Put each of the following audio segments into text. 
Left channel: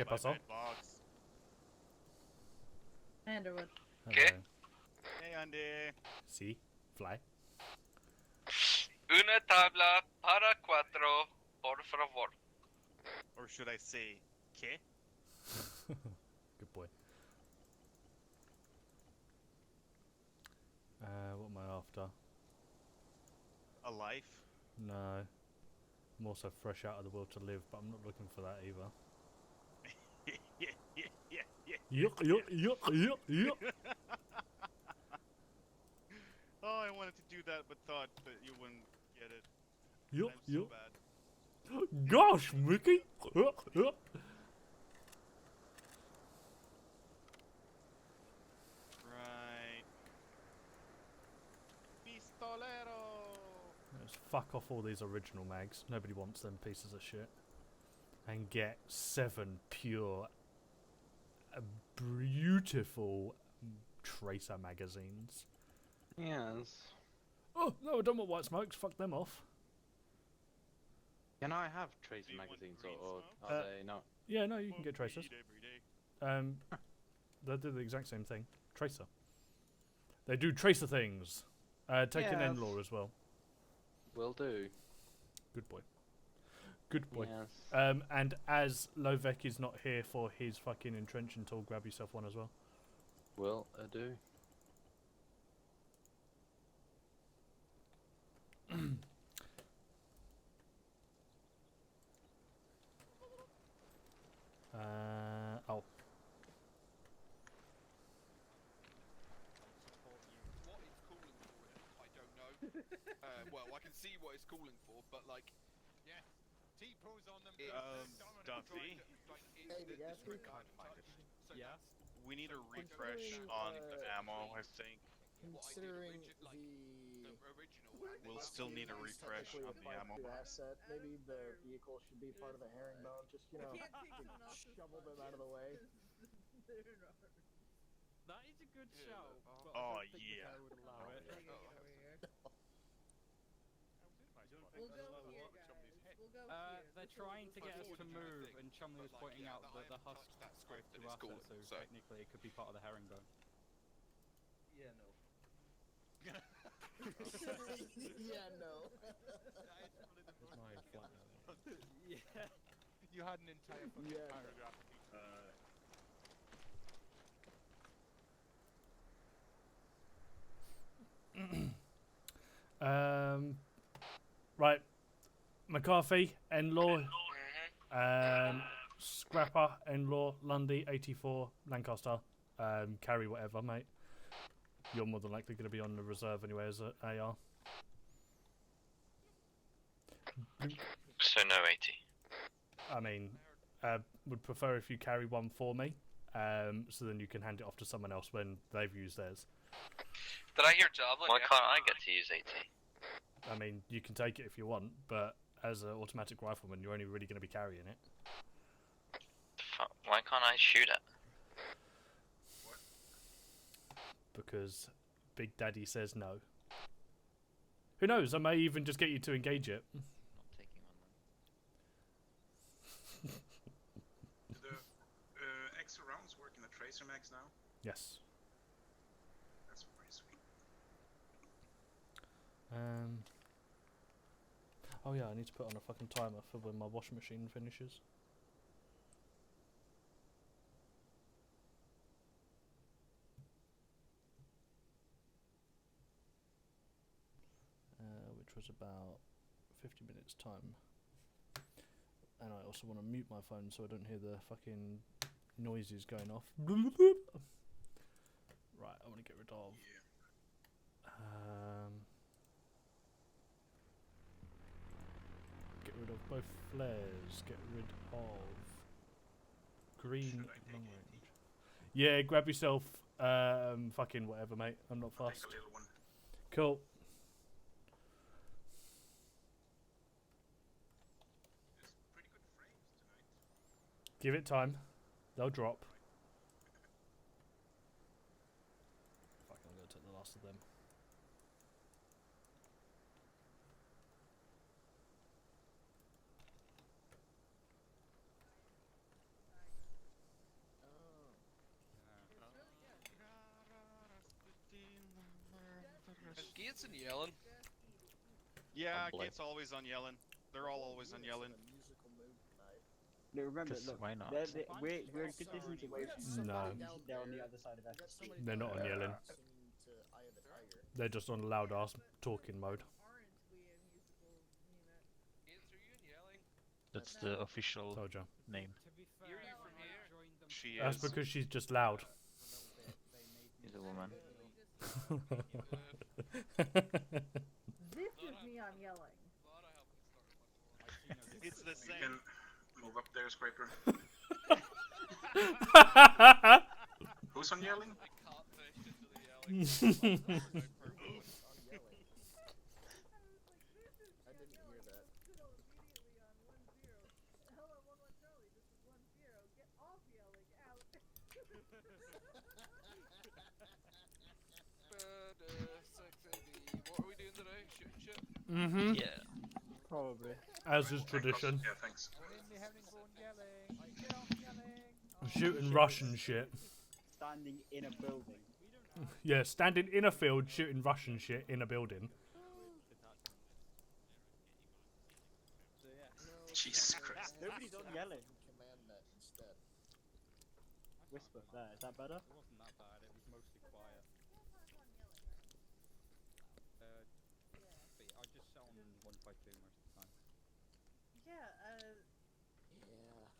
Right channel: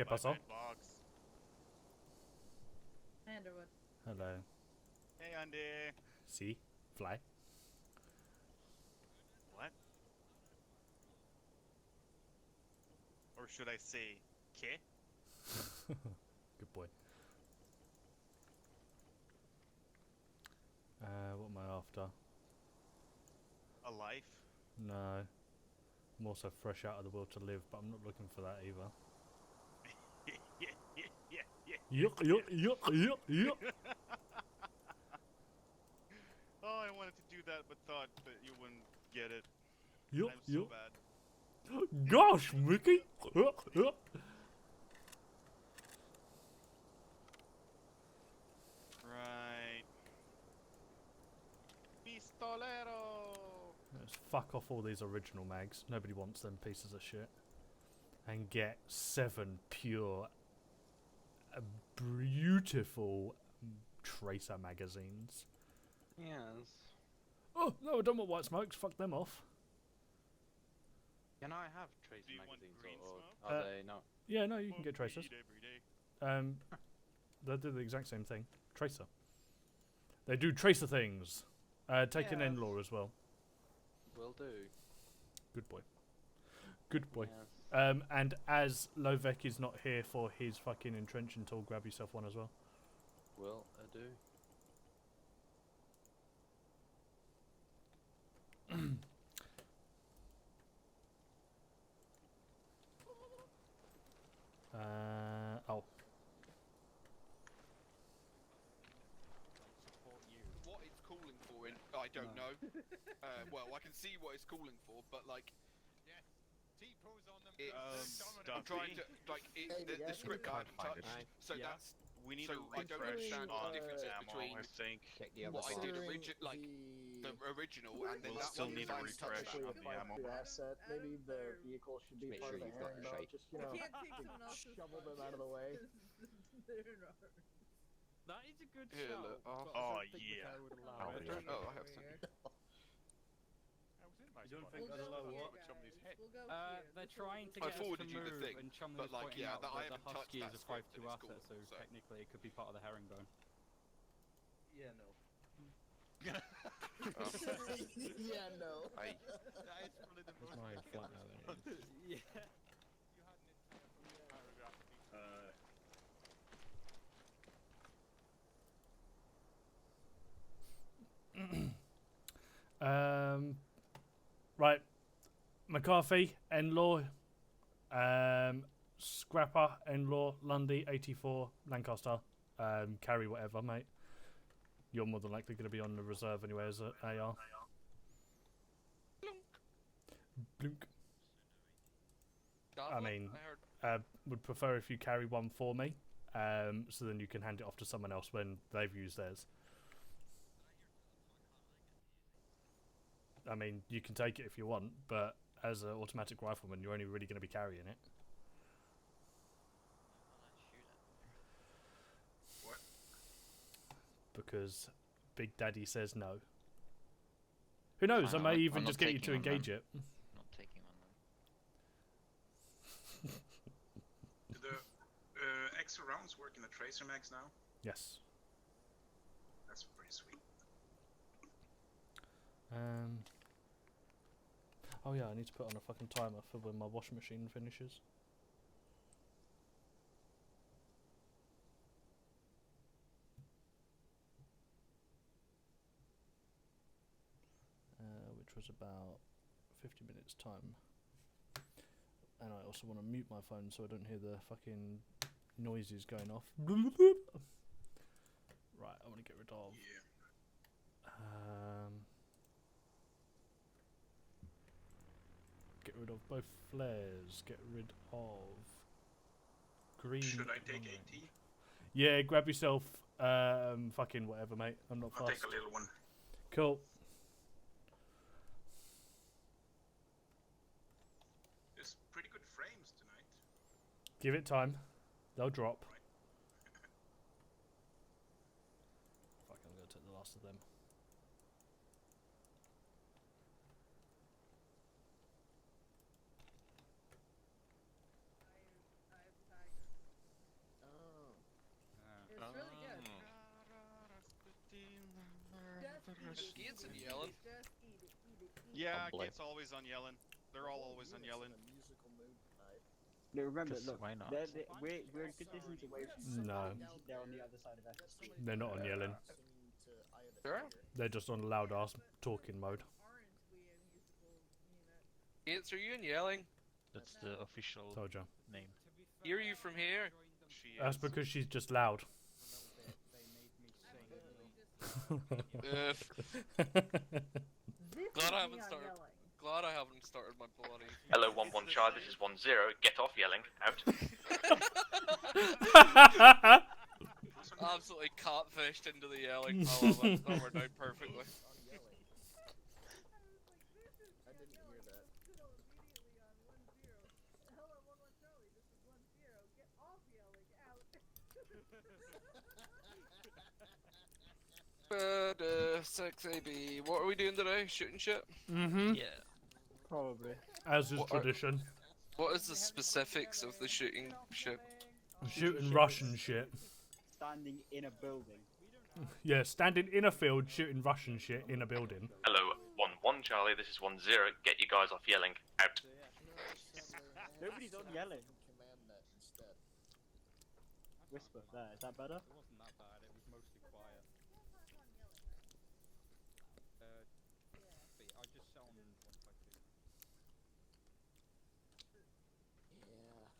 ¿Qué pasó? Hey, Underwood. Hello. Hey, Andy. Sí, fly. Una tabla para cuatro, por favor. Or should I say, ¿qué? Good boy. What am I after? A life? No. I'm also fresh out of the will to live, but I'm not looking for that either. Yuck, yuck, yuck, yuck, yuck. Oh, I wanted to do that, but thought that you wouldn't get it. Yuck, I'm so yuck. bad. Gosh, Mickey! Yuck, yuck. Right. Pistolero! Let's fuck off all these original mags. Nobody wants them pieces of shit. And get 7 pure, beautiful tracer magazines. Yes. Oh, no, I don't want white smokes. Fuck them off. Can I have tracer Do you want magazines green or smoke? are they not? Yeah, no, you can get tracers. Every day. They do the exact same thing. Tracer. They do tracer things. Take an Yes. N-law as well. Will do. Good boy. Good boy. Yes. And as Lovek is not here for his fucking entrenching tool, grab yourself one as well. Will do. Oh. What it's calling for in, I don't know. Well, I can see what it's calling for, but like, T-pose on them. I'm trying to like the script I haven't touched. So Yeah. that's We need So a I don't refresh understand on the difference ammo, between I think. Check the other what I side. did like the original, and then We'll that still one need a finally refresh touched. on the ammo. asset. Maybe the vehicle should be Make part sure of the you've got herringbone. a shade. Just, you know, can't take someone else's shovel them out of the way. That is a good Here, shout. look, but oh, I don't think the yeah. guy would allow Oh, it. yeah. Oh, I have some. You don't We'll go here, guys. We'll go here. They're trying to I get us to forwarded you the move, thing, and Chumley but, was like, pointing yeah, out that I that the haven't touched Husky is that a script, and 5-2 it's Alpha, cool, so so. technically it could be part of the herringbone. Yeah, no. Oh. Yeah, no. I, That is one of the most Flying flat now, then. Yeah. You had an entire fucking Yeah. paragraph. Right. McCarthy, N-law. Scrapper, N-law, Lundy, 84, Lancaster. Carry whatever, mate. You're more than likely going to be on the reserve anyway as an AR. Blink. so no 80. I mean, would prefer if you carry one for me, so then you can hand it off to someone else when they've used theirs. Did I hear Joblin? Why can't I get to use 80? I mean, you can take it if you want, but as an automatic rifleman, you're only really going to be carrying it. Why can't I shoot it? Because Big Daddy says no. Who knows? I may even I'm just not get you to taking one, engage it. Not taking one then. Do the extra rounds work in the tracer mags now? Yes. That's pretty sweet. Oh yeah, I need to put on a fucking timer for when my washing machine finishes. Which was about 50 minutes time. And I also want to mute my phone so I don't hear the fucking noises going off. Right, I want to get rid of. Get rid of both flares. Get rid of green. Should I take long 80? range. Yeah, grab yourself fucking whatever, mate. I'm not I'll fast. take a little one. Cool. There's pretty good frames tonight. Give it time. They'll drop. Fuck, I'm gonna take the last of them. Gates and yelling. Just eat it, eat it, eat it. Yeah, Probably. it's always on yelling. They're all always on yelling. In a musical mood tonight. No, remember, 'Cause look, why not? we're a good distance away from No. they're on the other side of SSG. They're not on yelling. Singing to Eye of the Sure. Tiger. They're just on loud ass talking mode. Aren't we a musical unit? Gates, are you in yelling? That's the official Told you. name. Hear you from here. She That's is. because she's just loud. He's a woman. This Glad I is me haven't on started. yelling. Glad I haven't started my bloody. Hello, 1-1 Charlie, this is 1-0. Get off yelling. Out. Who's on yelling? Absolutely catfished into the yelling. That worked out perfectly. On yelling. I didn't hear that. Immediately on 1-0. Hello, 1-1 Charlie. This is 1-0. Get off yelling. Out. 6AB. What are we doing today? Shooting shit? Mm-hmm. Yeah. Probably. As is tradition. Yeah, thanks. What is the specifics of the shooting shit? Shooting Russian shit. Standing in a building. Yeah, standing in a field shooting Russian shit in a building. Hello, 1-1 Charlie, this is 1-0. Get you guys off yelling. Out. Jesus Christ. Nobody's on yelling. Command that instead. Whisper there. Is that better? It wasn't that bad, it was mostly quiet. But I just sat on 152 most of the time. Yeah, Yeah.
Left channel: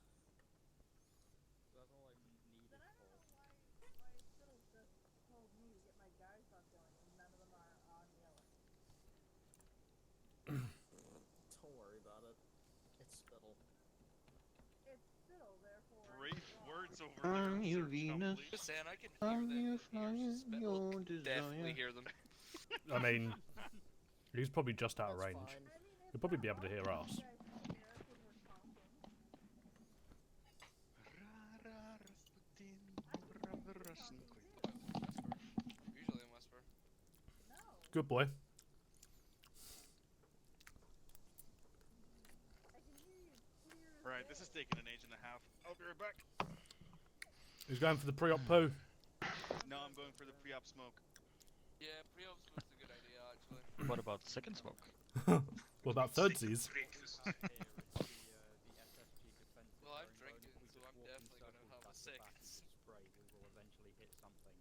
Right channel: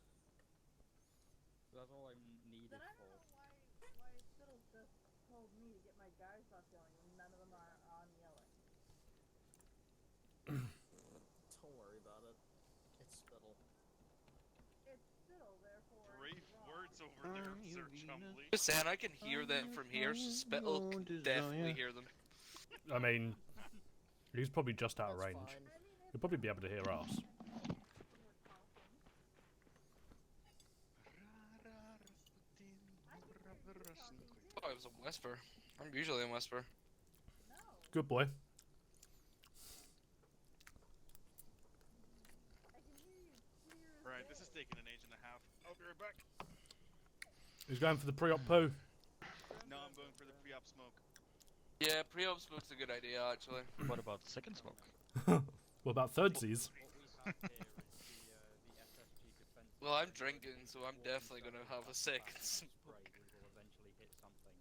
That's all I needed then I for. don't know why Fiddle just told me to get my guys off yelling and none of them are on yelling. Don't worry about it. It's Spittle. It's Fiddle, therefore. Bring it's wrong. words over here. you Sir Venus. Chumley. Just saying, I can hear them from here. So Spittle can definitely hear them. I mean, he's probably just out of That's range. fine. I mean, if He'll probably be able to hear us. you guys can hear us when we're talking. I can hear you talking too. Oh, I was a whisper. I'm usually a whisper. No. Good boy. I can hear you clear as Right, this is day. taking an age and a half. I'll be right back. He's going for the pre-op poo. No, I'm going for the pre-op smoke. Yeah, pre-op smoke's a good idea, actually. What about second smoke? What about thirdsies? Well, I'm drinking, so I'm definitely gonna have a second. Spray, we will eventually hit something.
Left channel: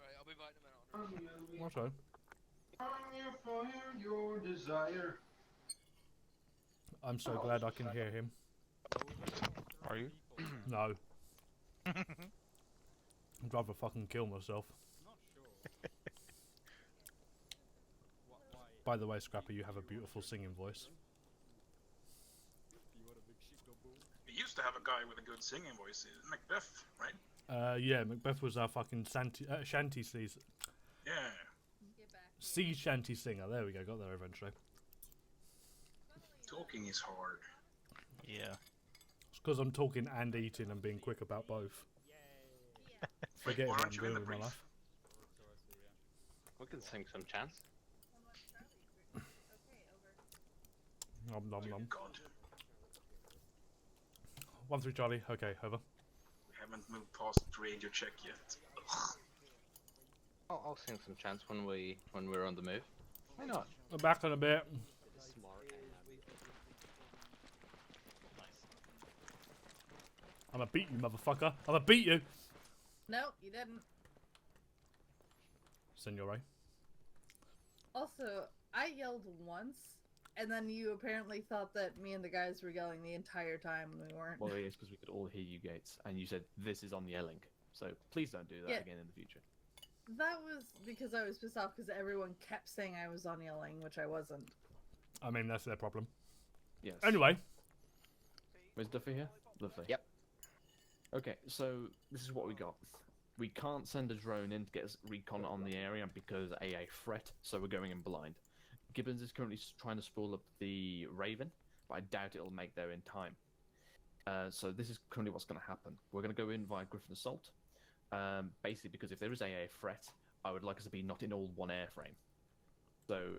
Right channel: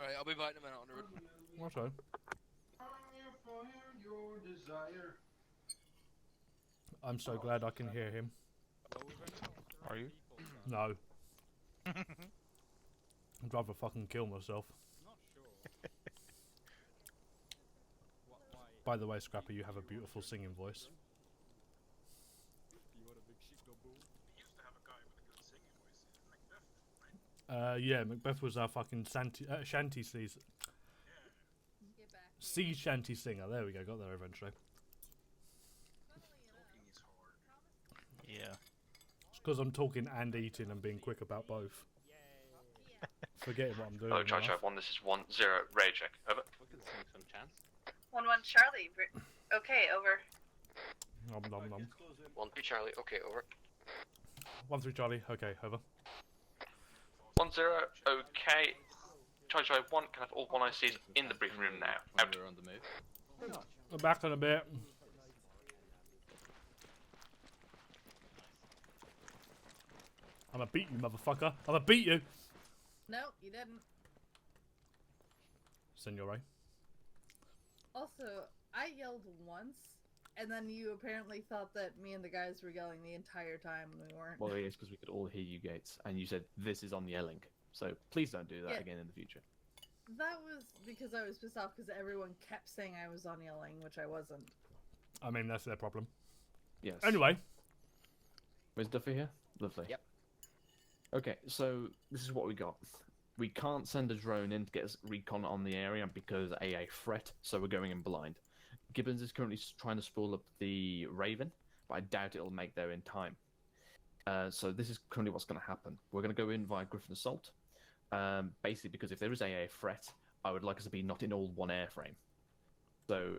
Alright, I'll be back in a minute, Underwood. Okay. I'm so glad I can hear him. Are you? No. I'd rather fucking kill myself. Not sure. Why? By the way, Scrapper, you have a beautiful singing voice. You want a big shit go bull? We used to have a guy with a good singing voice, Macbeth, right? Yeah, Macbeth was our fucking shanty season. Yeah. Get back. Sea shanty singer. There we go. Got there eventually. Talking is hard. Yeah. It's because I'm talking and eating and being quick about both. Forgetting what I'm doing. Hello, in Charlie, life. 1, this is 1-0. Raid check. Over. We can sing some chants. 1-1 Charlie. Okay, over. Nom nom nom. 1-3 Charlie, okay, over. 1-3 Charlie. Okay, over. We haven't moved past 1-0, the radar check yet. okay. Charlie 1, can I have all 1 ICs in the briefing room now? When we were on the move. Why not? I'm back in a bit. I'm gonna beat you, motherfucker. I'm gonna beat you. No, you didn't. Senore. Also, I yelled once, and then you apparently thought that me and the guys were yelling the entire time, and we weren't. Well, it is because we could all hear you, Gates, and you said this is on yelling. So please don't do that Yeah. again in the future. That was because I was pissed off because everyone kept saying I was on yelling, which I wasn't. I mean, that's their problem. Yes. Anyway. Where's Duffy here? Lovely. Yep. Okay, so this is what we got. We can't send a drone in to get us recon on the area because a threat, so we're going in blind. Gibbons is currently trying to spool up the Raven, but I doubt it'll make there in time. So this is currently what's going to happen. We're going to go in via Griffin Assault, basically because if there is a threat, I would like us to be not in all one airframe. So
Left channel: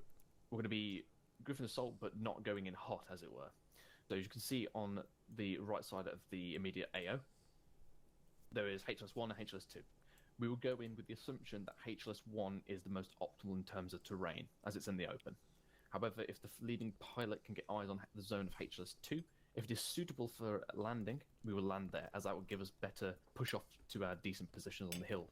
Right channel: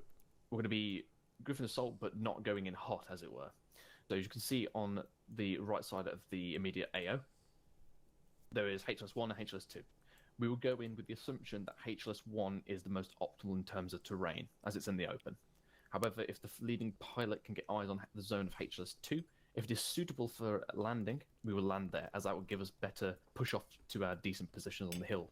we're going to be Griffin Assault, but not going in hot, as it were. So as you can see on the right side of the immediate AO, there is HLS1 and HLS2. We will go in with the assumption that HLS-1 is the most optimal in terms of terrain, as it's in the open. However, if the leading pilot can get eyes on the zone of HLS-2, if it is suitable for landing, we will land there, as that will give us better push-off to our decent positions on the hill.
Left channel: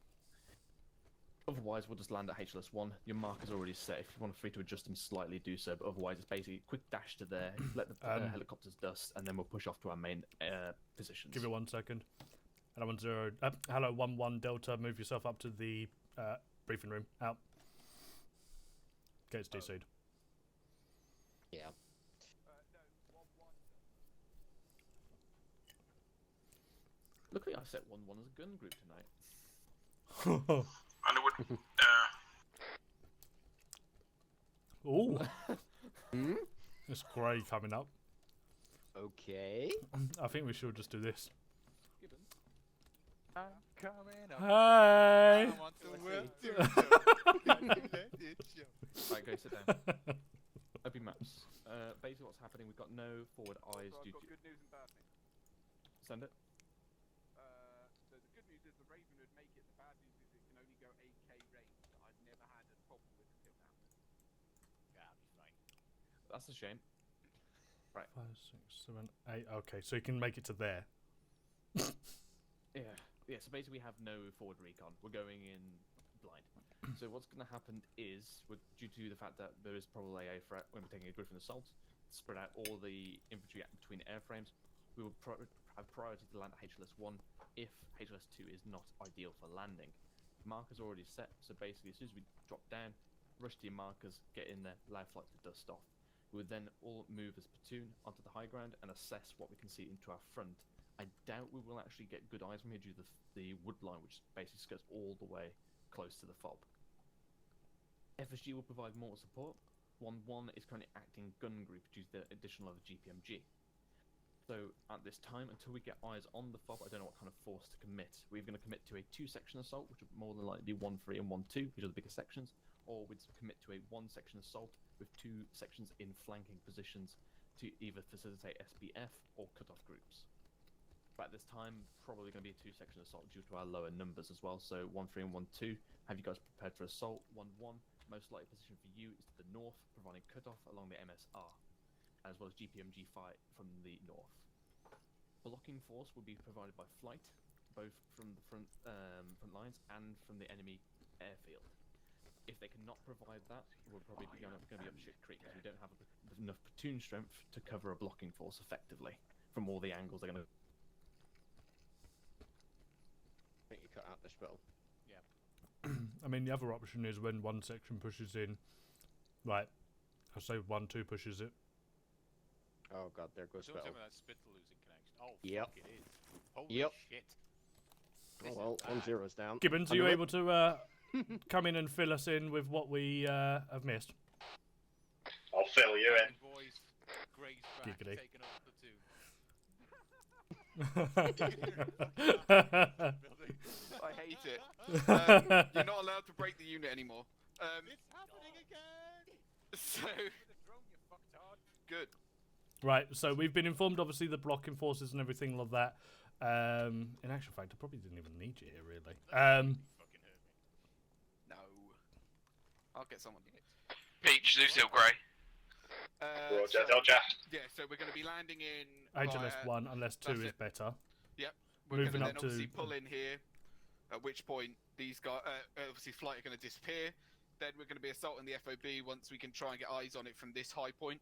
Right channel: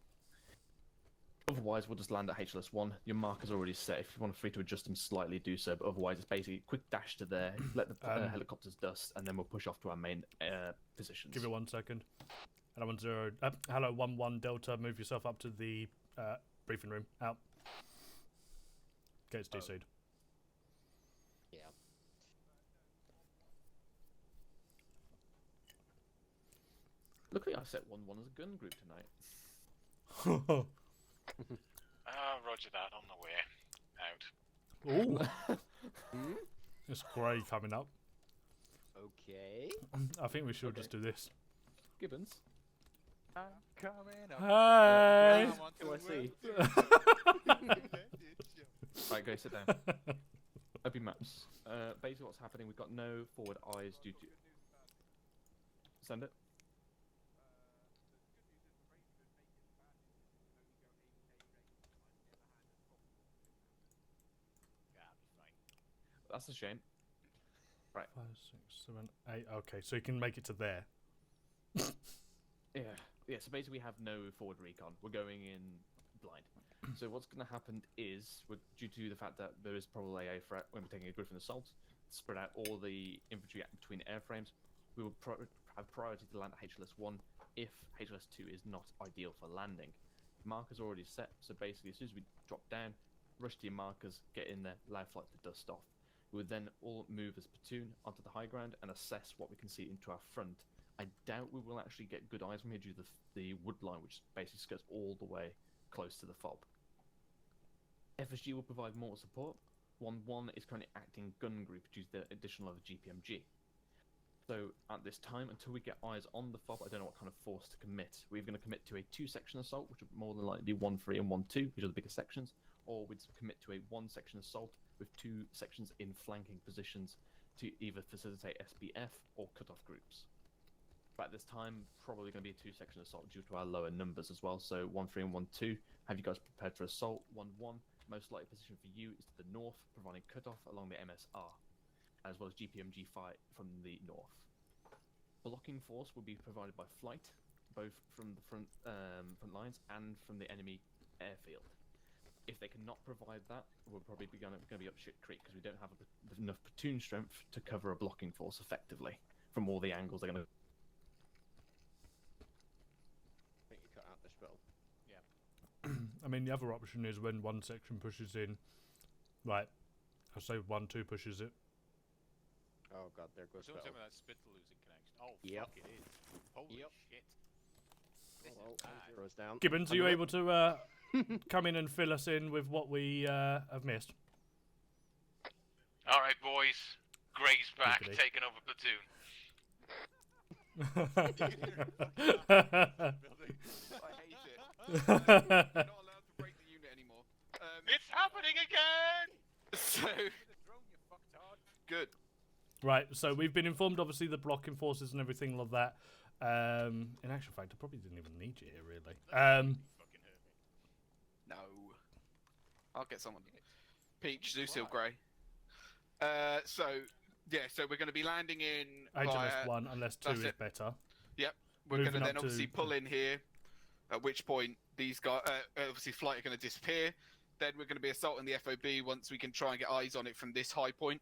Otherwise, we'll just land at HLS-1. Your marker's already set. If you want free to adjust them slightly, do so, but otherwise it's basically a quick dash to there, let the helicopters dust, and then we'll push off to our main positions. Give it 1 second. Hello 10. Hello 11 Delta. Move yourself up to the briefing room. Out. Gates DC'd. Yeah. Luckily, I set 1-1 as a gun group tonight. Roger that, on the way out. Ooh. It's grey coming up. Okay. I think we should just do this. Gibbons. I'm coming up. Hey! Right, go sit down. Open maps. Basically what's happening, we've got no forward eyes due to... Send it. The good news is the Raven would make it. The bad news is it can only go 8k range. I've never had a problem with the kidnap. Yeah, I'll be fine. That's a shame. Right. 5, 6, 7, 8. Okay, so you can make it to there. Yeah, so basically we have no forward recon. We're going in blind. So what's going to happen is, due to the fact that there is probably a threat when we're taking a Griffin assault, spread out all the infantry between airframes, we will have priority to land at HLS-1 if HLS-2 is not ideal for landing. Markers already set, so basically as soon as we drop down, rush to your markers, get in there, allow flight to dust off. We would then all move as platoon onto the high ground and assess what we can see into our front. I doubt we will actually get good eyes from here due to the wood line, which basically goes all the way close to the fob. FSG will provide more support. 1-1 is currently acting gun group due to the addition of a GPMG. So at this time, until we get eyes on the fob, I don't know what kind of force to commit. We're going to commit to a 2-section assault, which would more than likely be 1-3 and 1-2, which are the bigger sections, or we'd commit to a 1-section assault with 2 sections in flanking positions to either facilitate SBF or cut-off groups. But at this time, probably going to be a 2-section assault due to our lower numbers as well. So 1-3 and 1-2. Have you guys prepared for assault? 1-1. Most likely position for you is to the north, providing cut-off along the MSR, as well as GPMG fight from the north. Blocking force will be provided by flight, both from the front lines and from the enemy airfield. If they cannot provide that, we're probably going to be up shit creek because we don't have enough platoon strength to cover a blocking force effectively from all the angles they're going to. I think you cut out this bottle. Yeah. I mean, the other option is when one section pushes in, like, I say 1-2 pushes it. Oh god, there goes Don't tell Spittle. me that's Spittle losing connection. Oh, Yep. fuck it is. Holy Yep. shit. Oh well, 1-0's down. Gibbons, are you able to come in and fill us in with what we have missed? I'll fill you in. Alright, boys. Gray's back, Giggity. taking over platoon. I hate it. You're not allowed to break the unit anymore. It's happening again! So good. Right, so we've been informed, obviously, the blocking forces and everything like that. In actual fact, I probably didn't even need you here, really. Fucking hurt me. No. I'll get someone. Peach, Lucille Gray. So, Roger. yeah, so we're going to be landing in. HLS-1, unless 2 that's is it. better. Yep. We're going to Moving then up to- obviously pull in here. At which point these guys, obviously, flight are going to disappear. Then we're going to be assaulting the FOB once we can try and get eyes on it from this high point.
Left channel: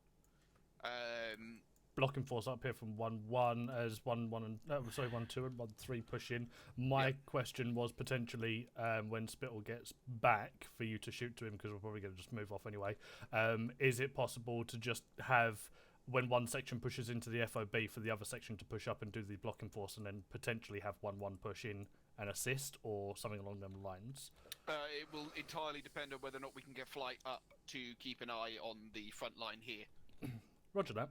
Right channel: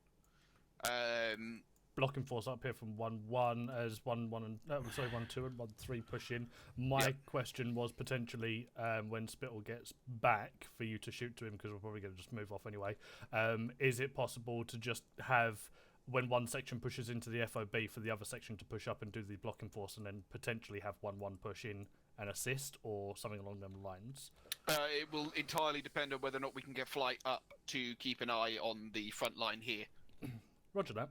Blocking force up here from 1-1 as 1-2 and 1-3 push in. My question was potentially when Spittle gets back for you to shoot to him, because we're probably going to just move off anyway. Is it possible to just have, when one section pushes into the FOB, for the other section to push up and do the blocking force, and then potentially have 1-1 push in and assist, or something along them lines? It will entirely depend on whether or not we can get flight up to keep an eye on the front line here. Roger that.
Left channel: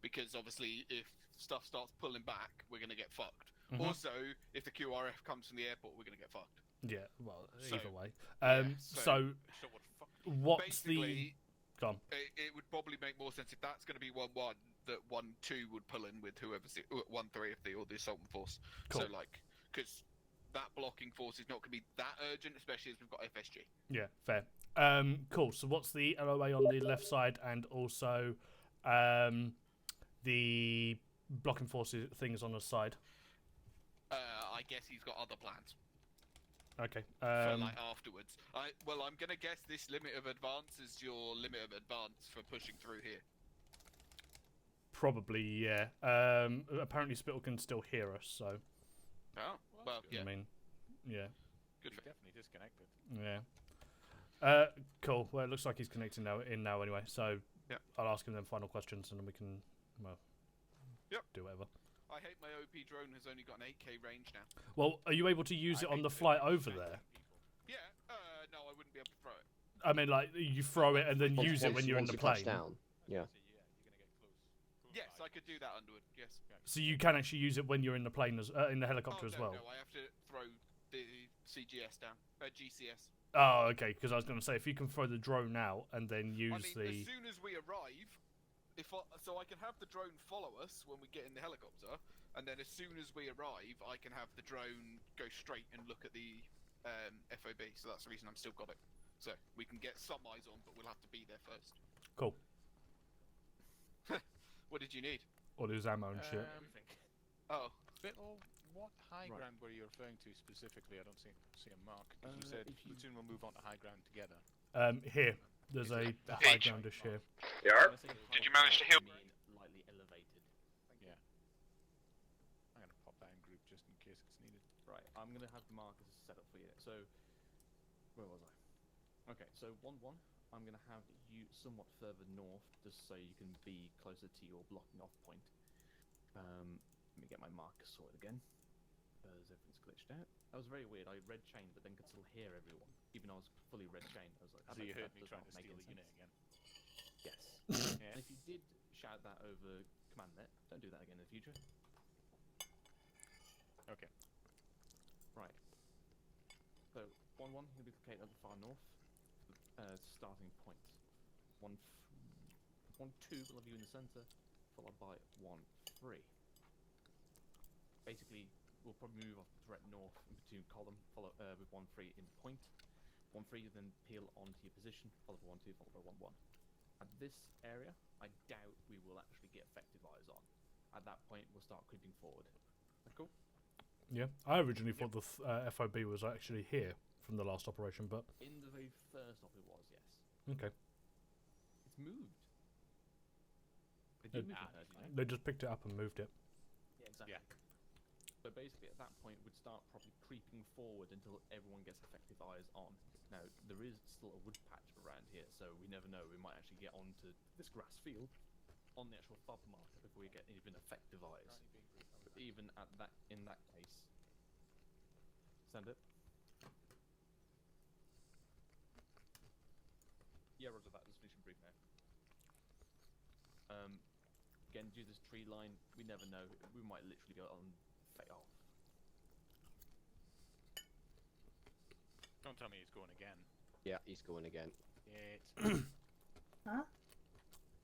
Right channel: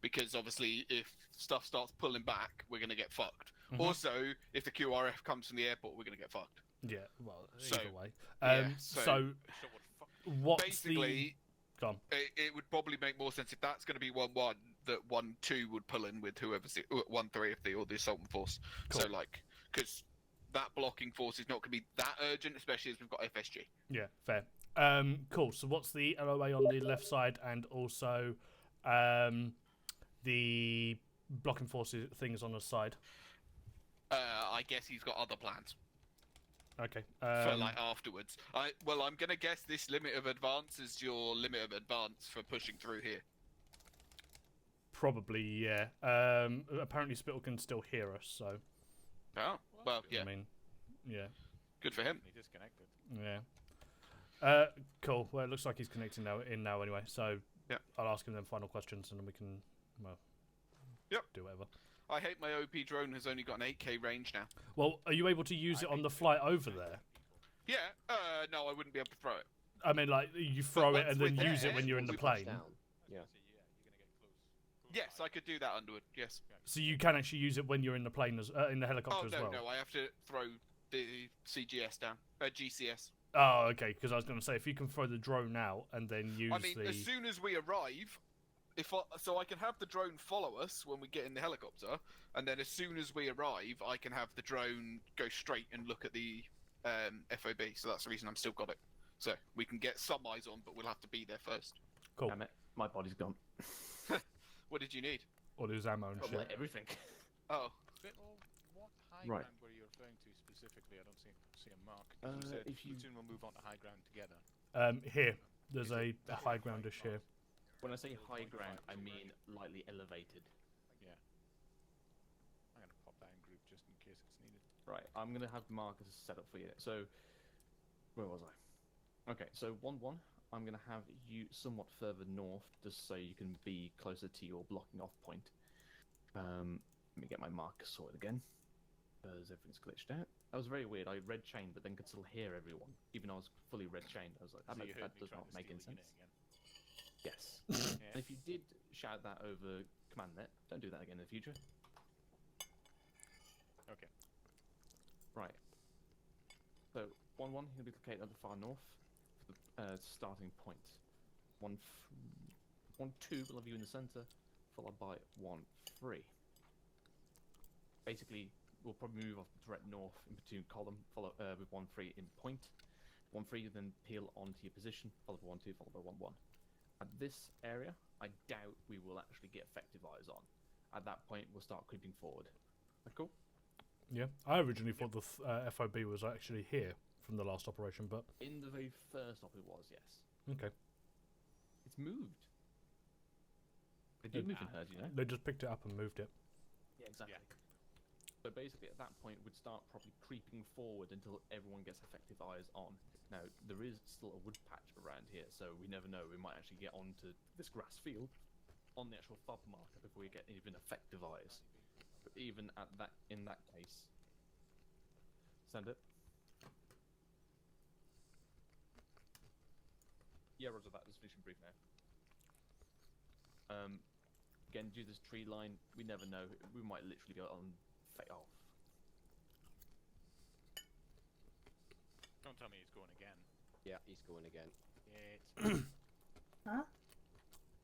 Because obviously, if stuff starts pulling back, we're going to get fucked. Mhm. Also, if the QRF comes from the airport, we're going to get fucked. Yeah, well, So, either way. yeah, So, So what the fuck? what's basically, the... Go on. it would probably make more sense if that's going to be 1-1, that 1-2 would pull in with whoever's 1-3 if they or the assault force. Cool. So like, because that blocking force is not going to be that urgent, especially as we've got FSG. Yeah, fair. Cool. So what's the LOA on the left side, and also the blocking forces things on the side? I guess he's got other plans Okay. for like afterwards. I'm going to guess this limit of advance is your limit of advance for pushing through here. Probably, yeah. Apparently Spittle can still hear us, so... Oh, well, yeah. I mean, yeah. Good for him. He disconnected. Yeah. Cool. Well, it looks like he's connecting now anyway, so Yep. I'll ask him them final questions and then we can, well, Yep. do whatever. I hate my OP drone has only got an 8k range now. Well, are you able to use it on the flight over there? Yeah, no, I wouldn't be able to throw it. I mean, like, you throw it and then use it when you're in the plane. Yeah. Yes, I could do that, Underwood, yes. So you can actually use it when you're in the plane, in the helicopter as well? No, I have to throw the GCS down. GCS. Oh, okay, because I was going to say, if you can throw the drone out and then use as soon as we arrive, so I can have the drone follow us when we get in the helicopter, and then as soon as we arrive, I can have the drone go straight and look at the FOB, so that's the reason I'm still got it. So we can get some eyes on, but we'll have to be there first. Cool. Damn it, my body's gone. What did you need? All his ammo and shit. Everything. Oh. What high Right. ground were you referring to specifically? I don't see a mark. You said Platoon will move on to high ground together. Here. There's a high groundish here. Yeah. Did you manage to heal? I mean lightly elevated. Yeah. I'm gonna pop that in group just in case it's needed. Right, I'm gonna have markers set up for you. So, where was I? Okay, so 1-1. I'm gonna have you somewhat further north, just so you can be closer to your blocking off point. Let me get my marker sorted again, because everything's glitched out. That was very weird. I red chained, but then could still hear everyone, even though I was fully red chained. I was like, So you heard that me does trying not to make steal any the sense. unit again. Yes. Yeah. And if you did shout that over command net, don't do that again in the future. Okay. Right. So 1-1, he'll be located at the far north. Starting point. 1-2 will have you in the center, followed by 1-3. Basically, we'll probably move off the direct north in between column, follow with 1-3 in point. 1-3 then peel onto your position, followed by 1-2, followed by 1-1. At this area, I doubt we will actually get effective eyes on. At that point, we'll start creeping forward. That cool? Yeah. I originally thought the FOB was actually here from the last operation, but... In the very first op, it was, yes. Okay. It's moved. It did move in hers, you know? They just picked it up and moved it. Yeah, exactly. So basically, at that point, we'd start probably creeping forward until everyone gets effective eyes on. Now, there is still a wood patch around here, so we never know. We might actually get onto this grass field on the actual fob marker before we get even effective eyes. But even at that, in that case, send it. Yeah, roger that. Just finishing brief now. Again, due to this tree line, we never know. We might literally go on fade off. Don't tell me he's going again. Yeah, he's going again. Yeah, it's Huh?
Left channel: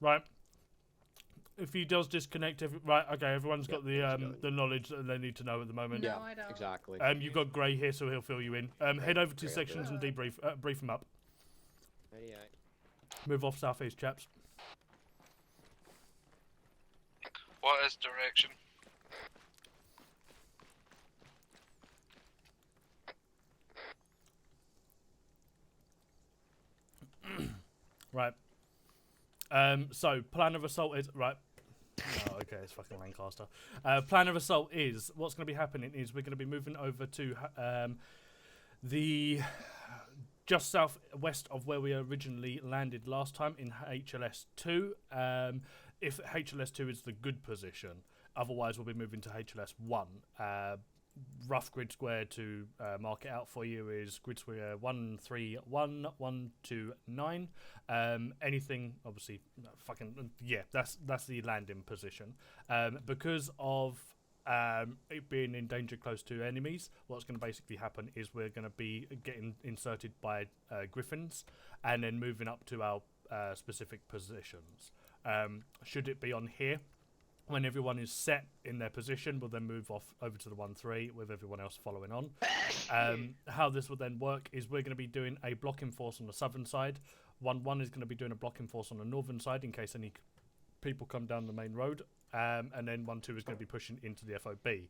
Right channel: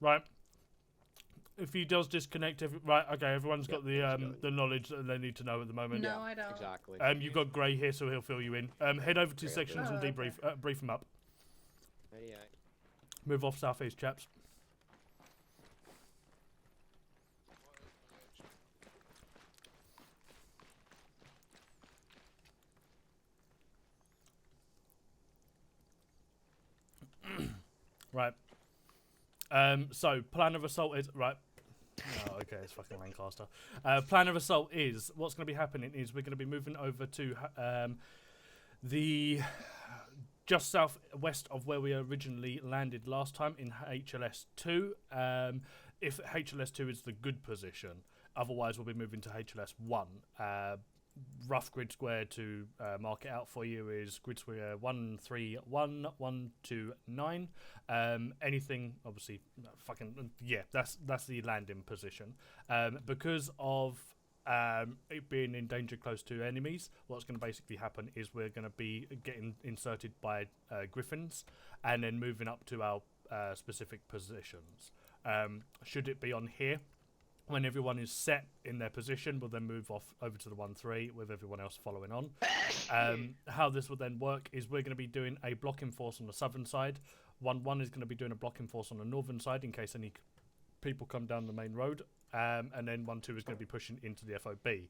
Right. If he does disconnect, right, okay, everyone's got the knowledge that they need to know at the moment. No, I don't. Exactly. You've got Gray here, so he'll fill you in. Head over to sections and debrief, brief them up. Yeah. Move off southeast, chaps. What is direction? Right. So plan of assault is right. Oh, okay, it's fucking Lancaster. Plan of assault is what's going to be happening is we're going to be moving over to the just southwest of where we originally landed last time in HLS 2. If HLS 2 is the good position, otherwise we'll be moving to HLS 1. Rough grid square to mark it out for you is grid square 131 129. Anything obviously fucking yeah, that's the landing position. Because of it being in danger close to enemies, what's going to basically happen is we're going to be getting inserted by griffins and then moving up to our specific positions. Should it be on here, When everyone is set in their position, we'll then move off over to the 1-3 with everyone else following on. How this will then work is we're going to be doing a blocking force on the southern side. 1-1 is going to be doing a blocking force on the northern side in case any people come down the main road. And then 1-2 is going to be pushing into the FOB.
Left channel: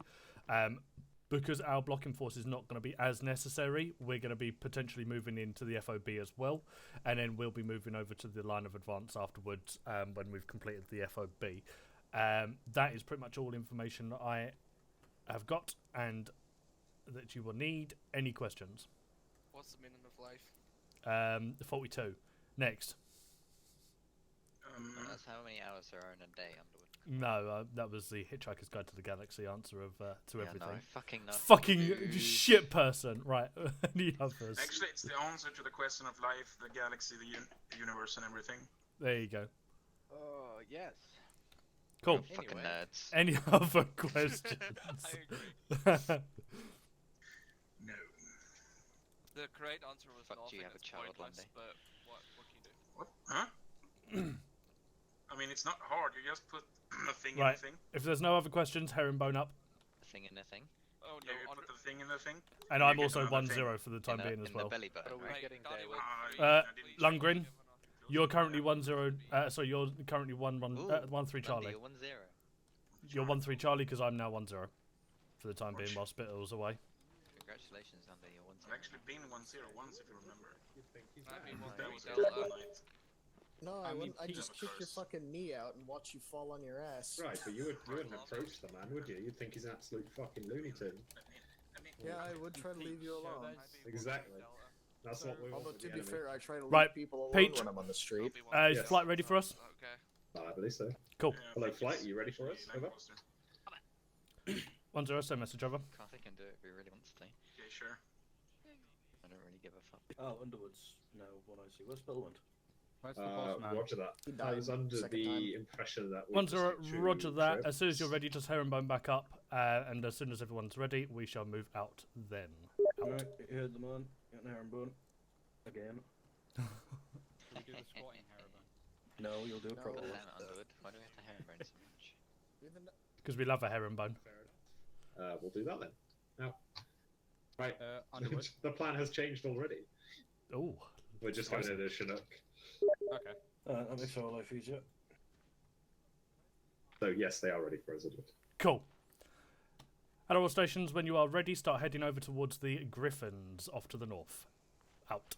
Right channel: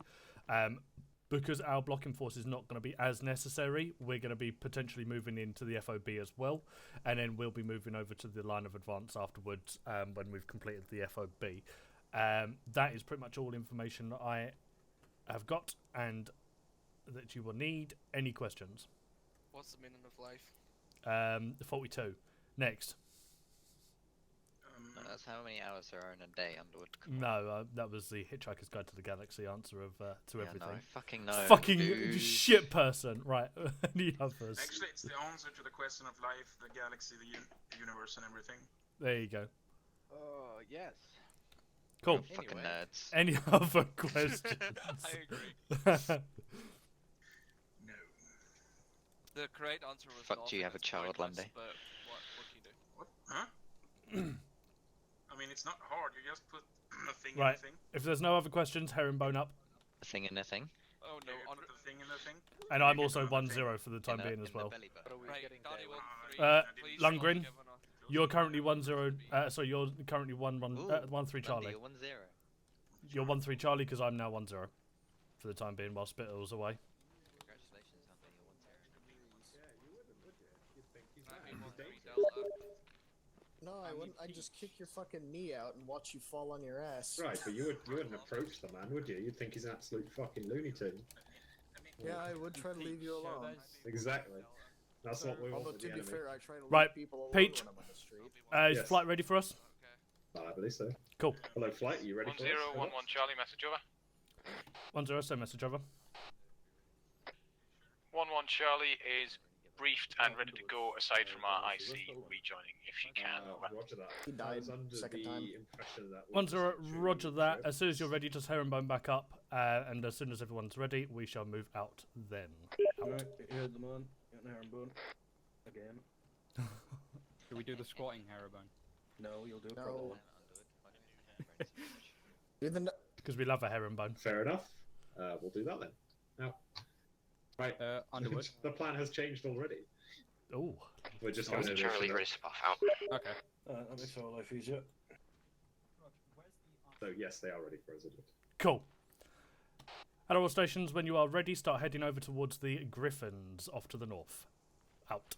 Because our blocking force is not going to be as necessary, we're going to be potentially moving into the FOB as well. And then we'll be moving over to the line of advance afterwards when we've completed the FOB. That is pretty much all information that I have got and that you will need. Any questions? What's the minimum of life? 42. Next. That's how many hours there are in a day, Underwood. No, that was the Hitchhiker's Guide to the Galaxy answer of to everything. No, I fucking know. Fucking Dude. shit person. Right. Any others? Actually, it's the answer to the question of life, the galaxy, the universe, and everything. There you go. Oh, yes. Cool. Fucking nerds. Any other questions? No. The correct answer was Fuck, do you have a child, Lundy? But what can you do? What? Huh? I mean, it's not hard. You just put a thing Right. in the thing. If there's no other questions, herringbone up. A thing in a thing? Oh Yeah, no, you put the thing in the thing. And You I'm get also another thing. 1-0 for the time being as well. Belly button. Right, Donnie will Lundgren, you're currently 1-0. Sorry, you're currently 1-3 Charlie. You're 1-0. You're 1-3 Charlie because I'm now 1-0 for the time being while Spittle's away. Congratulations, Lundy. You're 1-0. I've actually been 1-0 once, if you remember. That was No, I wouldn't. I'd just kick your fucking knee out and watch you fall on your ass. Right, but you wouldn't approach the man, would you? You'd think he's an absolute fucking Looney Tune. Yeah, I would try to leave you alone. Exactly. That's what we want. Although, to be fair, I try to leave Right, people alone Peach. when I'm on the street. Is Yes. flight ready for us? I believe so. Cool. Hello, flight. Are you ready for us? 011 Charlie, message over. 1-0, send message over. Carter can do it if he really wants to. Okay, sure. 1-1 Charlie is Don't really give a briefed and ready to go aside from our IC, rejoining if you can. Roger that. He I died was under second the time. impression that. 1-0, roger that. As soon as you're ready, just herringbone back up. And as soon as everyone's ready, we shall move out then. Right, here's the man. Got an herringbone. Again. Should we do the squatting herringbone? No, you'll do it No. properly. Underwood. Why do we have the herringbone so much? Do the Because we love a herringbone. Fair enough. We'll do that then. Now, right. Underwood. The plan has changed already. Oh. We're just going to Charlie, do race off out. Okay. That makes our life easier. So yes, they are ready for us. Cool. At all stations, when you are ready, start heading over towards the Griffins off to the north. Out.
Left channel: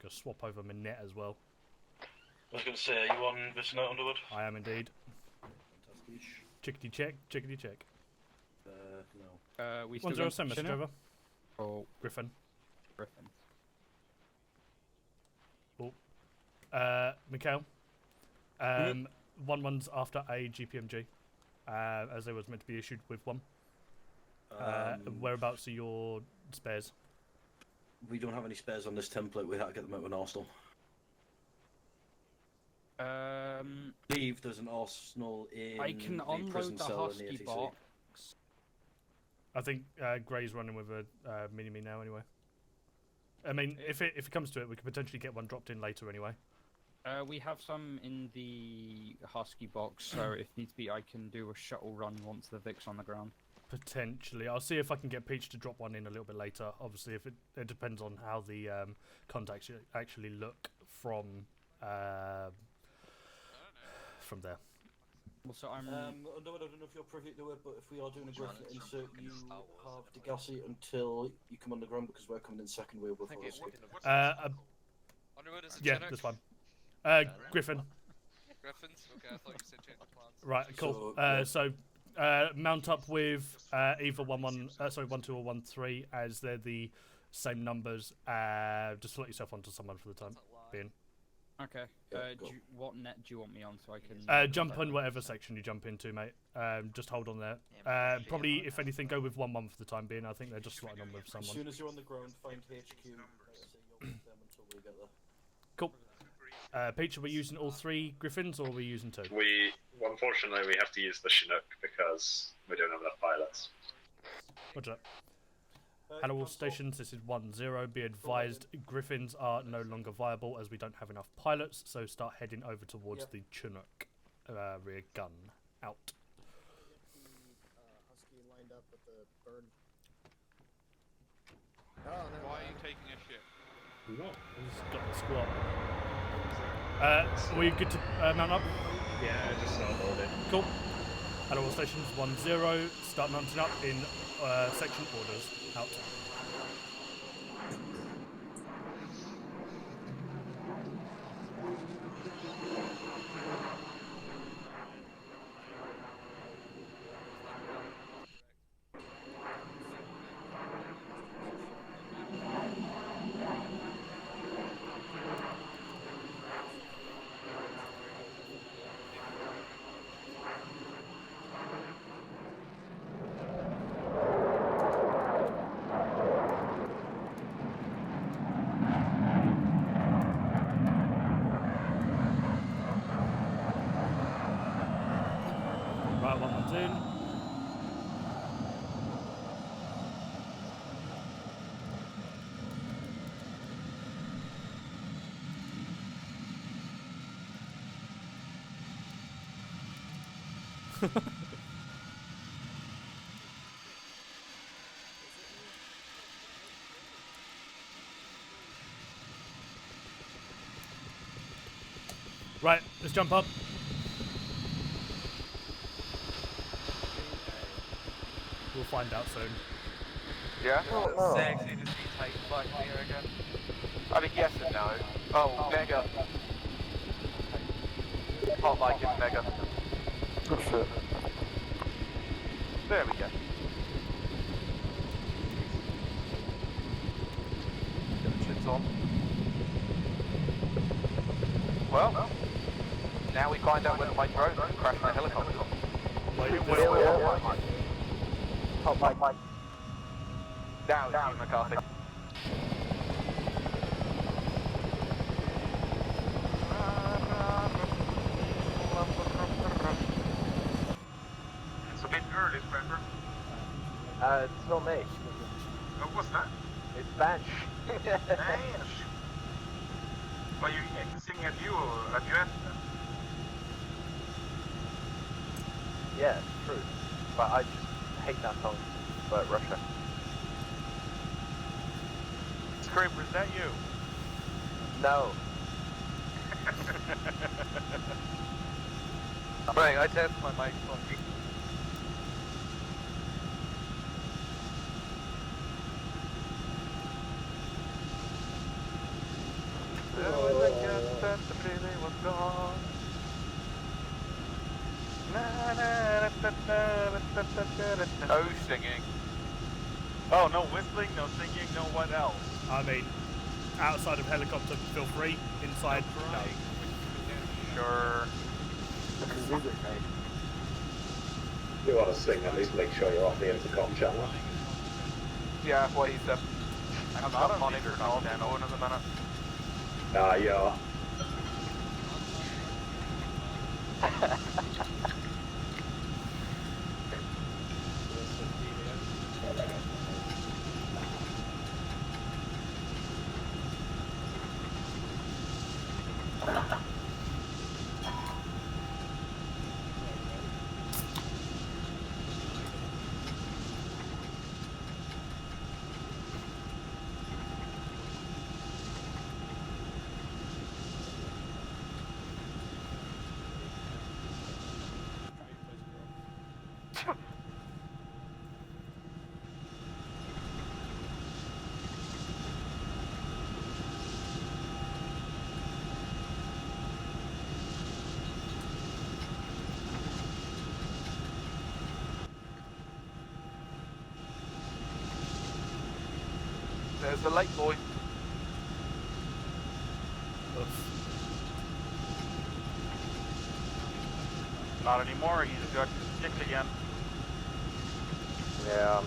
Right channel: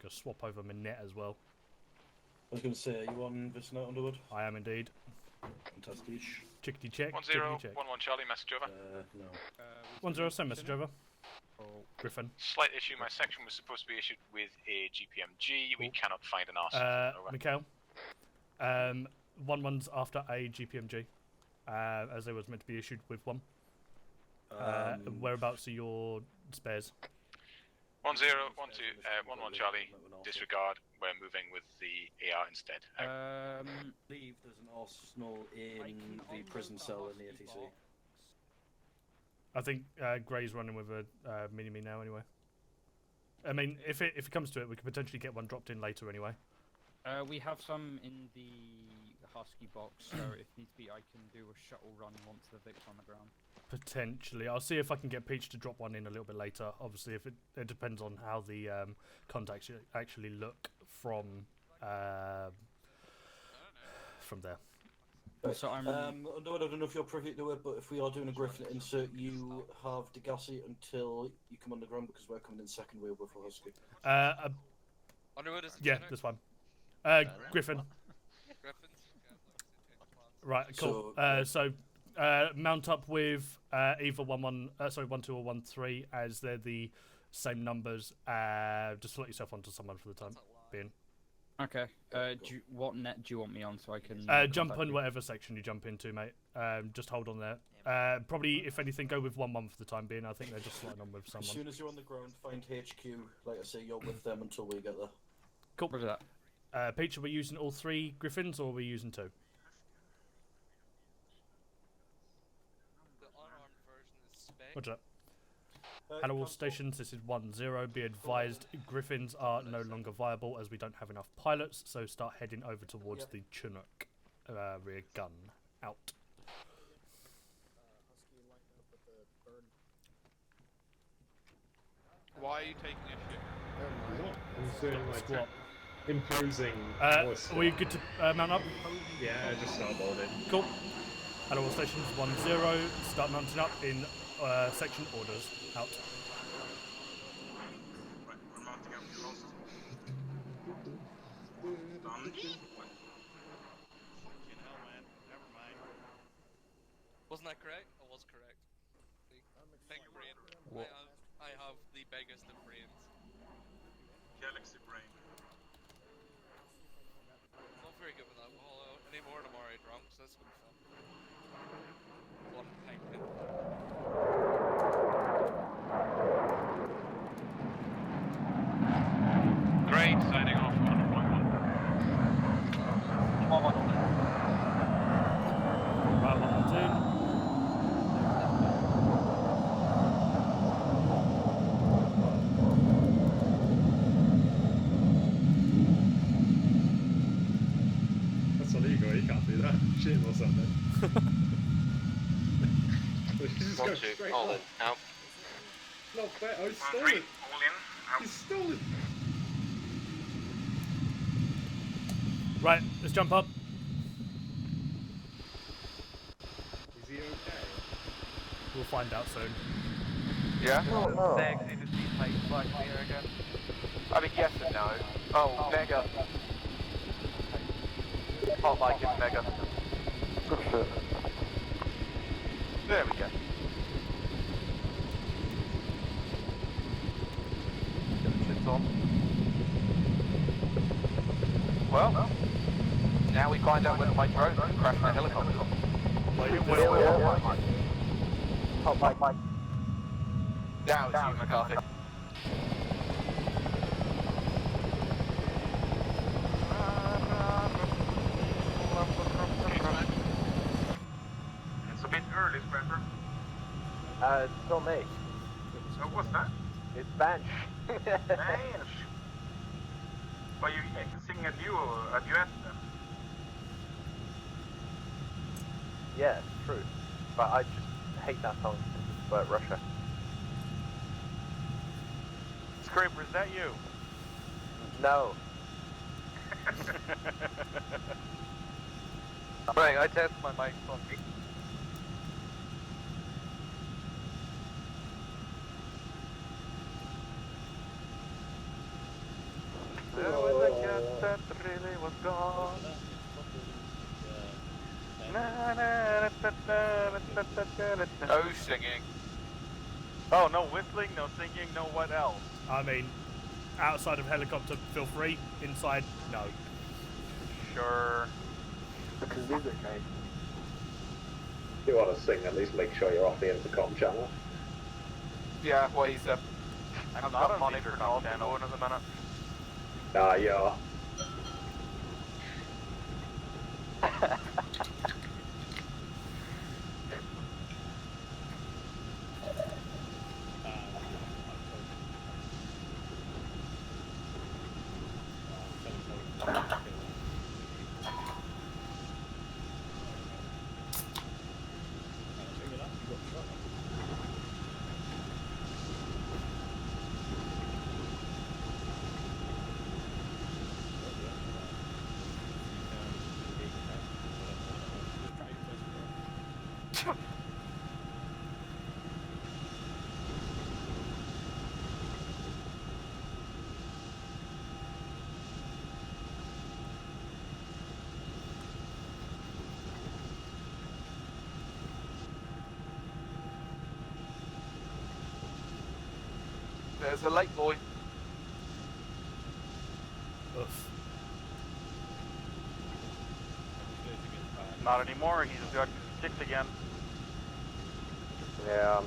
Gonna swap over my net as well. I was going to say, are you on this note, Underwood? I am indeed. Fantastic. Chickity check, 1-0, chickity check. 1-1 Charlie, message over. No. 1-0, send message over. Oh. Griffin. Slight issue, my section was supposed to be issued with a GPMG. We cannot find an arsenal. Mikhail. 1-1's after a GPMG. As they was meant to be issued with one. Whereabouts are your spares? 1-0, 1-2, spares on this 1-1 template we have Charlie. at the moment also. Disregard. We're moving with the AR instead. I believe there's an arsenal in I can the prison unload the cell in the husky ATC. box. I think Gray's running with a mini-me now anyway. I mean, if it comes to it, we could potentially get one dropped in later anyway. We have some in the husky box, so if needs be, I can do a shuttle run once the Vic's on the ground. Potentially. I'll see if I can get Peach to drop one in a little bit later. Obviously, if it depends on how the contacts actually look from there. So I'm. I don't know if you're privy to it, but if we are doing a Griffin insert, you have Degassi until you come underground because we're coming in second wheel before us. Underwood is Yeah, that's fine. Griffin. Griffins? Okay, I thought you said change the plans. Right, cool. So mount up with either 1-2 or 1-3 as they're the same numbers. Just slot yourself onto someone for the time being. Okay. What net do you want me on so I can? Jump in whatever section you jump into, mate. Just hold on there. Probably, if anything, go with 1-1 for the time being. I think they're just slotting on with As someone. soon as you're on the ground, find HQ. Like I say, you're with them until we get there. Cool. Peach, are we using all 3 Griffins or are we using 2? Unfortunately, we have to use the Chinook because we don't have enough pilots. Roger Hello all stations, this is 1-0. Be advised, Griffins are no longer viable as we don't have enough pilots, so start heading over towards the Chinook rear gun. Out. Husky lined up with the bird. Why are you taking a ship? Got the squat. Imposing. Are we good to mount up? Yeah, just start loading. Cool. Hello all stations, 1-0. Start mounting up in section orders. Out. Wasn't that ground? Was correct. Big green. I have the biggest green. Great, signing off. Right, 1-2. That's illegal, you can't do that. Shit or something. Just go 1-2, straight all on. in, out. Not fair, oh, it's stolen. It's stolen. Right, let's jump up. We'll find out soon. Yeah? Sexy to see planes flying in the air again. I mean, yes and no. Oh, Mega. Hot like it, Mega. Good shit. There we go. Get the shits on. Well, now we find out whether my drone crashed my helicopter. Wait, Hot like Mike. Now it's you, McCarthy. It's a bit early, Scrapper. It's not me. What's that? It's Bansh. Bansh. Are you singing a duet then? Yeah, it's true. But I just hate that song. But Russia. Scraper, is that you? No. Right, I test my mic on. There was a cat that really was gone. No singing. Oh, no whistling, no singing, no what else? I mean, outside of helicopter, feel free. Inside, no. Sure. Because these are great. If you want to sing, at least make sure you're off the intercom channel. Yeah, what he said. I'm not on the intercom channel in a minute. Ah, yeah. There's the late boy. Oof. Not anymore, he's got kicked again. Yeah.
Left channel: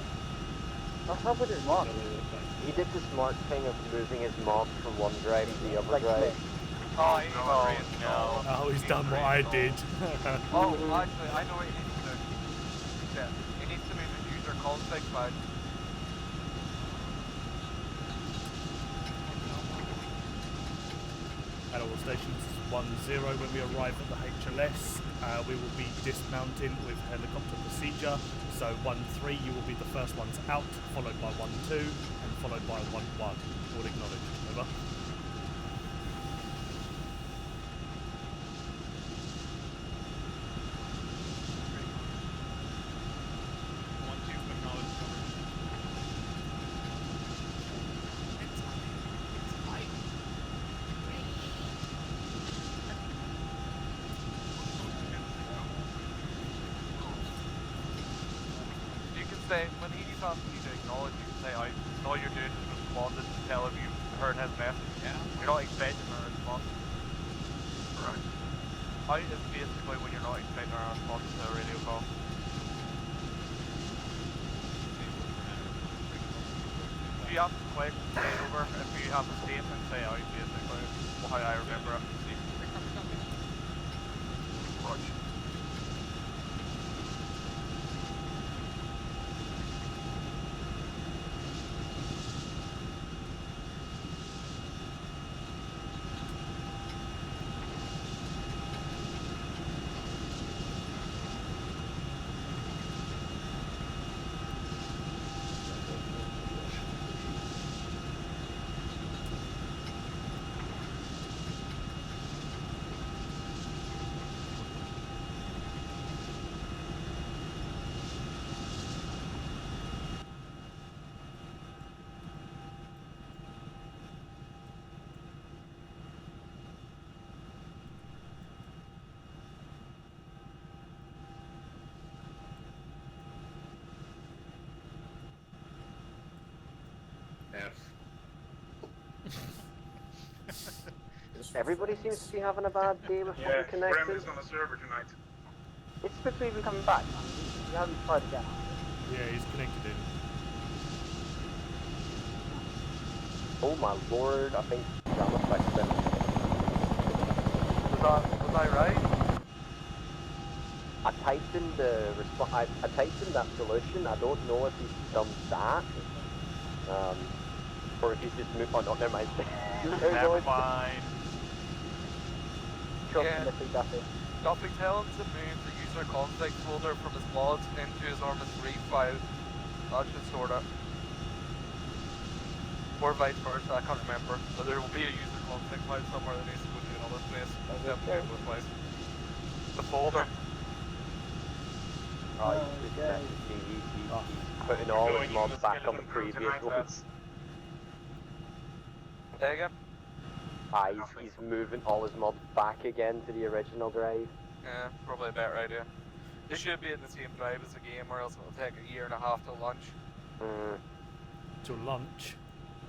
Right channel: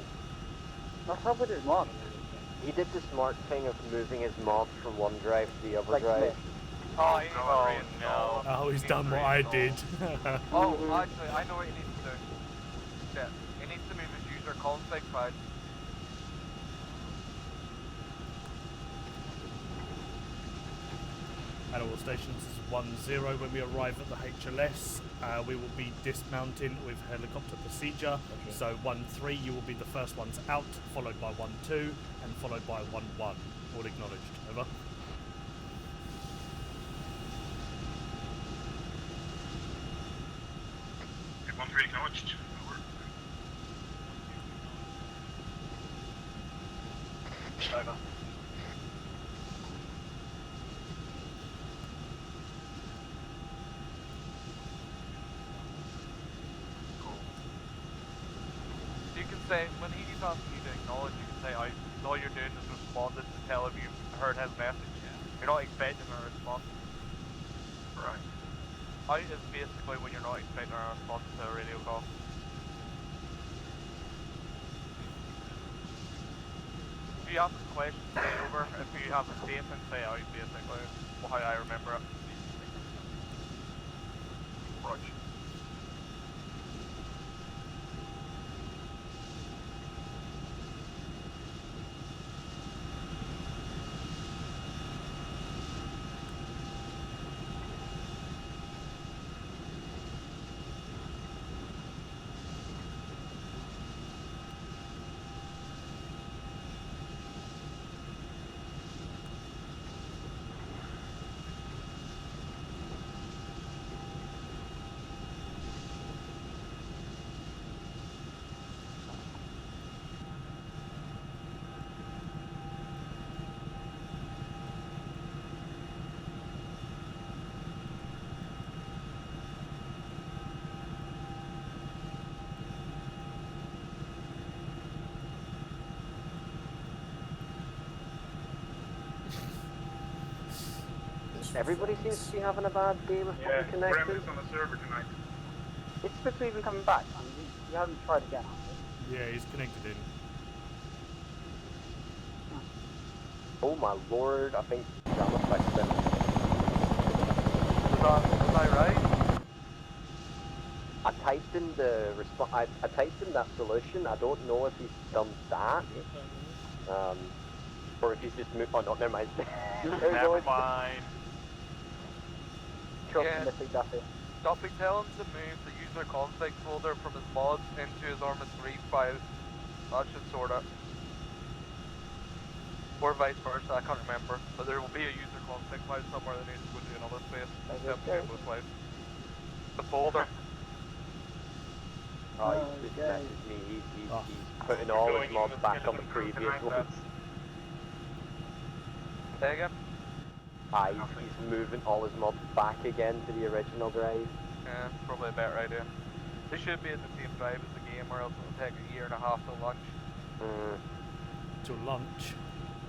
How about his mod? He did the smart thing of moving his mob from one drive to the other drive. Oh, no. Oh, he's done what I did. Oh, actually, I know what he needs to do. Yeah, he needs to move his user config file. At all stations is 10 when we arrive at the HLS. We will be dismounting with helicopter procedure. So 13, you will be the first ones out, followed by 12, and followed by 11. All acknowledged. Over. You can say, when he's asking you to acknowledge, you can say, all you're doing is responding to tell him you've heard his message. You're not expecting a response. Right. Out is basically when you're not expecting a response to a radio call. If you ask a question, say over. If you have a statement, say out, basically. How I remember it. Roger. Everybody seems to be having a bad day with Yeah, fucking Graham connection. is on the server tonight. It's supposed to be coming back. You haven't tried again. Yeah, he's connected in. Oh my lord, I think Jam affects them. Was I right? I typed in the I typed in that solution. I don't know if he's done that. Or if he's just moved. Oh no, never mind. Never mind. Trust Yeah. Nippy Duffy. Duffy tell him to move the user config folder from his mods into his Arma 3 file. That should sort it. Or vice versa, I can't remember. But there will be a user config file somewhere that needs to go to another place. Definitely both ways. The folder. Oh, he's just messaged me. He's putting all his mods back on the previous ones. Say again? He's moving all his mods back again to the original drive. Yeah, probably a better idea. They should be in the same drive as the game, or else it'll take a year and a half to launch. To lunch?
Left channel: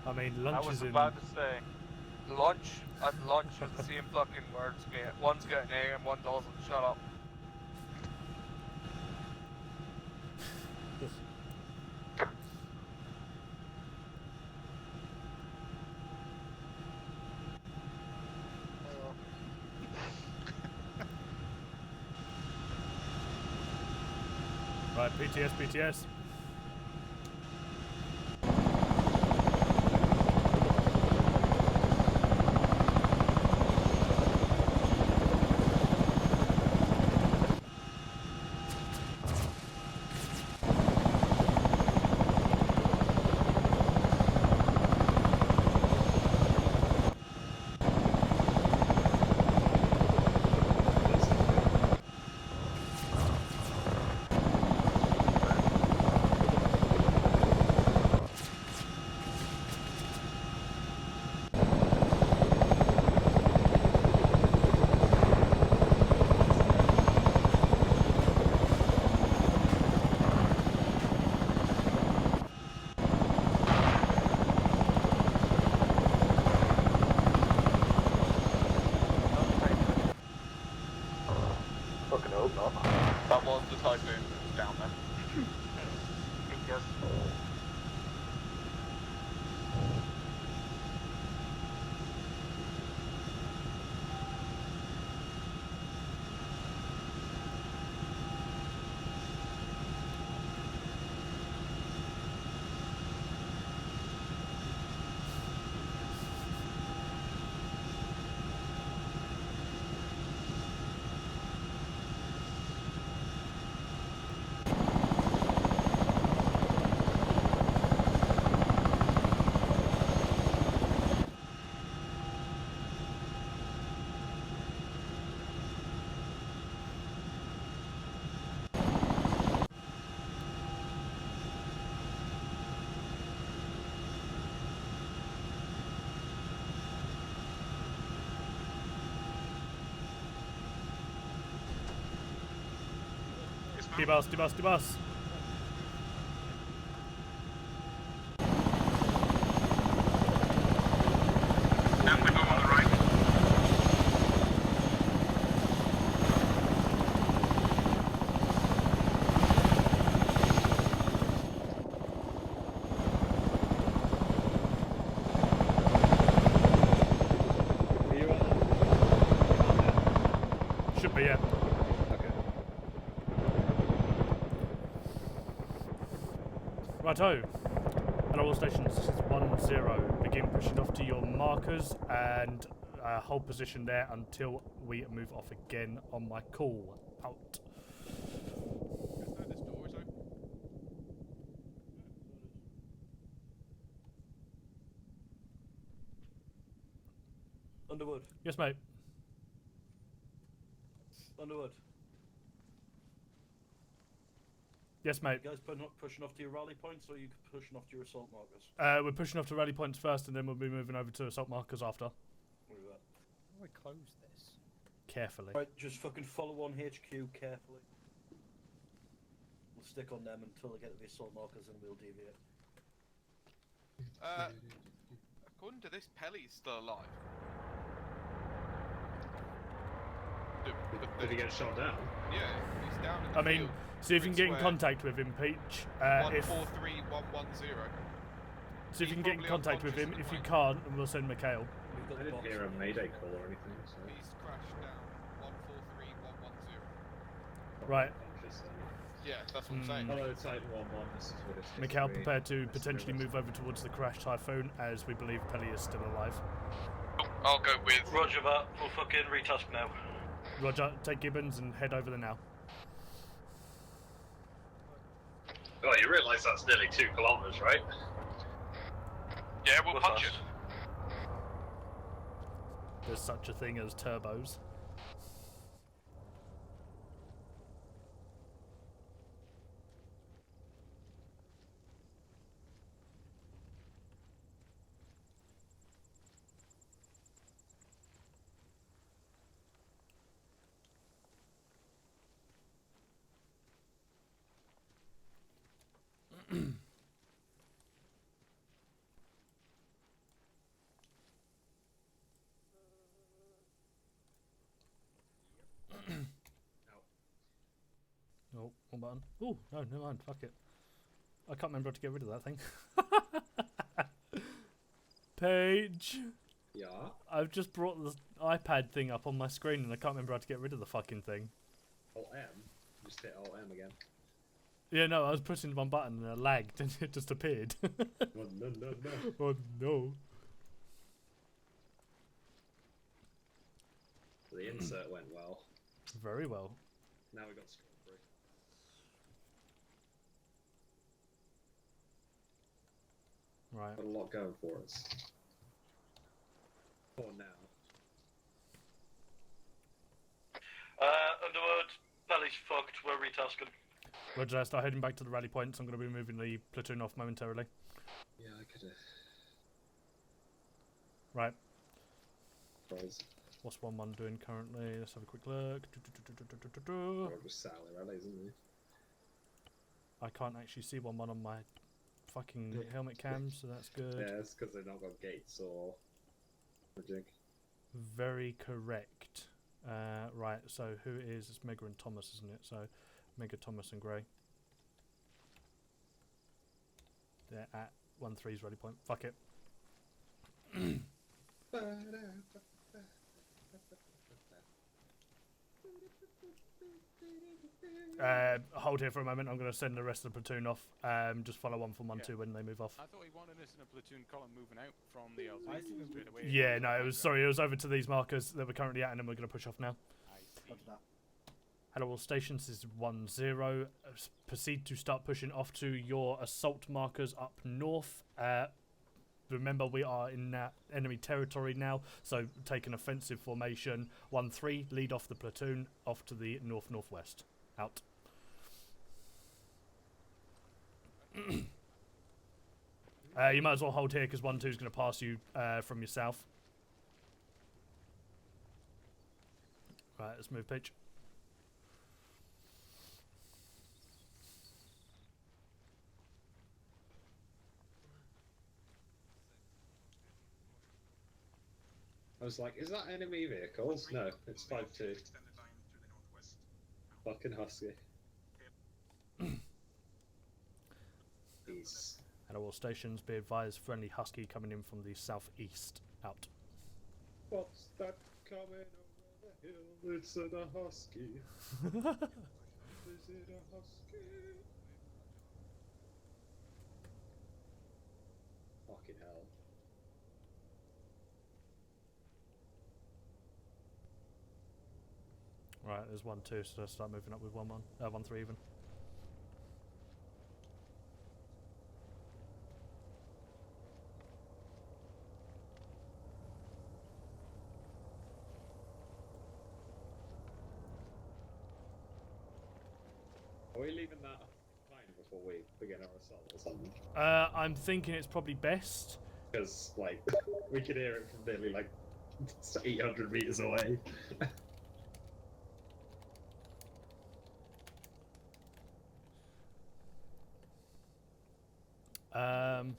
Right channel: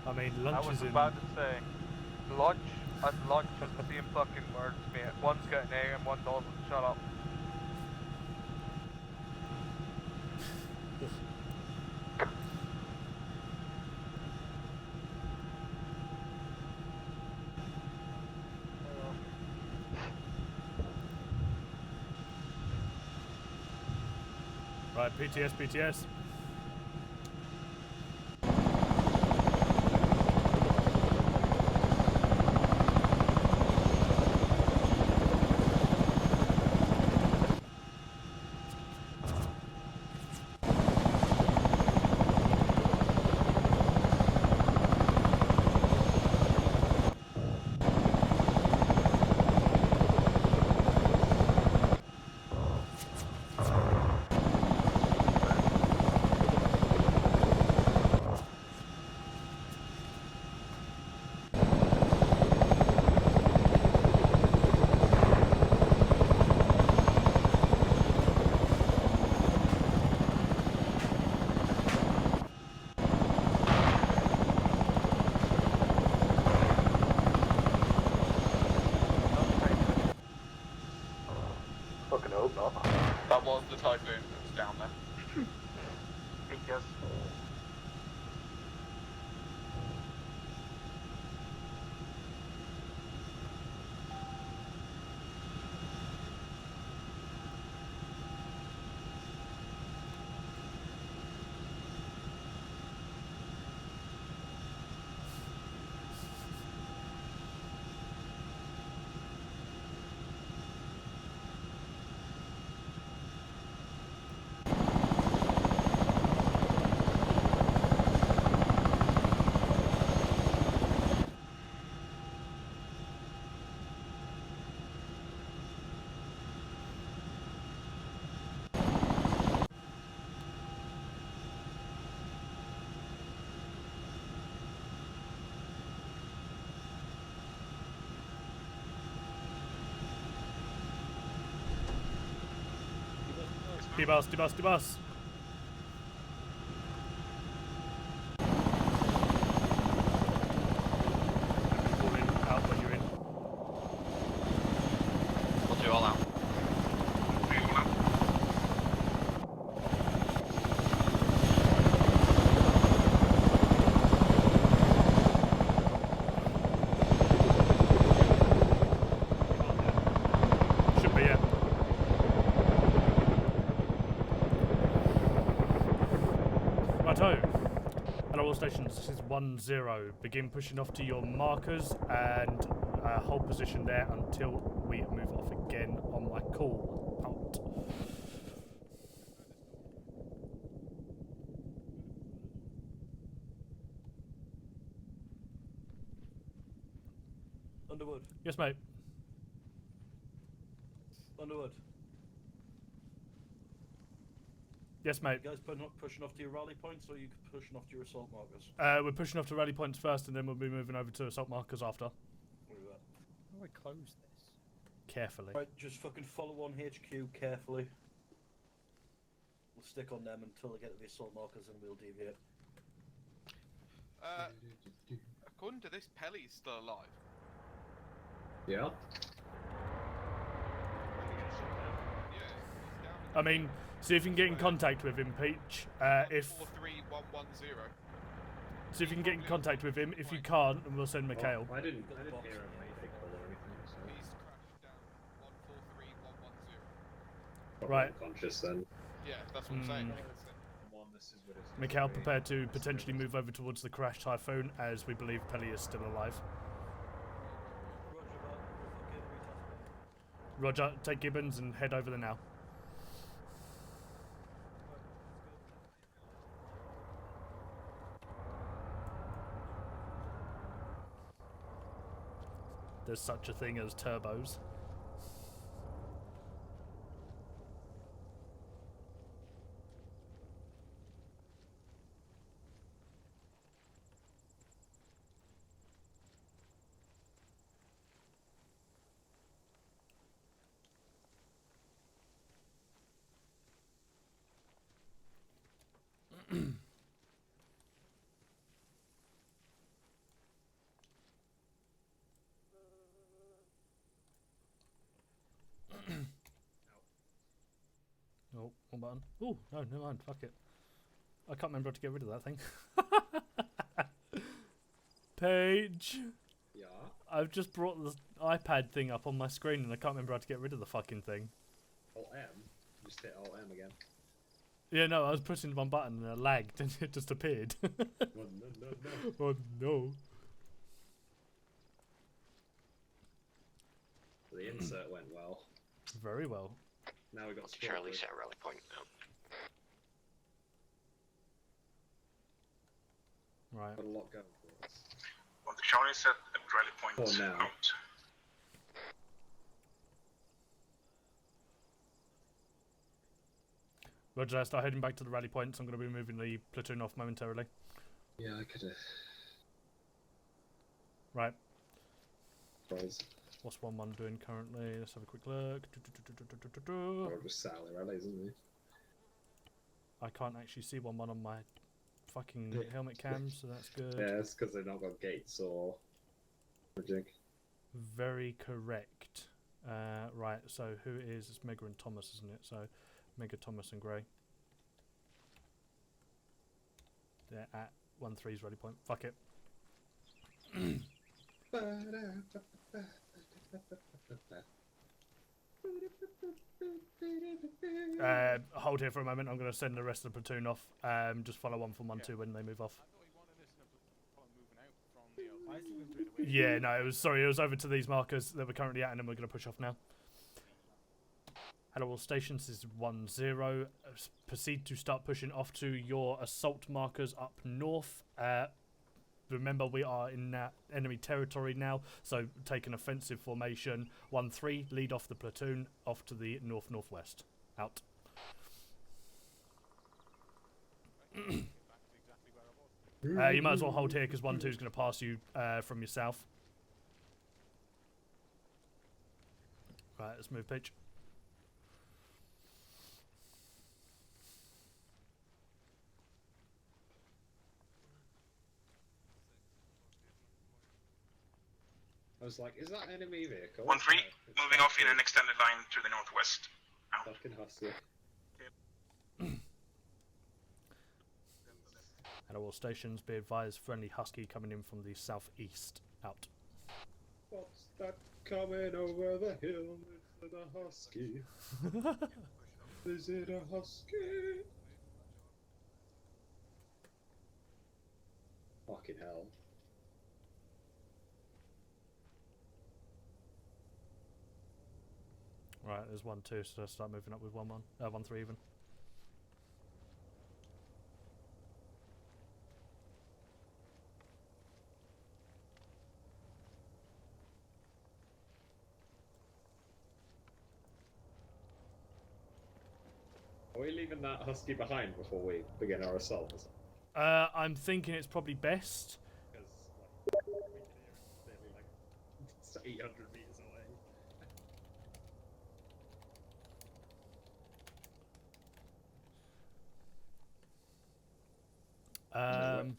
I mean, I lunch was is in... about to say, lunch and lunch are the same fucking words, mate. One's got an A and one doesn't. Shut up. Right, PTS. Fucking hope not. That was the typhoon that was down there. Yes. Debus, debus, debus. Should be, yeah. Righto. Hello all stations, this is 1-0. Begin pushing off to your markers and hold position there until we move off again on my call. Out. Underwood. Yes, mate. Underwood. Yes, mate. You guys pushing off to your rally points, or are you pushing off to your assault markers? We're pushing off to rally points first, and then we'll be moving over to assault markers after. What is that? How do I close this? Carefully. Right, just fucking follow on HQ carefully. We'll stick on them until they get to the assault markers, and we'll deviate. According to this, Pelly's still alive. Yeah. Did he get shot down? Yeah, he's down. I mean, see if you can get in contact with him, Peach. If 143110. see if you can get in contact with him. If you can't, then we'll send Mikhail. I didn't hear a mayday call or anything. So. He's crashed down. 143110. Right. Conscious then. Yeah, that's what I'm saying. Follow Titan 1-1. This is what it's. Mikhail, prepare to potentially move over towards the crash typhoon, as we believe Pelly is still alive. I'll go with. Roger that. We'll fucking retask now. Roger, take Gibbons and head over there now. Oh, you realise that's nearly 2 kilometers, right? Yeah, we'll punch it. There's such a thing as turbos. Oh, one button. Oh, no, never mind. Fuck it. I can't remember how to get rid of that thing. Paige! Yeah? I've just brought the iPad thing up on my screen and I can't remember how to get rid of the fucking thing. Alt-M? Just hit Alt-M again. Yeah, no, I was pressing one button and it lagged and it just appeared. Oh, no. Oh, no. The insert went well. Very well. Now we got Charlie set rally point now. Right. Got a lot going for us. Well, the Charlie set at rally point For now. out. Underwood, Pelly's fucked. We're retasking. Roger, start heading back to the rally points. I'm going to be moving the platoon off momentarily. Yeah, I could have. Right. Buzz. What's 1-1 doing currently? Let's have a quick look. Oh, it was Sally Rally, isn't he? I can't actually see 1-1 on my fucking helmet cam, so that's good. Yeah, it's because they've not got gates or jig. Very correct. Right, so who is? It's Mega and Thomas, isn't it? So Mega, Thomas and Gray. They're at 1-3's ready point. Fuck it. Hold here for a moment. I'm going to send the rest of the platoon off. Just follow 1 from 1-2 when they move off. I thought we wanted this in a platoon column moving out from the LZ straight away. Yeah, no, it was over to these markers that we're currently at, and then we're going to push off now. Hello all stations, this is 1-0. Proceed to start pushing off to your assault markers up north. Remember, we are in enemy territory now, so take an offensive formation. 1-3, lead off the platoon, off to the north-northwest. Out. You might as well hold here, because 1-2 is going to pass you from your south. Right, let's move pitch. I was like, is that enemy vehicle? 1-3, No, it's moving off in fucking- an extended line to the northwest. Fucking hustler. He's... At all stations, be advised, friendly husky coming in from the southeast. Out. What's that coming over the hill? It's a husky. Is it a husky? Fucking hell. Right, there's 1-2, so let's start moving up with 1-1. 1-3 even. Are we leaving that husky behind before we begin our assault or something? I'm thinking it's probably best. Because, like, we can hear it from nearly, like, 800 meters away.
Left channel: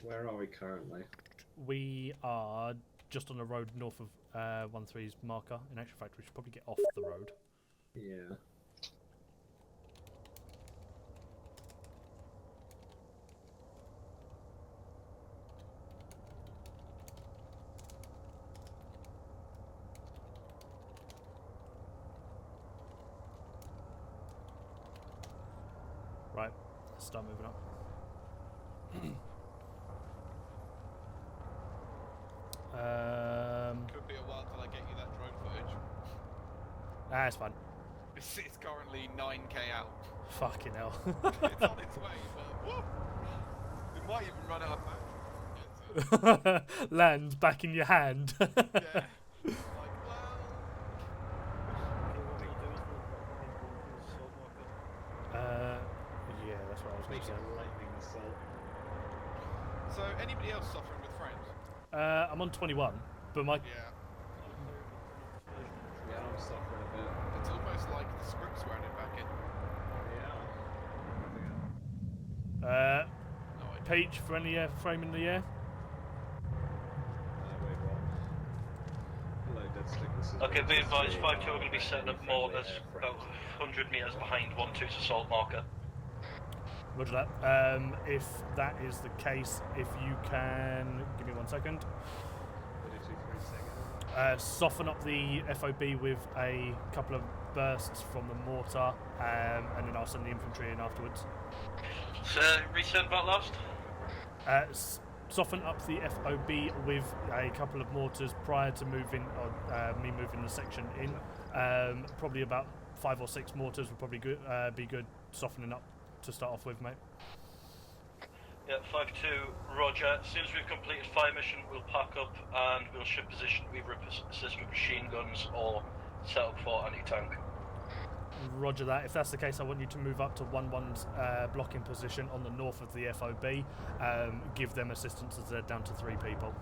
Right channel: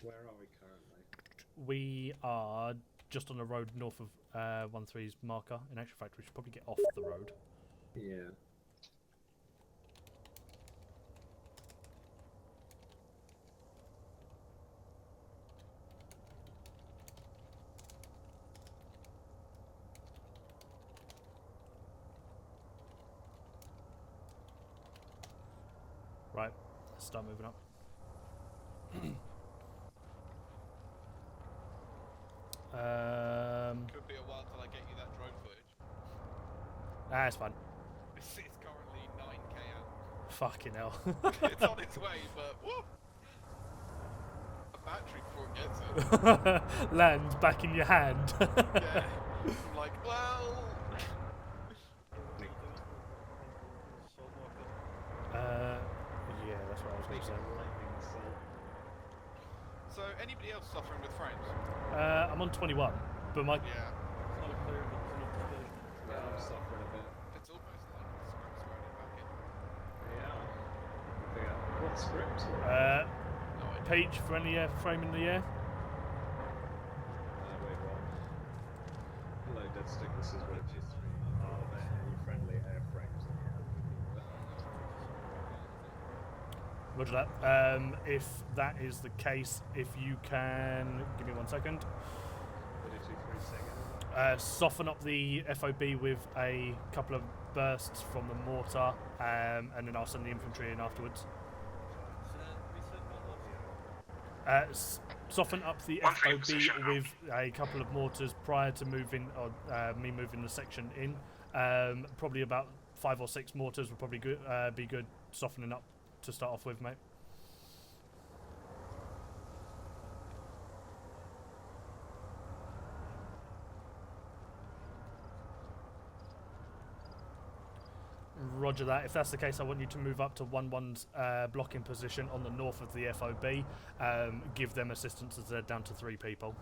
Where are we currently? We are just on the road north of 1-3's marker. In actual fact, we should probably get off the road. Yeah. Right, let's start moving up. Could be a while till I get you that drone footage. It's fine. It's currently 9k out. Fucking hell. It's on its way, but whoa! It might even run out of battery before it gets it. Land back in your hand. Yeah. I'm like, well. Yeah, that's what I was going to say. So, anybody else suffering with frames? I'm on 21, but my... Yeah. Yeah, I'm suffering a bit. It's almost like the script's wearing it back in. Yeah. What script? Peach for any frame in the air. Wait, what? Hello, Dead Stick. This is Okay, be advised, 5-2 are going to be setting up mortars about 100 metres behind 1-2's assault marker. Roger that. If that is the case, if you can... Give me 1 second. 32, 3 seconds. Soften up the FOB with a couple of bursts from the mortar, and then I'll send the infantry in afterwards. So, return back last? Soften up the FOB with a couple of mortars prior to moving, or me moving the section in. Probably about 5 or 6 mortars would probably be good softening up to start off with, mate. Yeah, 5-2, roger. As soon as we've completed fire mission, we'll pack up and we'll shift position, either assist with machine guns or set up for anti-tank. Roger that. If that's the case, I want you to move up to 1-1's blocking position on the north of the FOB. Give them assistance as they're down to 3 people.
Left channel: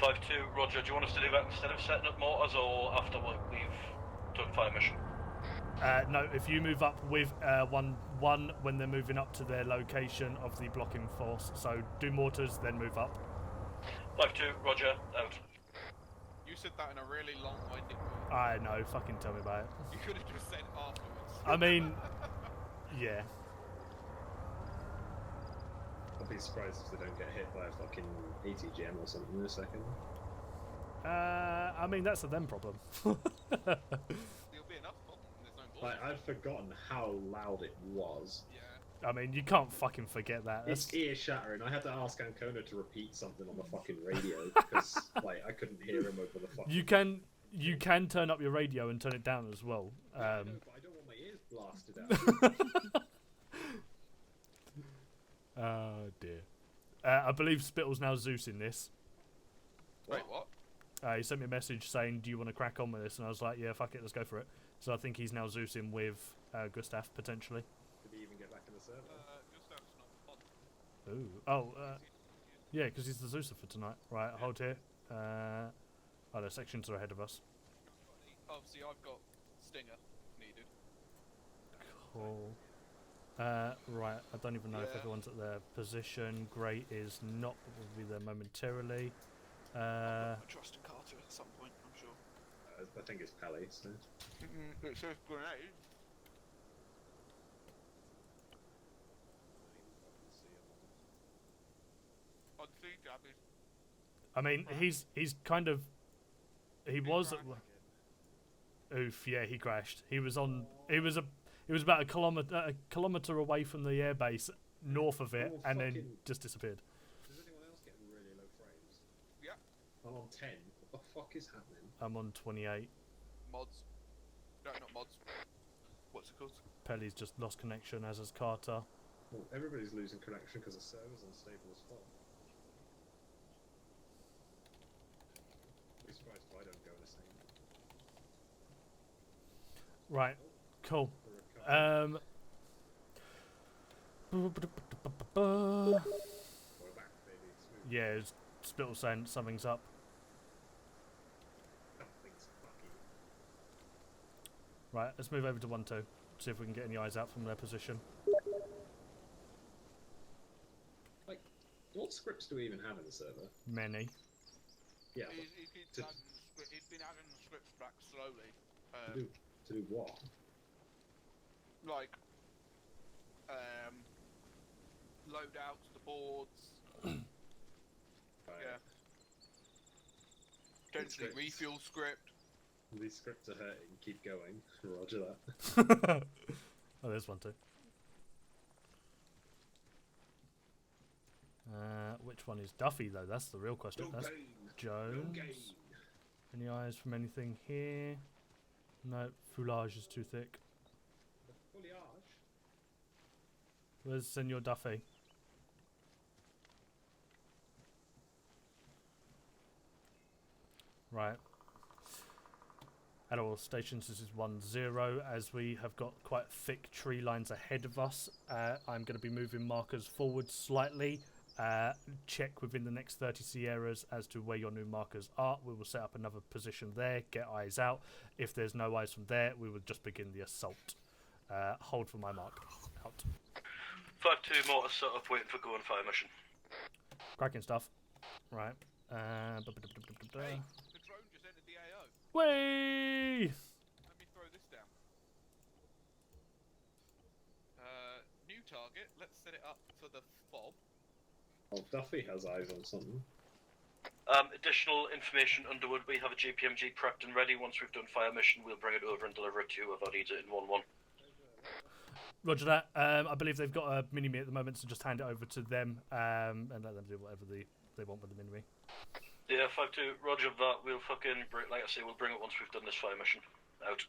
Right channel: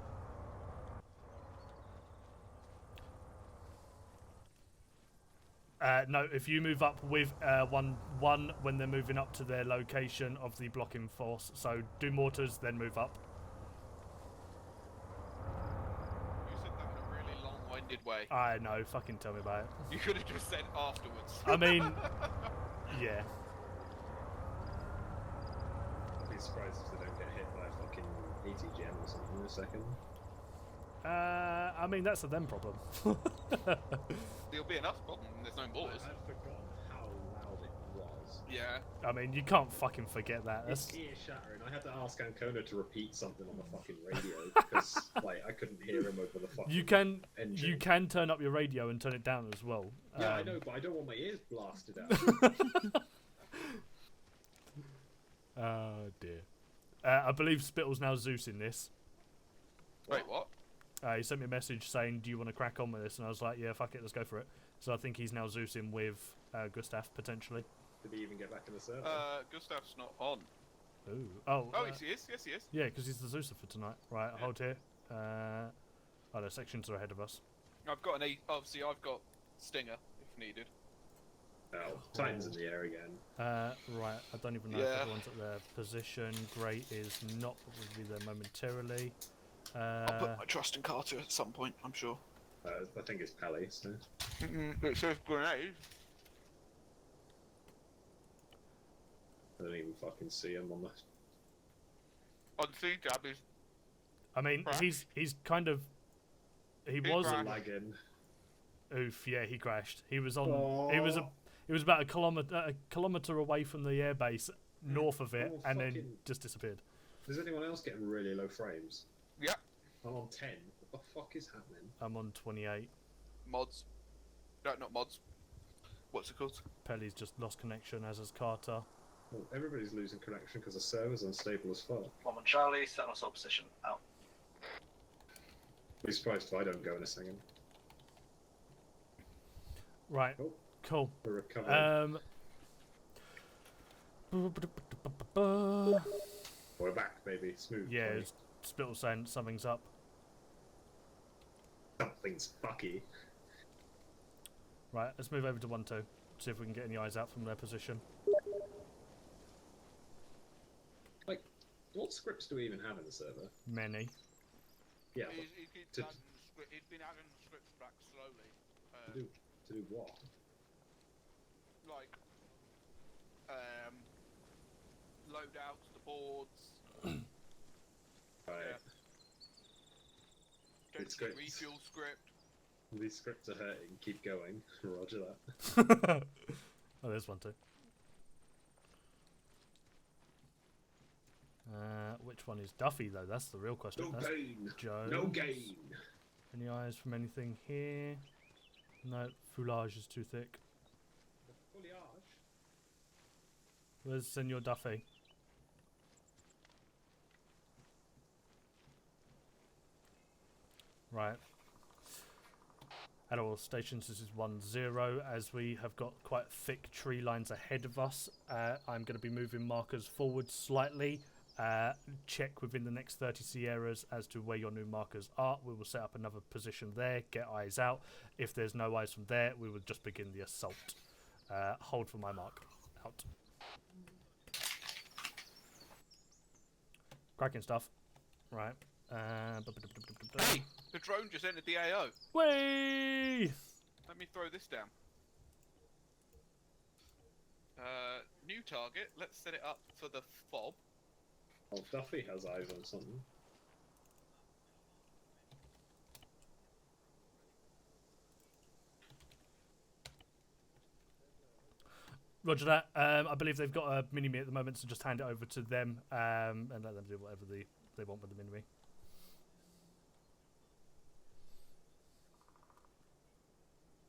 5-2, roger. Do you want us to do that instead of setting up mortars or after we've done fire mission? No, if you move up with 1-1 when they're moving up to their location of the blocking force. So do mortars, then move up. 5-2, roger, out. You said that in a really long-winded way. I know, fucking tell me about it. You could have just said afterwards. I mean, yeah. I'd be surprised if they don't get hit by a fucking ATGM or something in a second. I mean, that's a them problem. There'll be enough problem when there's no mortars. I'd forgotten how loud it was. Yeah. I mean, you can't fucking forget that. It's ear shattering. I had to ask Ancona to repeat something on the fucking radio because, like, I couldn't hear him over the fucking. You can turn up your radio and turn it down as well. Yeah, I know, but I don't want my ears blasted out. Oh dear. I believe Spittle's now Zeus in this. Wait, what? He sent me a message saying, "Do you want to crack on with this?" And I was like, "Yeah, fuck it, let's go for it." So I think he's now Zeusing with Gustav potentially. Did he even get back in the server? Gustav's not on. Ooh. Oh. Yes, he is. Yes, he is. Yeah, because he's the Zeuser for tonight. Right, hold here. Oh, the sections are ahead of us. I've got obviously I've got Stinger if needed. Oh, Titan's in the air again. Right, I don't even know if everyone's at their position. Great is not, but will be there momentarily. I'll put my trust in Carter at some point, I'm sure. I think it's Pally, so. It says grenade. I don't even fucking see him on this. On C-Tab is... I mean, he's kind of... He was... Lagging. Oof, yeah, he crashed. He was on... He was about a kilometre away from the airbase, north of it, and then just disappeared. Is anyone else getting really low frames? Yeah. I'm on 10. What the fuck is happening? I'm on 28. Mods. No, not mods. What's it called? Pelly's just lost connection, as has Carter. Well, everybody's losing connection because the server's unstable as fuck. I'm on Charlie, set on assault position. Out. Be surprised if I don't go in a second. Right. Oh, cool. we're recovering. We're back, baby. Smooth. Yeah, it's Spittle saying something's up. Something's fucky. Right, let's move over to 1-2. See if we can get any eyes out from their position. Like, what scripts do we even have in the server? Many. Yeah. He's been adding the scripts back slowly. To do what? Like, loadouts, the boards. Yeah. Potentially refuel script. These scripts are hurting. Keep going. Roger that. Oh, there's 1-2. Which one is Duffy, though? That's the real question. No That's gain. Jones. No gain. Any eyes from anything here? No, foulage is too thick. The foliage. Where's Senor Duffy? Right. At all stations, this is 1-0. As we have got quite thick tree lines ahead of us, I'm going to be moving markers forward slightly. Check within the next 30 Sierras as to where your new markers are. We will set up another position there, get eyes out. If there's no eyes from there, we will just begin the assault. Hold for my mark. Out. 5-2 mortar set up, wait for go and fire mission. Cracking stuff. Right. Hey, the drone just entered the AO. Way! Let me throw this down. New target. Let's set it up for the fob. Oh, Duffy has eyes on something. Additional information, Underwood. We have a GPMG prepped and ready. Once we've done fire mission, we'll bring it over and deliver it to you about it in 1-1. Roger that. I believe they've got a mini-me at the moment, so just hand it over to them and let them do whatever they want with the mini-me. Yeah, 5-2. Roger that. We'll fucking like I say, we'll bring it once we've done this fire mission. Out.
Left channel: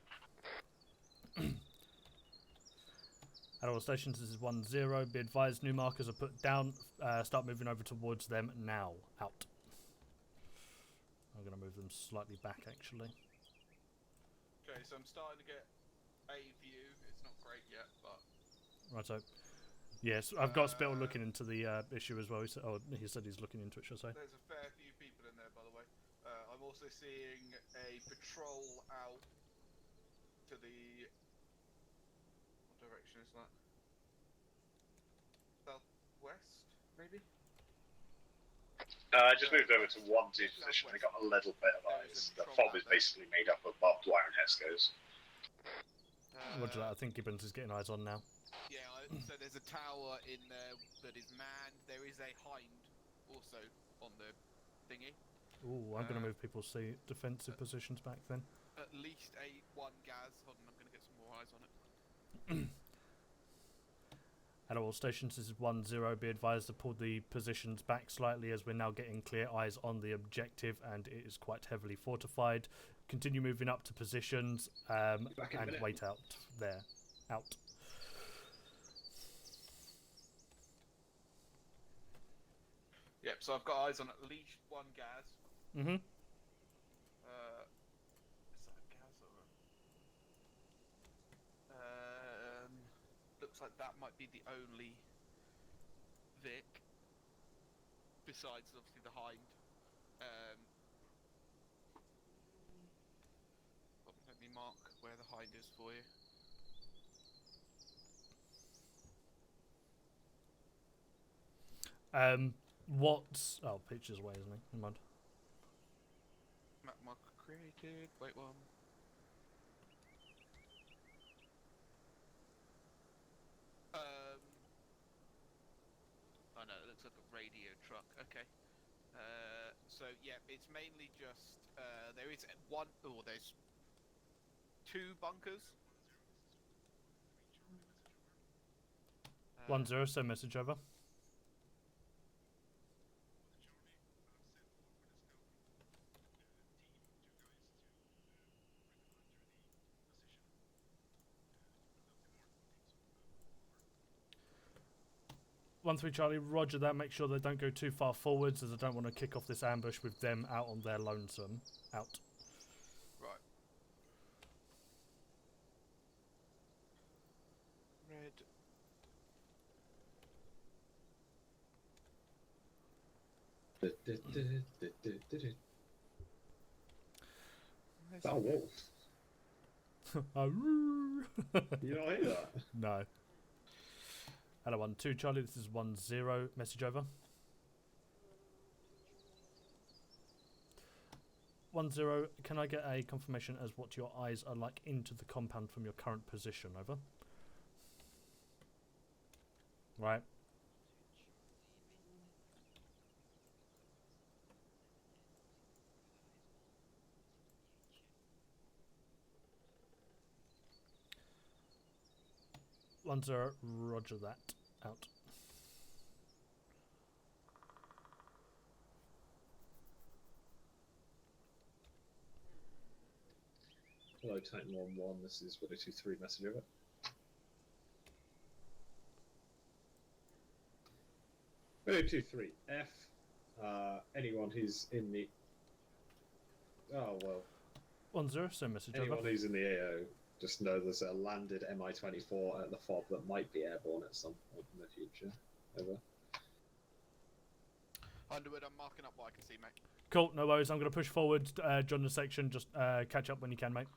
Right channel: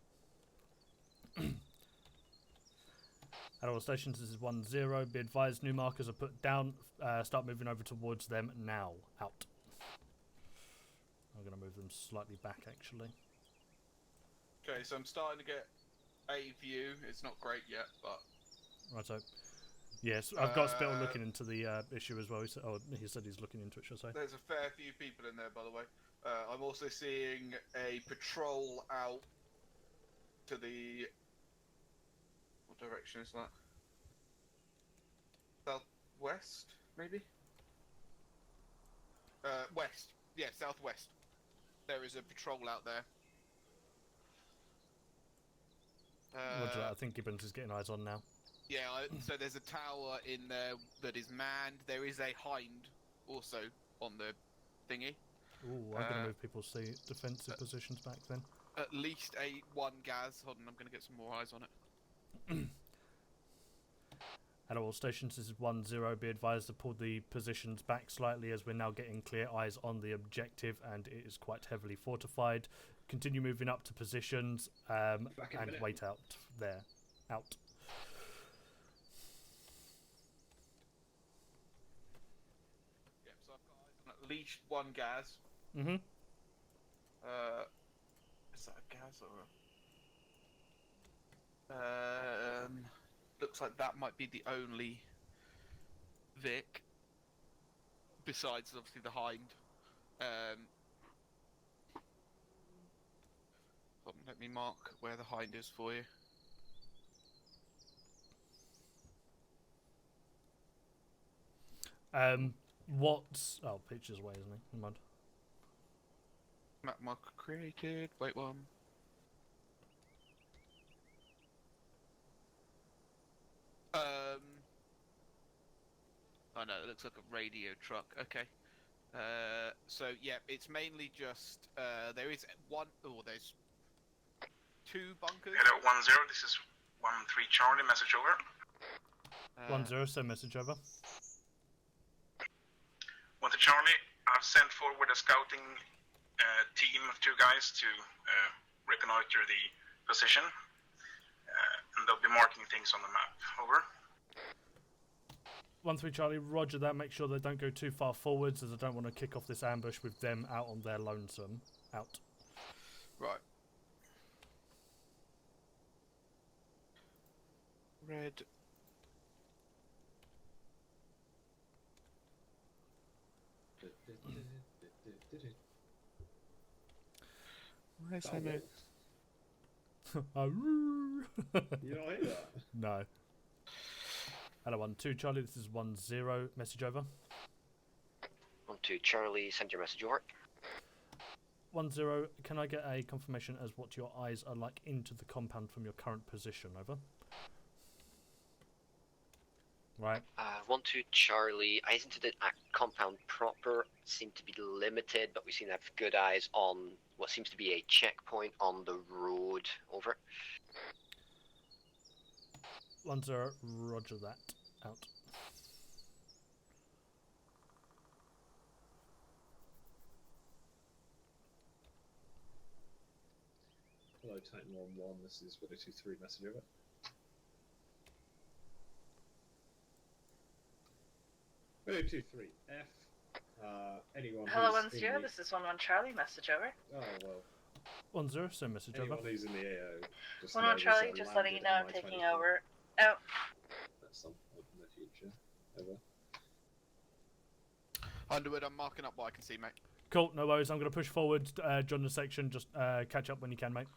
At all stations, this is 1-0. Be advised, new markers are put down. Start moving over towards them now. Out. I'm going to move them slightly back, actually. Okay, so I'm starting to get a view. It's not great yet, but... Righto. Yes, I've got Spittle looking into the issue as well. He said he's looking into it, shall I say. There's a fair few people in there, by the way. I'm also seeing a patrol out to the... What direction is that? Southwest, maybe? I just moved over west. to 1-2 Yeah, position. I southwest. got a little bit of There eyes. is a The patrol fob out is there. basically made up of barbed wire and Hescos. Roger that. I think Gibbons is getting eyes on now. Yeah, so there's a tower in there that is manned. There is a hind also on the thingy. Ooh, I'm going to move people's defensive positions back then. At least one gas. Hold on, I'm going to get some more eyes on it. At all stations, this is 1-0. Be advised to pull the positions back slightly as we're now getting clear eyes on the objective and it is quite heavily fortified. Continue moving up to positions and wait out there. Out. Yep, so I've got eyes on at least one gas. Mm-hmm. Is that a gas or a... looks like that might be the only Vic, besides obviously the hind. Hold on, let me mark where the hind is for you. What's... Oh, picture's away, isn't he? Never mind. Map marker created. Wait one. Oh no, it looks like a radio truck. Okay. So yeah, it's mainly just there is one. Oh, there's two bunkers. Hello, 1-0. This is 1-3 Charlie. Message over. 1-0, so message over. 1 to Charlie. I've sent forward a scouting team of 2 guys to reconnoiter the position, and they'll be marking things on the map. Over. 1-3 Charlie, roger that. Make sure they don't go too far forwards, as I don't want to kick off this ambush with them out on their lonesome. Out. Right. Red. Where's That the wolf. Aroo. You don't like that? No. Hello, 1-2 Charlie, this is 1-0. Message over. 1-2 Charlie, send your message over. 1-0, can I get a confirmation as what your eyes are like into the compound from your current position? Over. Right. 1-2 Charlie, eyes into the compound proper seem to be limited, but we seem to have good eyes on what seems to be a checkpoint on the road. Over. 1-0, roger that. Out. Hello, Titan 1-1. This is 1-2-3. Message over. Hello, 2-3 F. Anyone Hello, who's 1-0. in the... This is 1-1 Charlie. Message over. Oh well. 1-0, so message Anyone over. who's in the AO, just 1-1 know there's Charlie, a just letting you landed know I'm taking Mi-24 over. at the fort Oh. that might be airborne at some point in the future. Over. Underwood, I'm marking up what I can see, mate. Cool, no worries. I'm going to push forward, join the section. Just catch up when you can, mate.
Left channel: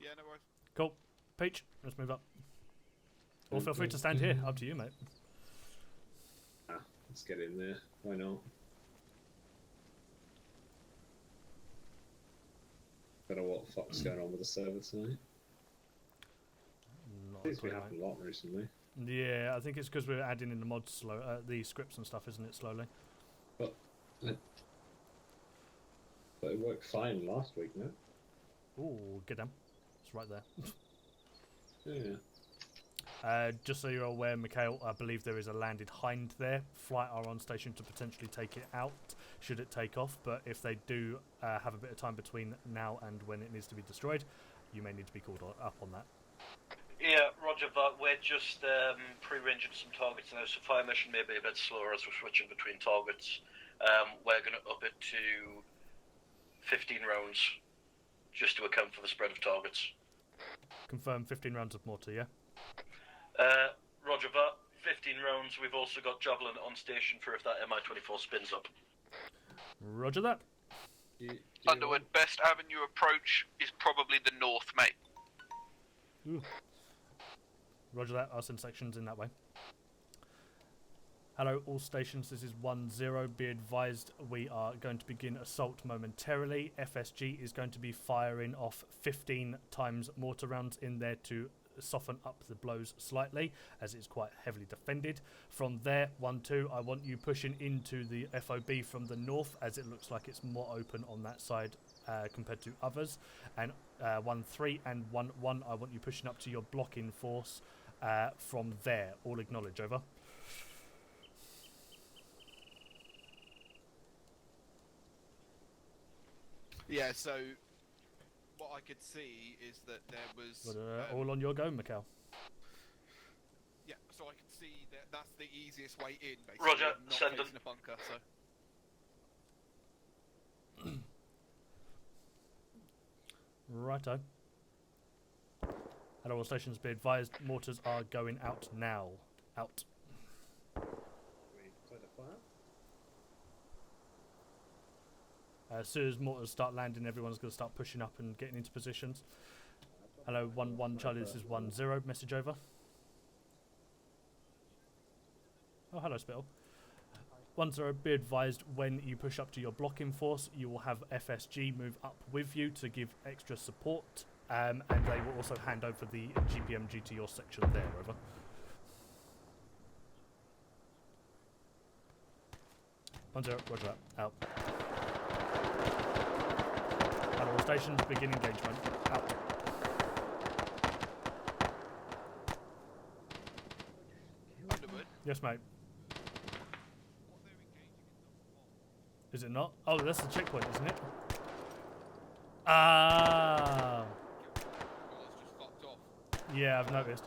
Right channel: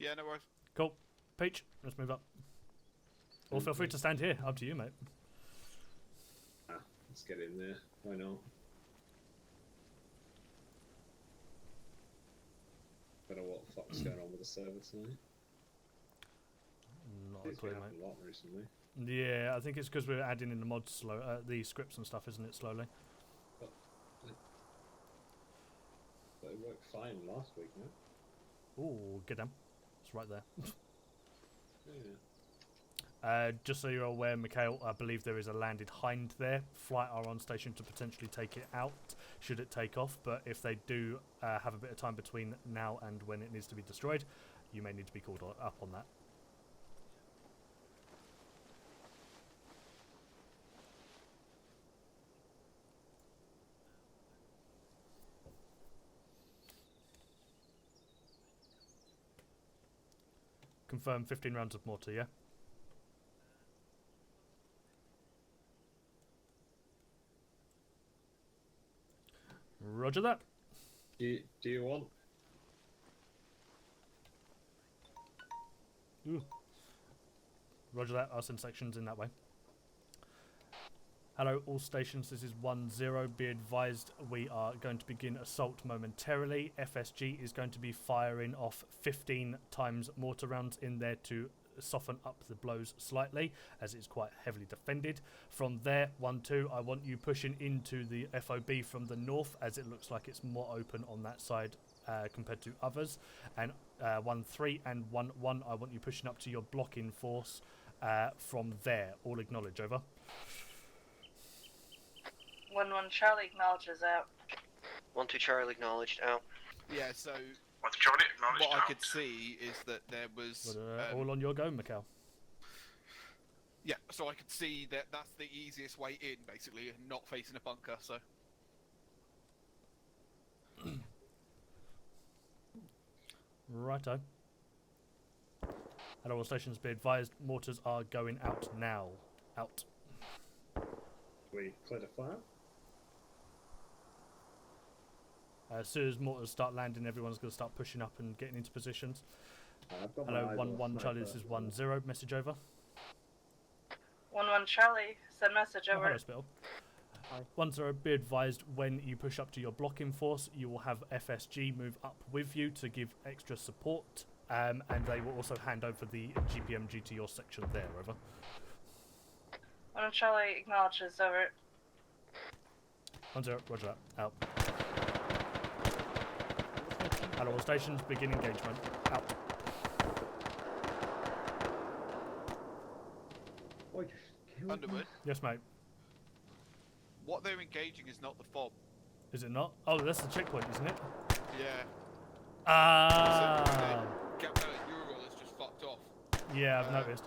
Yeah, no worries. Cool. Peach, let's move up. Or feel free to stand here. Up to you, mate. Let's get in there. Why not? Don't know what the fuck's going on with the server tonight. Not It's a clue, been mate. happening a lot recently. Yeah, I think it's because we're adding in the mods slow, the scripts and stuff, isn't it? Slowly. But it worked fine last week, no? Ooh, get down. It's right there. Yeah. Just so you're aware, Mikhail, I believe there is a landed hind there. Flight are on station to potentially take it out, should it take off. But if they do have a bit of time between now and when it needs to be destroyed, you may need to be called up on that. Yeah, roger that. We're just pre-ranging some targets now, so fire mission may be a bit slower as we're switching between targets. We're going to up it to 15 rounds, just to account for the spread of targets. Confirm 15 rounds of mortar, yeah? Roger that. 15 rounds. We've also got Javelin on station for if that Mi-24 spins up. Roger that. Underwood, best avenue approach is probably the north, mate. Ooh. Roger that. I'll send sections in that way. Hello, all stations. This is 1-0. Be advised, we are going to begin assault momentarily. FSG is going to be firing off 15 times mortar rounds in there to soften up the blows slightly, as it's quite heavily defended. From there, 1-2, I want you pushing into the FOB from the north, as it looks like it's more open on that side compared to others. And 1-3 and 1-1, I want you pushing up to your blocking force from there. All acknowledge, over. 1-1 Charlie acknowledges out. 1-2 Charlie acknowledged out. Yeah, so 1 to Charlie, acknowledged what I out. could see is that there was But, all on your go, Mikhail. yeah, so I could see that that's the easiest way in, basically, Roger, not send facing them. a bunker. So Righto. Hello, all stations, be advised, mortars are going out now. Out. We cleared a fire. As soon as mortars start landing, everyone's going to start pushing up and getting into positions. I've got Hello, my eyes 1-1 off Charlie, my this is first 1-0. Message over. 1-1 Charlie, send message Oh, over. hello, Spittle. 10, be advised when you push up to your blocking force, you will have FSG move up with you to give extra support, and they will also hand over the GPMG to your section there, over. 1 Charlie acknowledges, over. 10, roger that, out. Hello, all stations, begin engagement, out. Underwood, Yes, mate. what they're engaging is not the fob. Is it not? Oh, that's the checkpoint, isn't it? Yeah. Ah. Captain Ural has just fucked off. Yeah, I've noticed.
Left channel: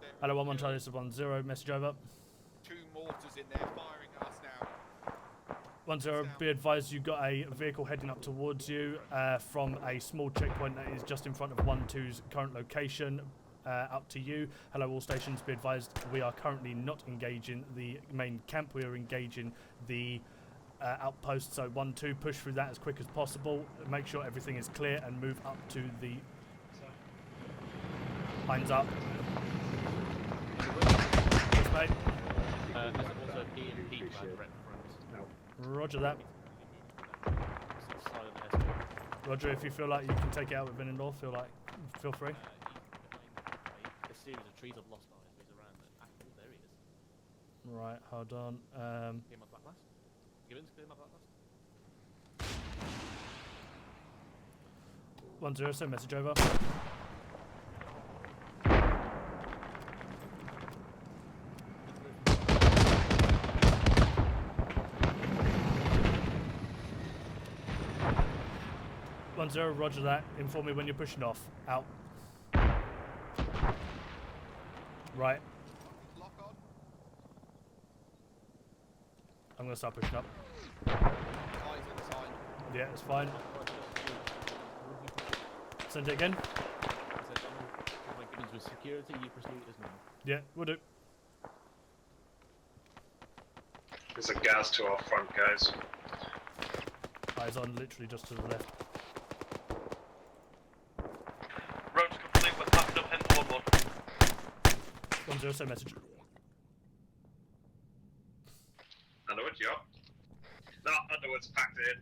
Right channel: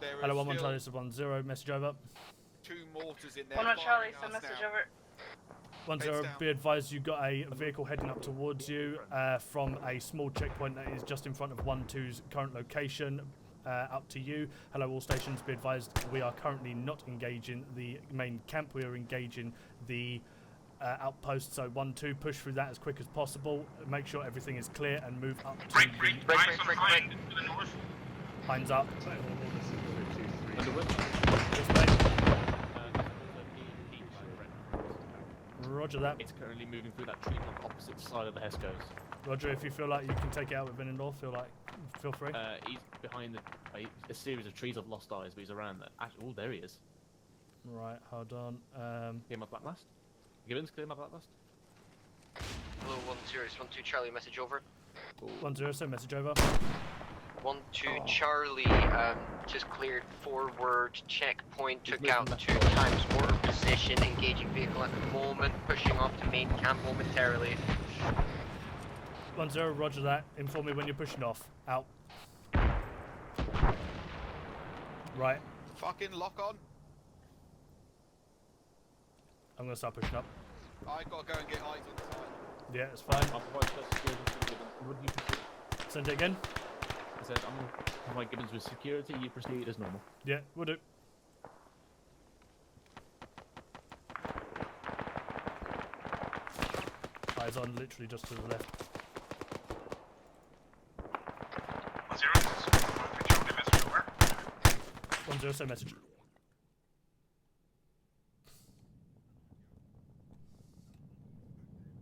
There Hello, are 1-1 still Charlie, this is 1-0, message over. 2 mortars in there. 1 Charlie, firing send us message now. over. 1-0, be advised you got a vehicle heading up towards you from a small checkpoint that is just in front of 1-2's current location. Up to you. Hello, all stations, be advised we are currently not engaging the main camp. We are engaging the outpost, so 1-2, push through that as quick as possible. Make sure everything is clear and move up to the... Lines up. Yes, mate. Roger that. It's currently moving through that tree on the opposite side of the Hescos. Roger, if you feel like you can take it out with an indoor, feel free. He's behind a series of trees. I've lost eyes, but he's around there. Actually, oh, there he is. Right, hold on. Clear my blacklist. Gibbons, clear my blacklist. 1-2 Charlie, message over. 1-0, so message over. 1-2 Charlie, just cleared forward. Checkpoint took out 2 times forward position. Engaging vehicle at the moment. Pushing on to the main camp momentarily. 1-0, roger that. Inform me when you're pushing off. Out. Right. Fucking lock on. I'm going to start pushing up. I gotta go and get Ivan's time. Yeah, it's fine. Send it again. He said, I'm going to have my Gibbons with security. You proceed as normal. Yeah, we'll do. There's a gas to our front, guys. Eyes on, literally just to the left. Road 0, they was popped up in your 1-0, send message. Underwood, you up? No, Underwood's packed in.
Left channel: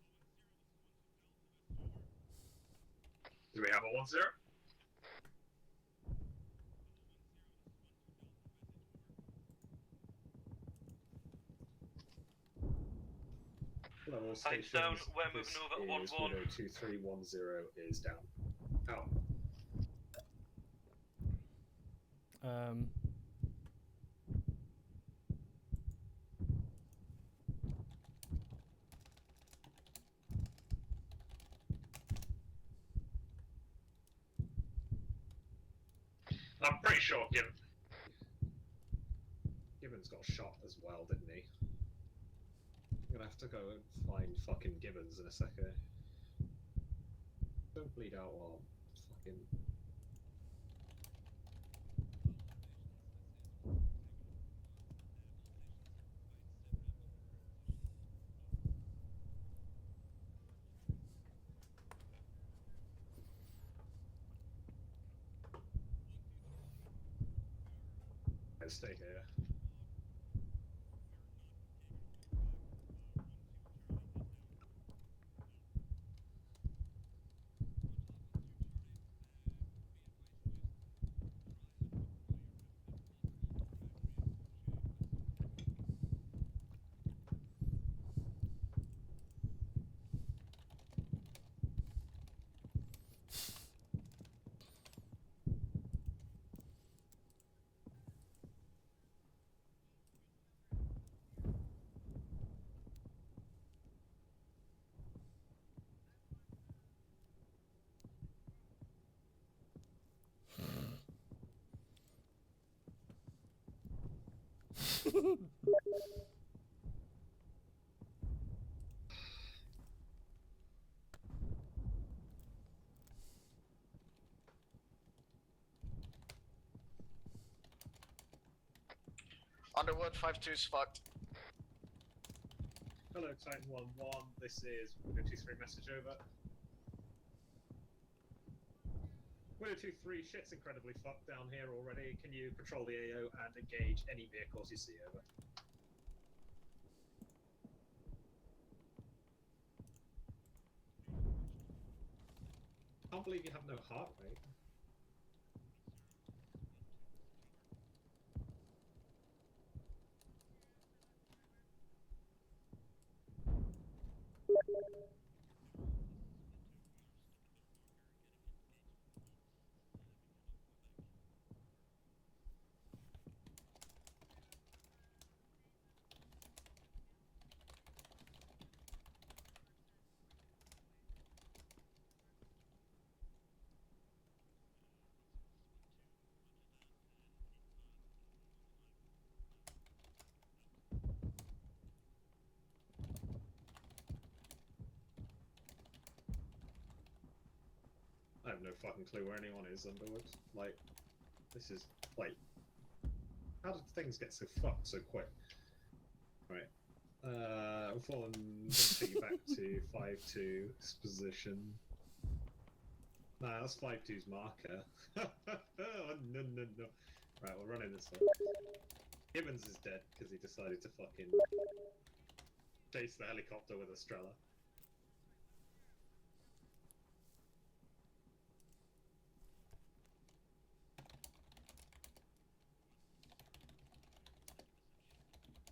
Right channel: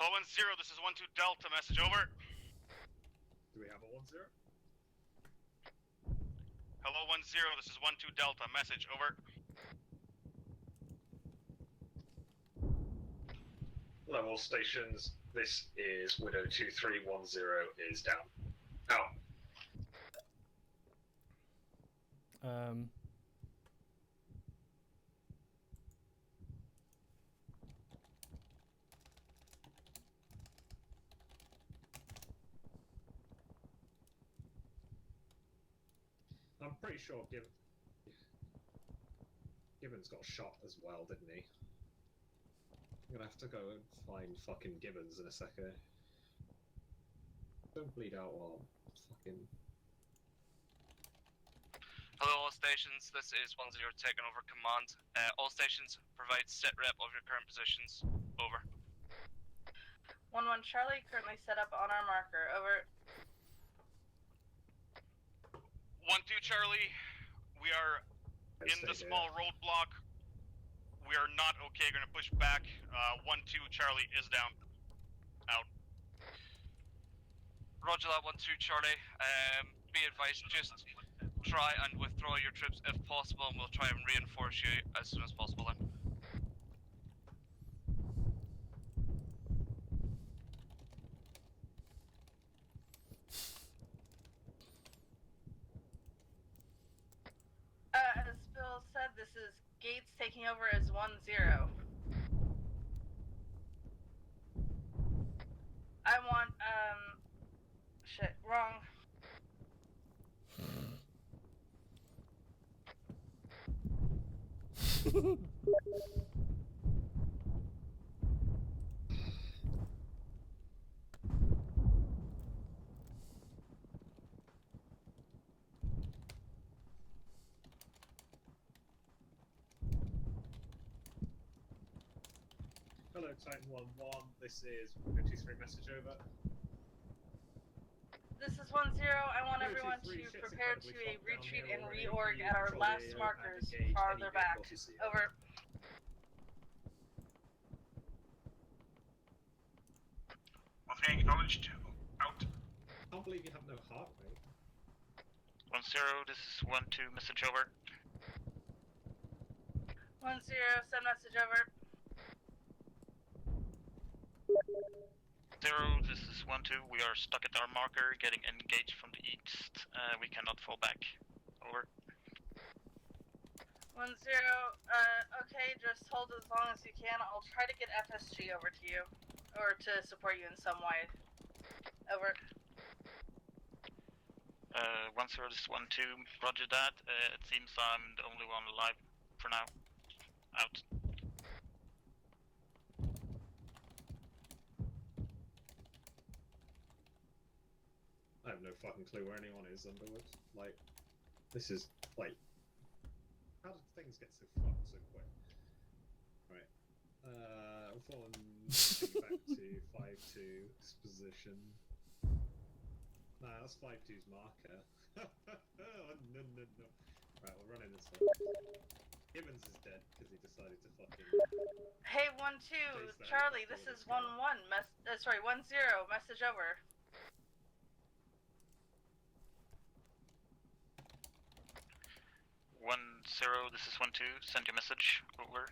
Hello 1-0, this is 1-2 Delta, message over. Do we have a 1-0? Hello 1-0, this is 1-2 Delta, message over. Hello, all stations. This is 102310 is down. Out. I'm pretty sure Gibbons got shot as well, didn't he? I'm gonna have to go and find fucking Gibbons in a second. Don't bleed out while fucking... Hello all stations, this is 1-0 taking over command. All stations provide sit rep of your current positions. Over. 1-1 Charlie, currently set up on our marker, over. 1-2 Charlie, we are in the small roadblock. We are not okay, gonna push back. 1-2 Charlie is down. Out. Roger that, 1-2 Charlie. Be advised, just try and withdraw your troops if possible, and we'll try and reinforce you as soon as possible then. As Bill said, this is Gates taking over as 1-0. I want, shit, wrong. Underwood 5-2's fucked. Hello, Titan 1-1. This is 53 message over. This is 1-0. I want Hello, everyone 2-3, to shit's prepare to incredibly fucked down retreat here and already. reorg Can you at our control the last AO and markers engage farther any back. vehicles you see? Over. Acknowledged. Out. Can't believe you have no heart rate. 1-0, this is 1-2, message over. 1-0. Send message over. 0, this is 1-2, we are stuck at our marker, getting engaged from the east. We cannot fall back. Over. 1-0. Okay, just hold as long as you can. I'll try to get FSG over to you. Or to support you in some way. Over. 1-0, this is 1-2, roger that. It seems I'm the only one alive for now. Out. I have no fucking clue where anyone is, Underwood. Like, this is, like, how did things get so fucked so quick? Right. We're falling back to 5-2's position. Nah, that's 5-2's marker. Oh, no. Right, we're running this way. Gibbons is dead because he decided to fucking... Hey, 1-2. Chase the Charlie, helicopter this with a is 1-1. Sorry, 1-0. Message over. 1-0, this is 1-2, send your message. Over.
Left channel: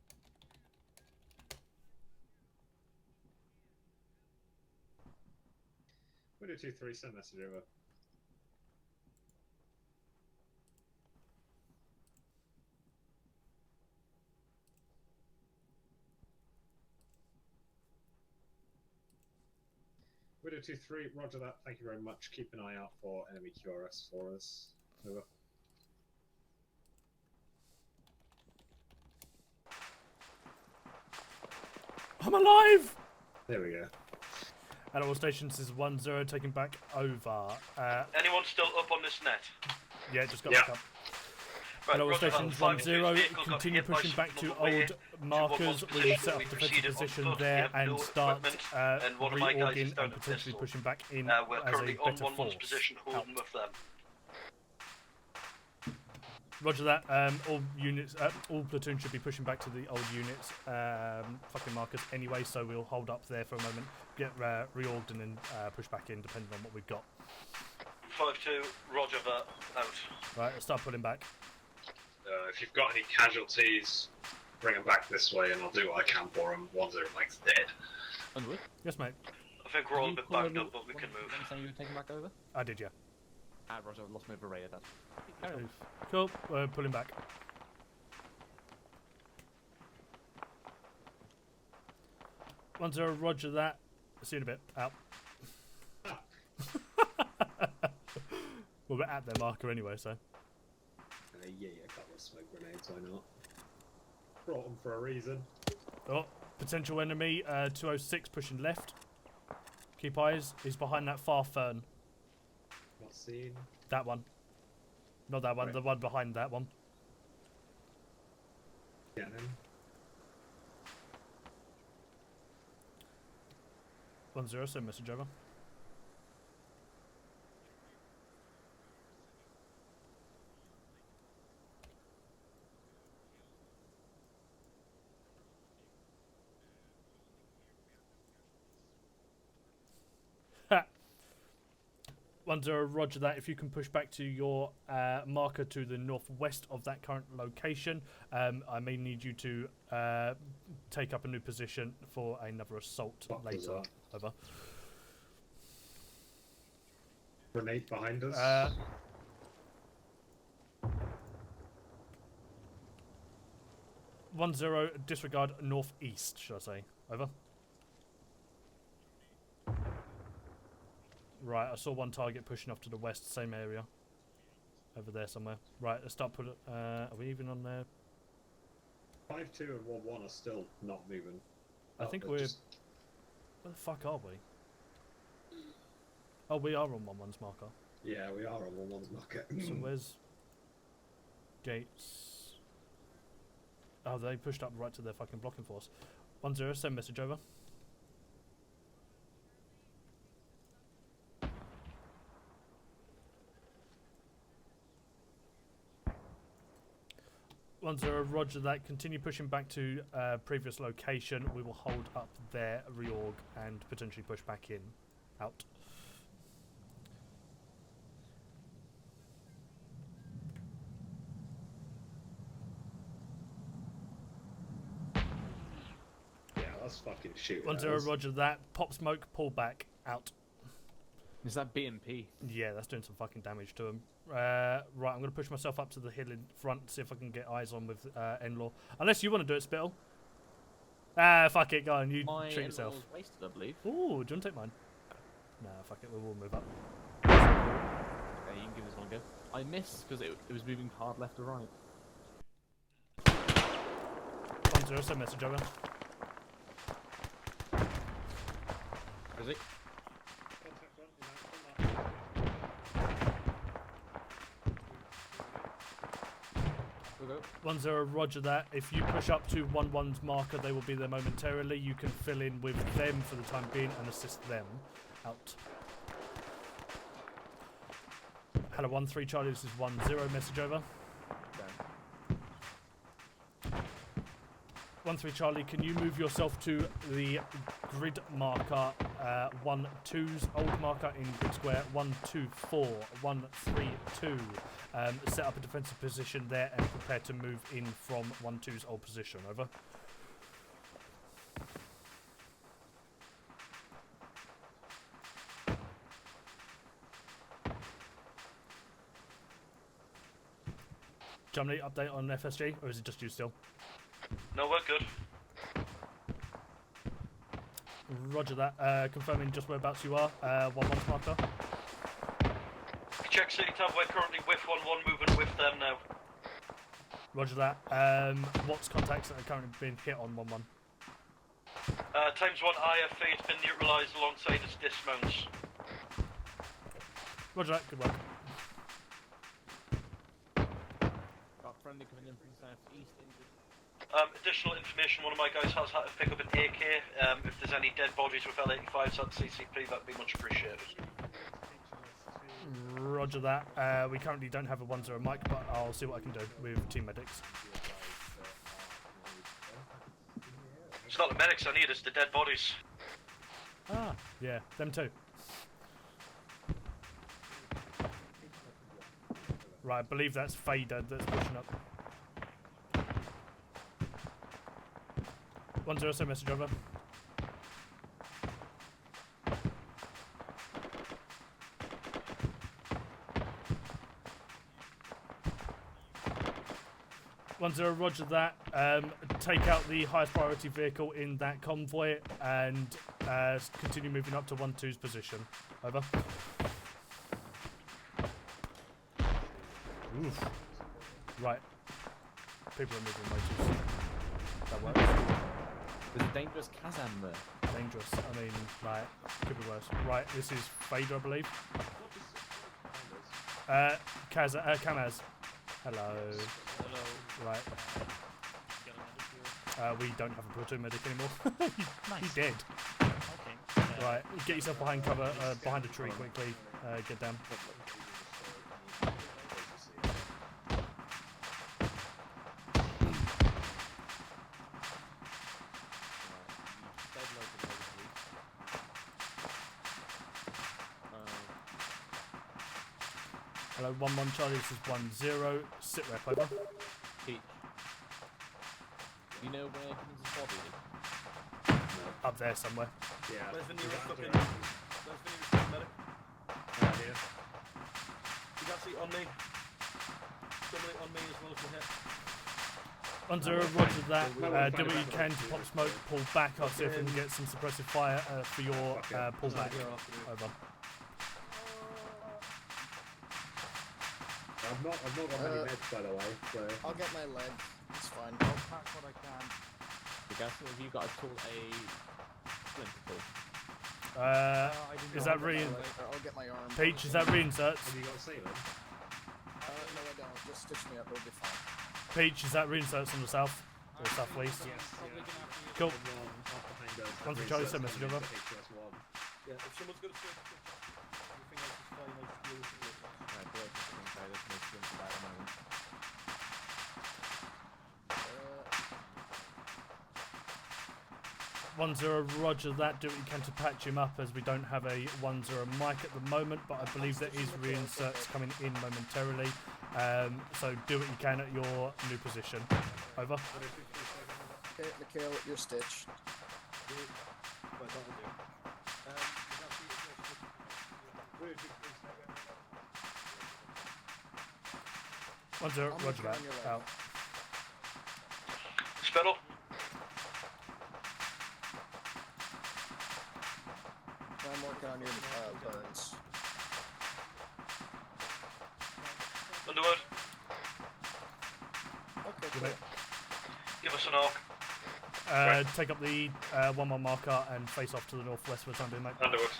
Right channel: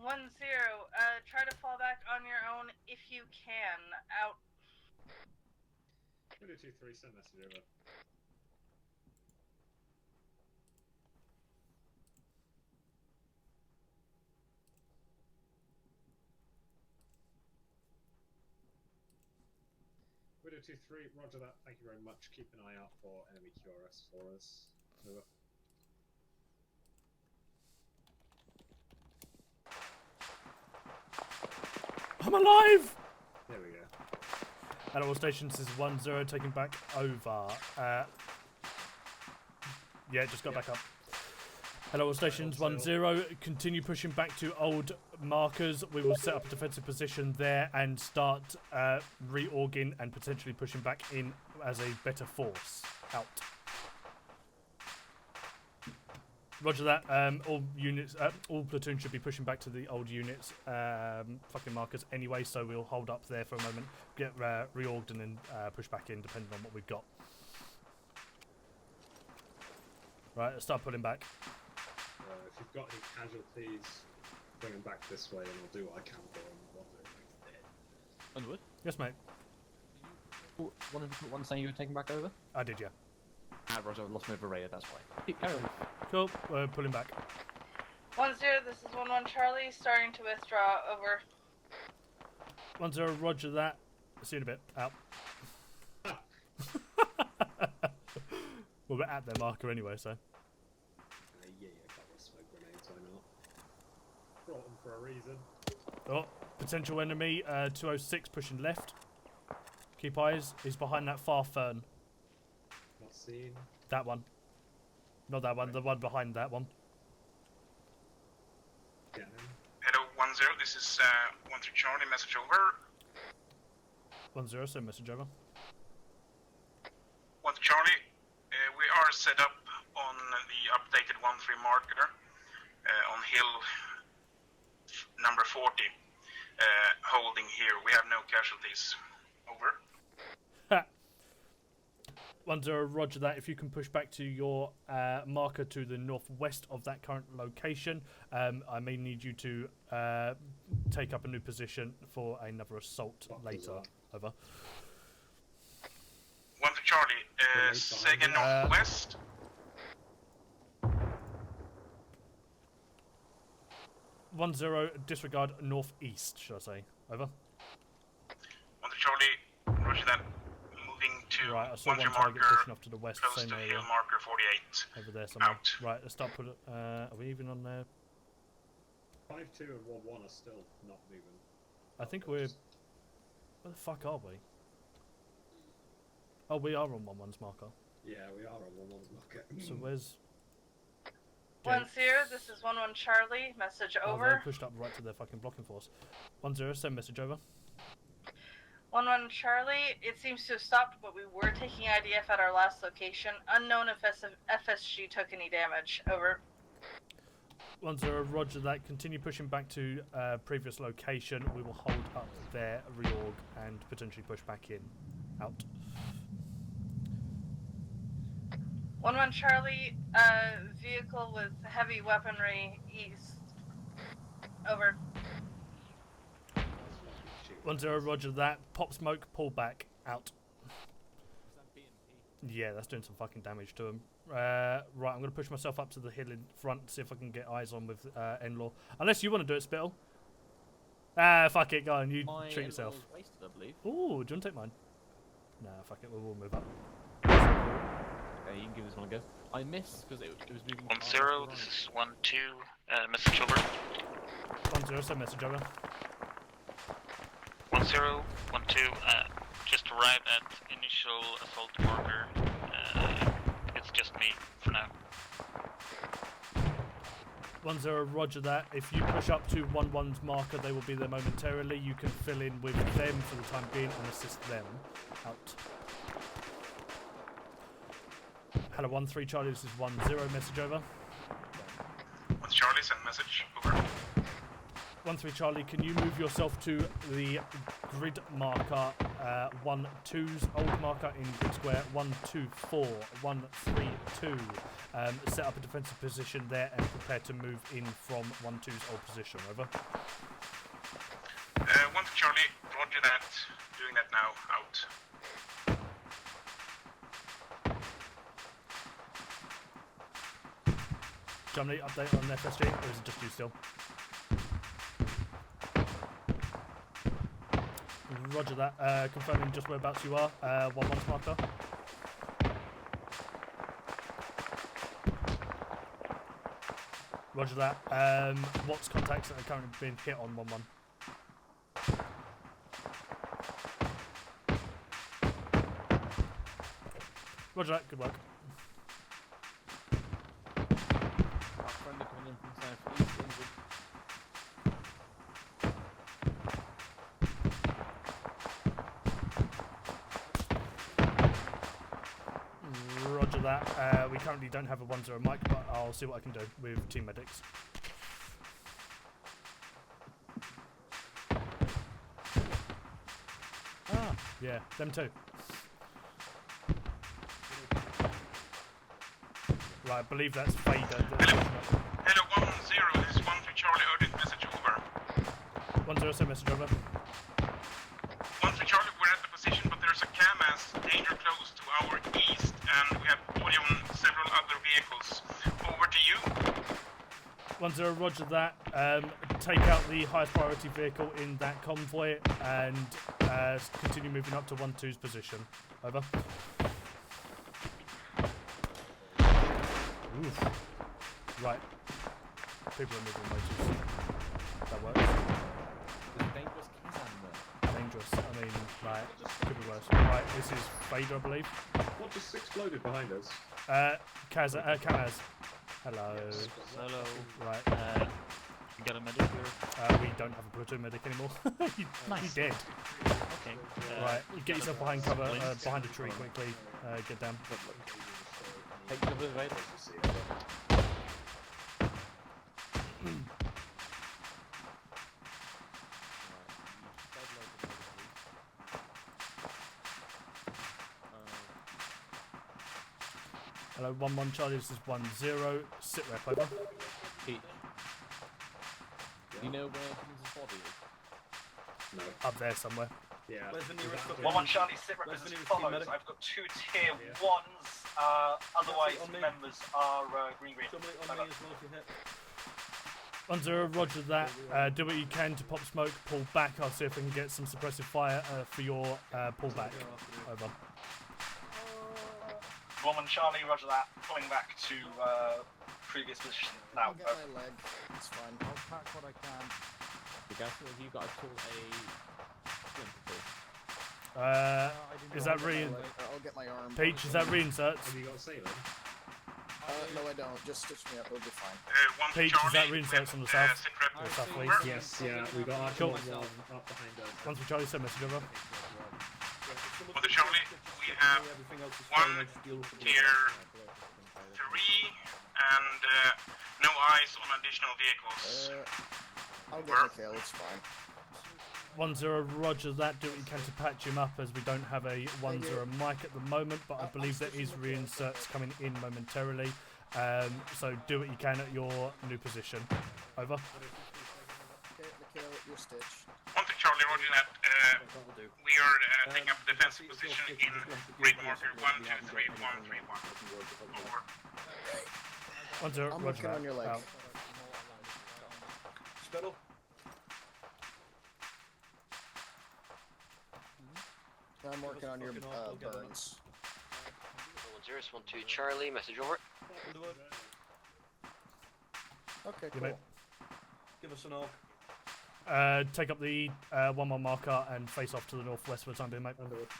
1-0. Try to fall back on your own if you can. Out. 2-3, send message over. Widow 2-3, roger that, thank you very much. Keep an eye out for enemy QRS for us. Over. I'm alive! There we go. At all stations is 1-0, taking back over. Anyone still up on this net? Yeah, just got back up. Right, At all roger stations that. 1-0, continue pushing back to old markers. We will set up a defensive position there and start reorging and potentially pushing back in as a better force. Out. Roger that. All units, all platoons should be pushing back to the old units, fucking markers anyway. So we'll hold up there for a moment, get reorged, and then push back in depending on what we've got. 5-2, roger that. Out. Right, let's start pulling back. If you've got any casualties, bring them back this way, and I'll do what I can for them. 1-0 Mike's dead. Underwood? Yes, mate. I think we're all a bit backed up, but we can move. One saying you were taking back over? I did, yeah. Roger, I've lost my Varaya, that's why. Keep carrying. Cool, we're pulling back. 1-0. This is 1-1 Charlie. Starting to withdraw. Over. 1-0, roger that. See you in a bit. Out. Well, we're at their marker anyway, so. Yeah, got the smoke grenades, why not? Brought them for a reason. Oh, potential enemy, 206 pushing left. Keep eyes. He's behind that far fern. Not seen. That one. Not that one, the one behind that one. Getting him. Hello, 1-0, this is 1-3 Charlie, message over. 1-0, send message over. 1-3 Charlie, we are set up on the updated 1-3 marker on hill number 40, holding here. We have no casualties. Over. 1-0, roger that. If you can push back to your marker to the northwest of that current location, I may need you to take up a new position for another assault later. Over. 1-3 Charlie, Sega northwest. 1-0, disregard northeast, should I say. Over. 1-3 Charlie, roger that. Moving to Right, I saw one target pushing off to the west, close same to area. field marker 48. Over there somewhere. Out. Right, let's start putting. Are we even on there? 5-2 and 1-1 are still not moving. I think But we're. just- Where the fuck are we? Oh, we are on 1-1's marker. Yeah, we are on 1-1's market. So where's. 1-0, this is 1-1 Charlie. Message Oh, over. they pushed up right to their fucking blocking force. 1-0, send message over. 1-1 Charlie. It seems to have stopped, but we were taking IDF at our last location. Unknown if FSG took any damage. Over. 1-0, roger that. Continue pushing back to previous location. We will hold up their reorg and potentially push back in. Out. 1-1 Charlie. Vehicle with heavy weaponry east. Over. That's fucking shit. 1-0, roger that. Pop smoke, pull back. Out. Is that BMP? Yeah, that's doing some fucking damage to him. Right, I'm going to push myself up to the hill in front, see if I can get eyes on with N-Law. Unless you want to do it, Spittle. Ah, fuck it, go on, you treat yourself. Wasted, I believe. Ooh, do you want to take mine? Nah, fuck it, we'll move up. Okay, you can give this one a go. I missed because it was moving past left to 1-0, right. this is 1-2, message over. 1-0, send message over. 1-0, 1-2, just arrived at initial assault marker. It's just me for now. 1-0, roger that. If you push up to 1-1's marker, they will be there momentarily. You can fill in with them for the time being and assist them. Out. Hello, 1-3 Charlie, this is 1-0, message over. 1 Charlie, send message. Over. 1-3 Charlie, can you move yourself to the grid marker, 1-2's old marker in grid square, 1-2-4, 1-3-2. Set up a defensive position there and prepare to move in from 1-2's old position. Over. 1 Charlie, roger that. Doing that now. Out. Germany, update on FSG, or is it just you still? No, we're good. Roger that. Confirming just whereabouts you are. 1-1's marker. Check City Town, we're currently with 1-1, moving with them now. Roger that. What's contacts that are currently being hit on 1-1? Times 1 IFA has been neutralised alongside its dismounts. Roger that. Good work. Additional information, one of my guys has had to pick up an AK. If there's any dead bodies with L85s on CCP, that'd be much appreciated. Roger that. We currently don't have a 1-0 mic, but I'll see what I can do with team medics. It's not the medics I need, it's the dead bodies. Ah, yeah, them too. Right, I believe that's Fader that's pushing up. Hello, 1-0, this is 1-3 Charlie, urgent message. Over. 1-0, send message over. 1-3 Charlie, we're at the position, but there's a CAMAS danger close to our east, and we have body on several other vehicles. Over to you. 1-0, roger that. Take out the highest priority vehicle in that convoy and continue moving up to 1-2's position. Over. Oof. Right. People are moving way too slow. That works. There's a dangerous Kazan there. Dangerous. I mean, like, could be worse. Right, this is Fader, I believe. What just exploded behind us? Kamaz. Hello. Hello. Right. You got a medic here? We don't have a platoon medic anymore. Nice. He's dead. Okay. Right, get yourself behind cover, behind a tree quickly. Get down. Take to the right. Hello, 1-1 Charlie, this is 1-0. Sit rep, over. You know where his body is? No. Up there somewhere. Yeah. Where's the nearest one? 1-1 Charlie, sit rep as follows. I've got 2 tier 1s, otherwise members are reread. Somebody on me as well to hit. 1-0, roger that. Do what you can to pop smoke, pull back. I'll see if we can get some suppressive fire for your pullback. Over. 1 Charlie, roger that. Coming back to previous position. I'll get my leg. It's fine. I'll pack what I can. Have you got a tool Is that I'll get my arm. Peach, is that reinserts? Have you got a sailor? No, I don't. Just stitch me up. It'll be fine. Peach, is that reinserts on the south? Or southwest? Yes, yeah, we got our Cool. behind us. One for Charlie, send message over. For the Charlie, we have 1 tier 3 and no eyes on additional vehicles. I'll get my kill. It's fine. 1-0, roger that. Do what you can to patch him up, as we don't have a 1-0 mic at the moment, but I believe there is reinserts coming in momentarily. So do what you can at your new position. Over. Okay, Mikhail, your stitch. 1 to Charlie, roger that. We are taking up defensive position in Great Mortar. 1, 2, 3, 1, 3, 1. Over. 1-0, roger that. Out. Spittle. I'm working on your burns. 1-2 Charlie, message over. Underwood. Okay, Good cool. Give us an arc. Take up the 1-1 marker and face off to the northwest for the time being, mate. Underwood.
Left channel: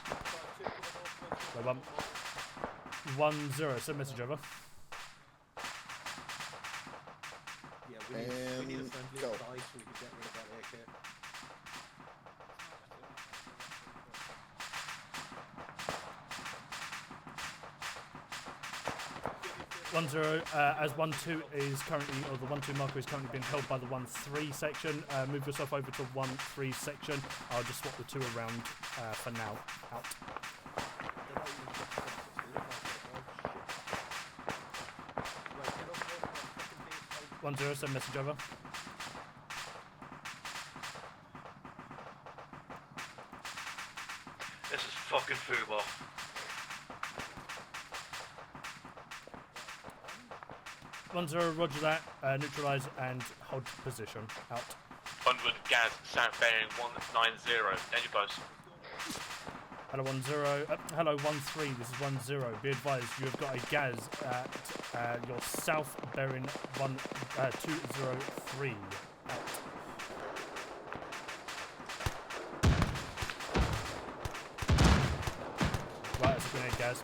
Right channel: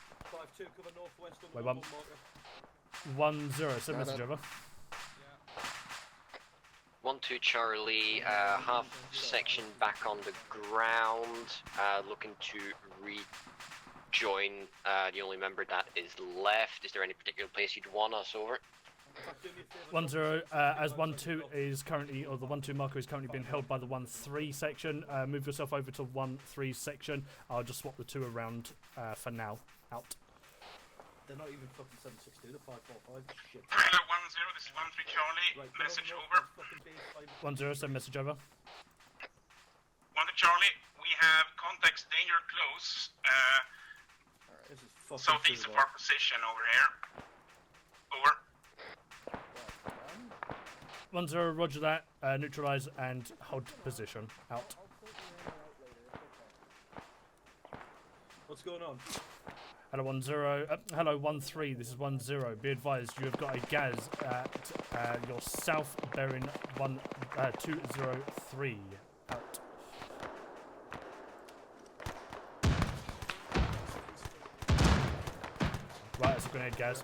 Wait, 1-0, send message over. 1-2 Charlie, half section back on the ground, looking to rejoin the only member that is left. Is there any particular place you'd want us over? 1-0, as 1-2 is currently, or the 1-2 marker is currently being held by the 1-3 section. Move yourself over to 1-3 section. I'll just swap the 2 around for now. Out. 1-0, this is 1-3 Charlie. Message over. 1-0, send message over. 1 to Charlie, we have contacts danger close. This is fucking southeast of our position over here. Over. 1-0, roger that. Neutralize and hold position. Out. Underwood, Gaz, south bearing 190. Danger close. What's going on? Hello 1-0. Hello 1-3. This is 1-0. Be advised, you have got a gas at your south bearing 203. Out. Right, that's a grenade, gas.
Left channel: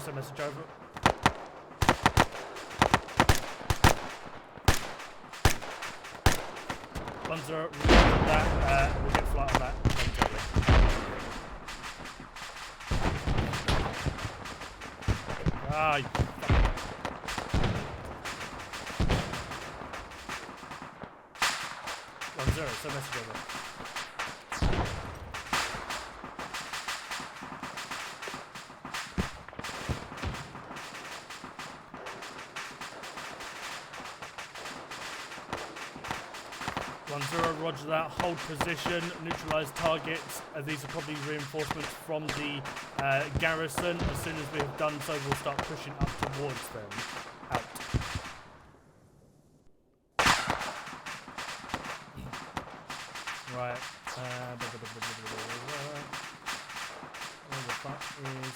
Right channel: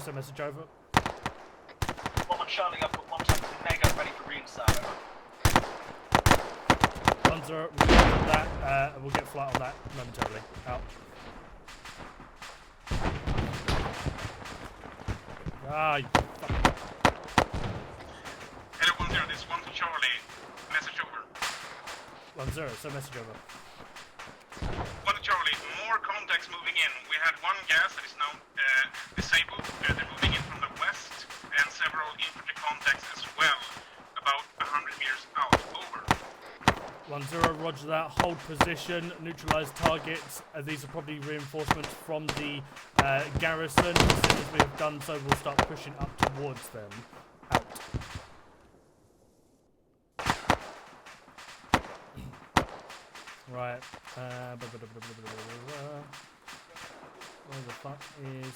Send message over. 1 Charlie, up 1 ready for green side. 1-0, that, we'll get flight on that momentarily. You Hello 1-0, this is 1 to Charlie. Message over. 1-0, send message over. 1 to Charlie, more contacts moving in. We had 1 gas that is now disabled. They're moving in from the west, and several infantry contacts as well, about 100 meters out. Over. 1-0, roger that. Hold position, neutralize targets. These are probably reinforcements from the garrison. As soon as we have done so, we'll start pushing up towards them. Out. Right. Where the fuck is...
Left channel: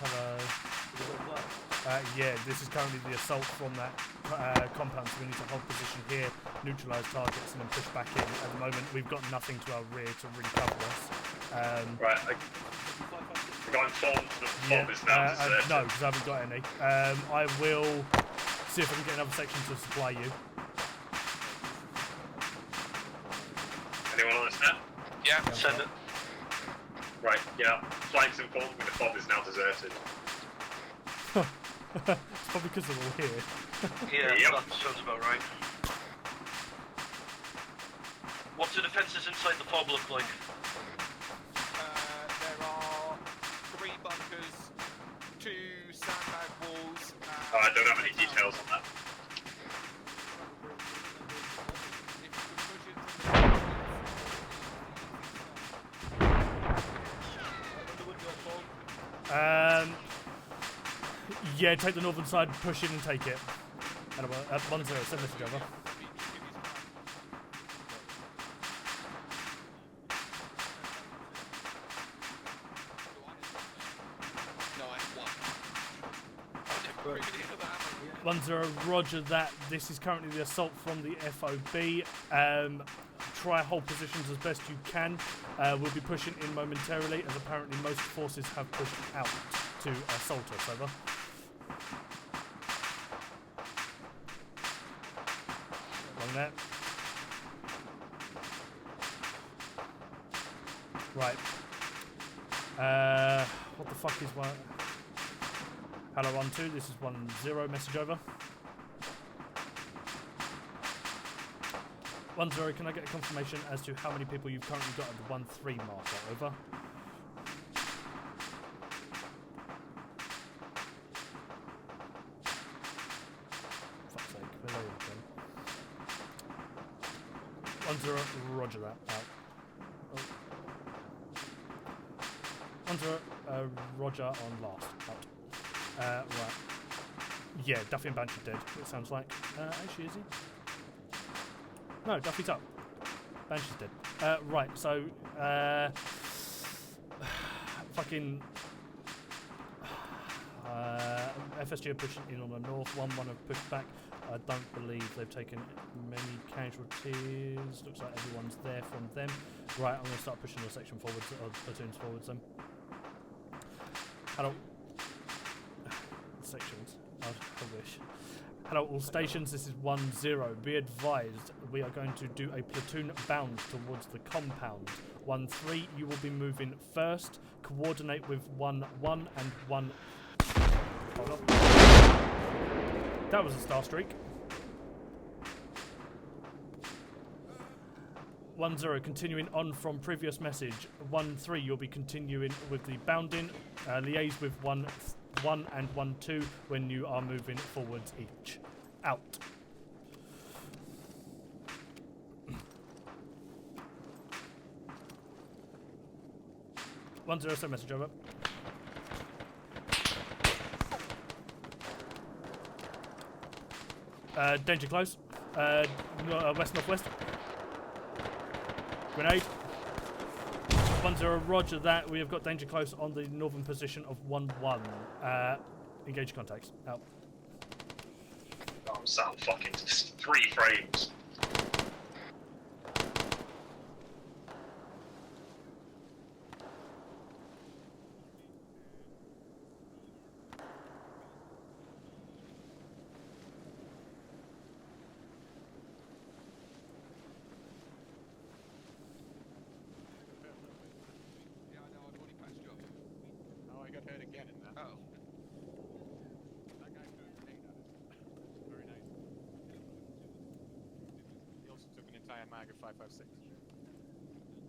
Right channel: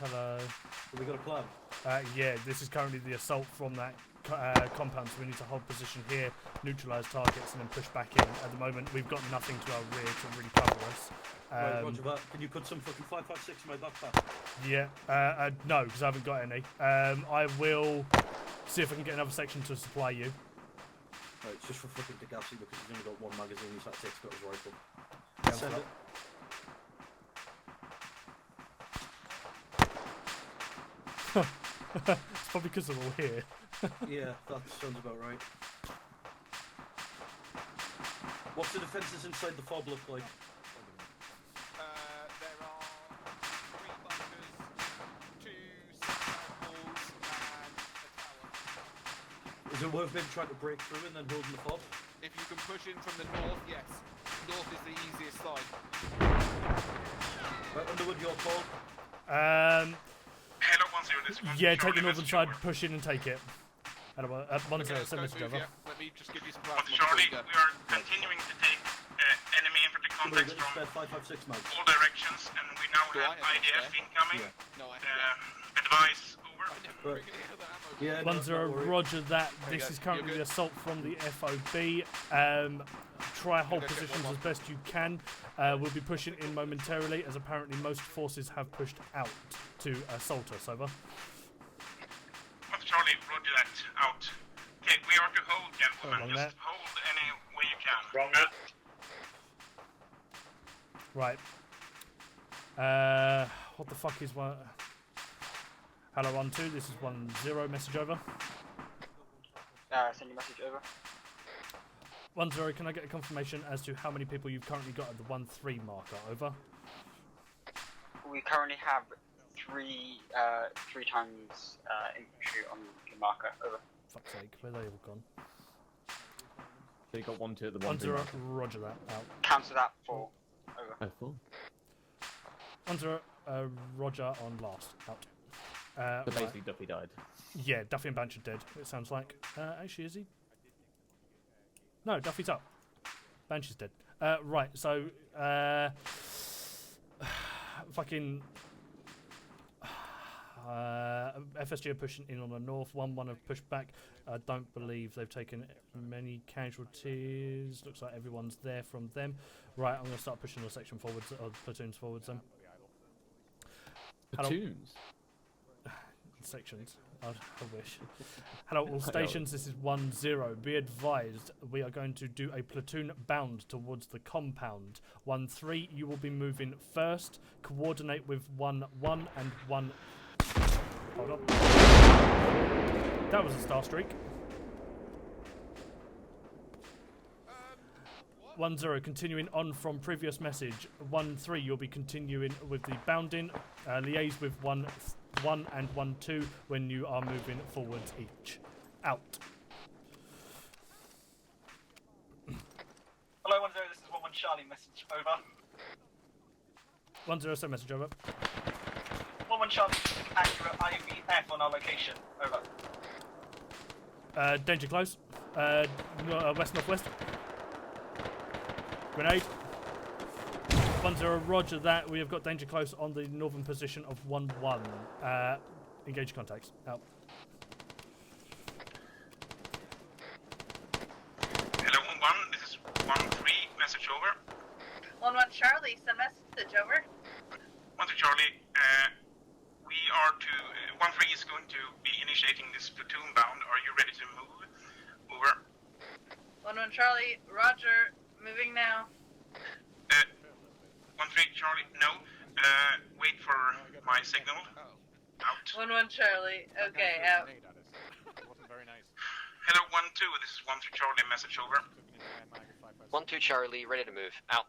Hello. Yeah, this is currently the assault from that compound, so we need to hold position here, neutralise targets, and then push back in. At the moment, we've got nothing to our rear to really cover us. Right, you put some 55, yeah, no, because I haven't got any. I will see if I can get another section to supply you. Anyone on this net? Yeah, send it. Right, yeah. Flank's informed me the pod is now deserted. It's probably because they're all here. Yeah, that sounds about right. What's the defences inside the fog look like? There are 3 bunkers, 2 sand walls. I don't have any details on that. Is it worth them trying to break through and then building the pod? If if you can push in from the north, north is the easiest side. Underwood, your fault. Yeah, take the northern side, push in and take it. And 1-0, send message over. Charlie, we are continuing to take enemy infantry contacts from all directions, and we now have IDF incoming. Advise, over. 1-0, roger that. This is currently the assault from the FOB. Try hold positions as best you can. We'll be pushing in momentarily, as apparently most forces have pushed out to assault us. Over. Charlie, roger that. Out. Okay, we are to hold, gentlemen. Wrong there. Just hold any way you can. Wrong Right. What the fuck is one? Hello, 1-2. This is 1-0. Message over. Send a message over. 1-0. Can I get a confirmation as to how many people you've currently got at the 1-3 marker? Over. We currently have three times infantry on the marker. Over. Fuck's sake, where are they again? So you got 1-2 at the 1-0. Roger that. Out. Cancel that for. Over. Oh, cool. 1-0. Roger on last. Out. But Right. Duffy died. Yeah, Duffy and Banshee dead. It sounds like. Actually, is he? No, Duffy's up. Banshee's dead. Right. So, fucking. FSG are pushing in on the north. 1-1 have pushed back. I don't believe they've taken many casualties. Looks like everyone's there from them. Right, I'm going to start pushing the section forwards, or platoons forwards then. Platoons? Sections. I wish. Hello, all stations. This is 1-0. Be advised, we are going to do a platoon bound towards the compound. 1-3, you will be moving first. Coordinate with 1-1 and 1. Hold up. That was a star streak. 1-0, continuing on from previous message. 1-3, you'll be continuing with the bounding. Liaise with 1 and 1-2 when you are moving forwards each. Out. Hello, 1-0, this is 1-1 Charlie, message over. 1-0, send message over. 1-1 Charlie, accurate IMEF on our location, over. Danger close. West-northwest. Grenade. 1-0, roger that. We have got danger close on the northern position of 1-1. Engage contacts. Out. Oh, Sam, fucking 3 frames. Hello, 1-1. This is 1-3. Message over. 1-1 Charlie, send message over. 1-2 Charlie. We are to 1-3 is going to be initiating this platoon bound. Are you ready to move? Over. 1-1 Charlie, roger. Moving now. 1-3 Charlie. No. Wait for my signal. Out. 1-1 Charlie. Okay, out. Hello, 1-2. This is 1-3 Charlie. Message over. 1-2 Charlie, ready to move. Out.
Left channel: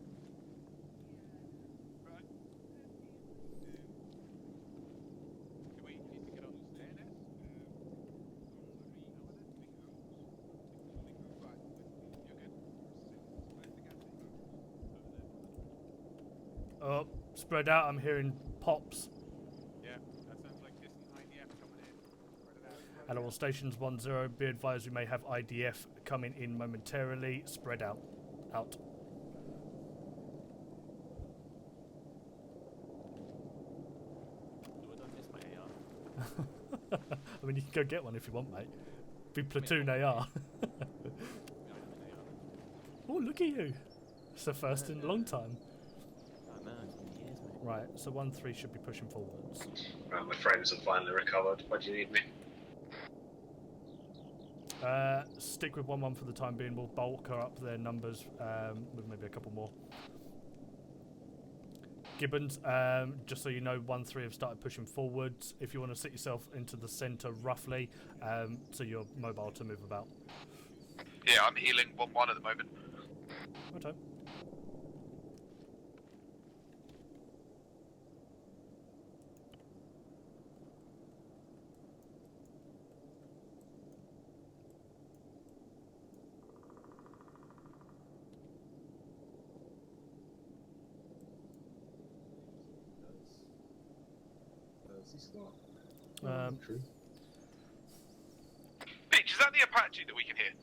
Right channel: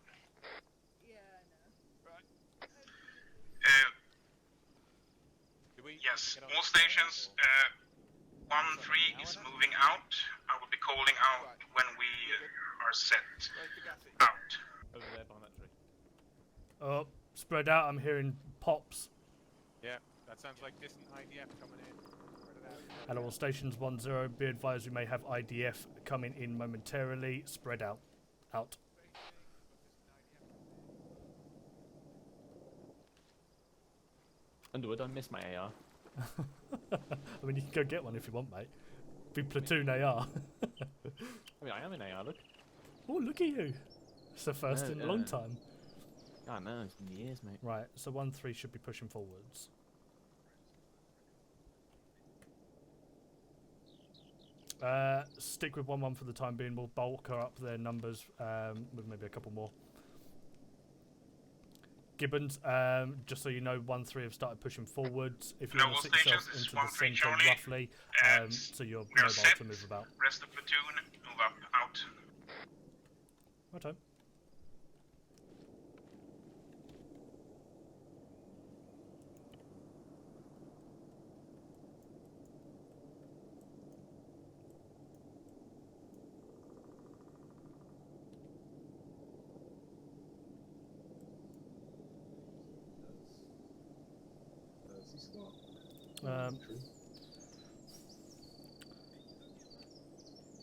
Yes, all stations. 1-3 is moving out. I will be calling out when we are set out. Oh, spread out. I'm hearing pops. Yeah, that sounds like distant IDF coming in. At all stations 1-0, be advised we may have IDF coming in momentarily. Spread out. Out. Underwood, I missed my AR. I mean, you can go get one if you want, mate. Be platoon AR. I mean, I am in AR, look. Oh, look at you. It's the first in a long time. I know, it's been years, mate. Right, so 1-3 should be pushing forwards. Right, my frames have finally recovered. Why do you need me? Stick with 1-1 for the time being. We'll bulk her up their numbers with maybe a couple more. Gibbons, just so you know, 1-3 have started pushing forwards. If you want to sit yourself into the centre roughly, so you're mobile to move about. Rest of platoon. Yeah, I'm healing 1-1 at the moment. Okay. Bitch, is that the Apache that we can hear?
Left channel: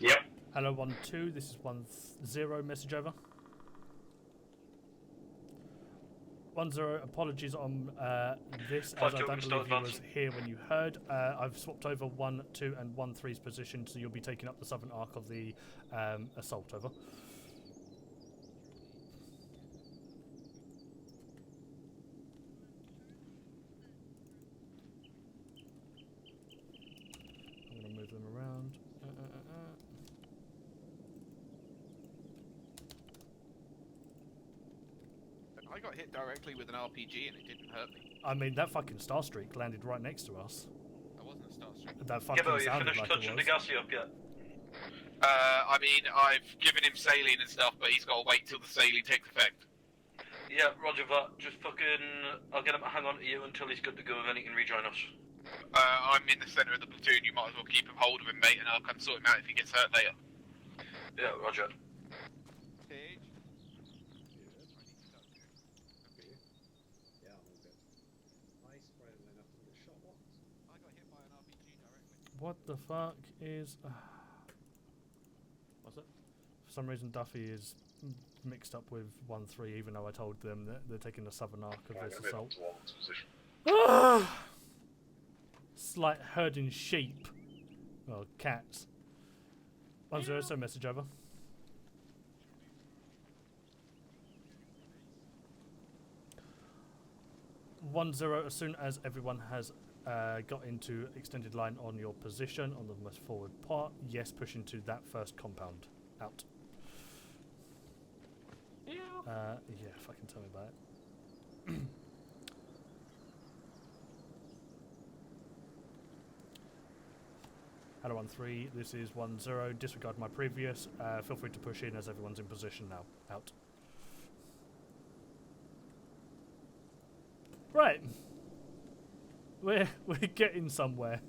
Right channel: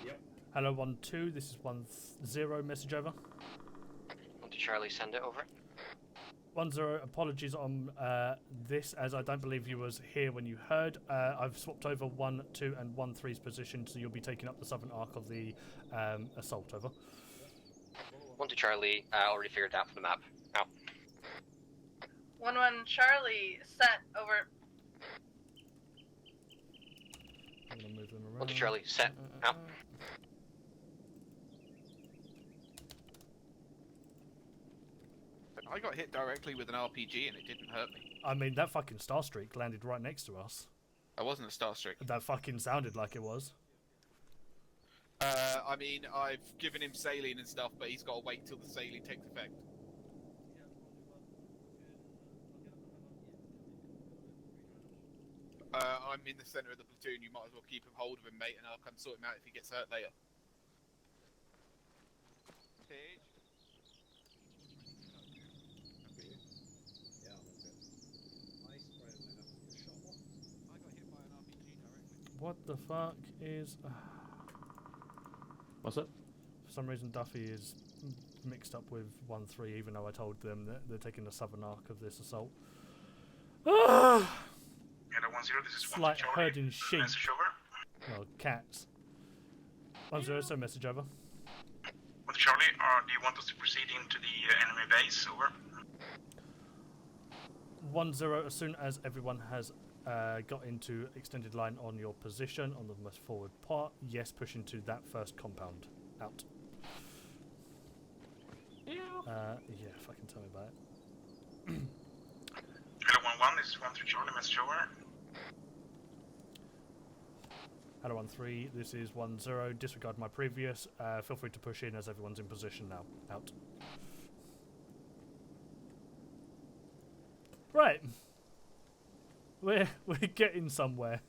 Yep. Hello 1-2, this is 1-0, message over. 1-2 Charlie, send it over. 1-0, apologies on this, as I don't believe you was here when you heard. I've swapped over 1-2 and 1-3's position, so you'll be taking up the southern arc of the assault, over. 1-2 Charlie, already figured that for the map. Out. 1-1 Charlie, set, over. I'm gonna move them around. 1-2 Charlie, set, out. I got hit directly with an RPG and it didn't hurt me. I mean, that fucking Starstreak landed right next to us. I wasn't a Starstreak. That fucking sounded like it was. I mean, I've given him saline and stuff, but he's got to wait till the saline takes effect. Yeah, roger that. Just fucking... I'll get him to hang on to you until he's good to go and then he can rejoin us. I'm in the centre of the platoon, you might as well keep him hold of him, mate, and I'll come sort him out if he gets hurt later. Yeah, roger. What the fuck is... What's it? For some reason Duffy is mixed up with 1-3, even though I told them that they're taking the southern arc of this assault. It's like herding sheep. Well, cats. 1-0, so message over. With Charlie, do you want us to proceed into the enemy base? Over. 1-0, as soon as everyone has got into extended line on your position on the most forward part, yes, push into that first compound. Out. Yeah, fucking tell me about it. Hello 1-1, this is 1-3 Charlie, message over. Hello 1-3, this is 1-0, disregard my previous, feel free to push in as everyone's in position now. Out. Right. We're getting somewhere.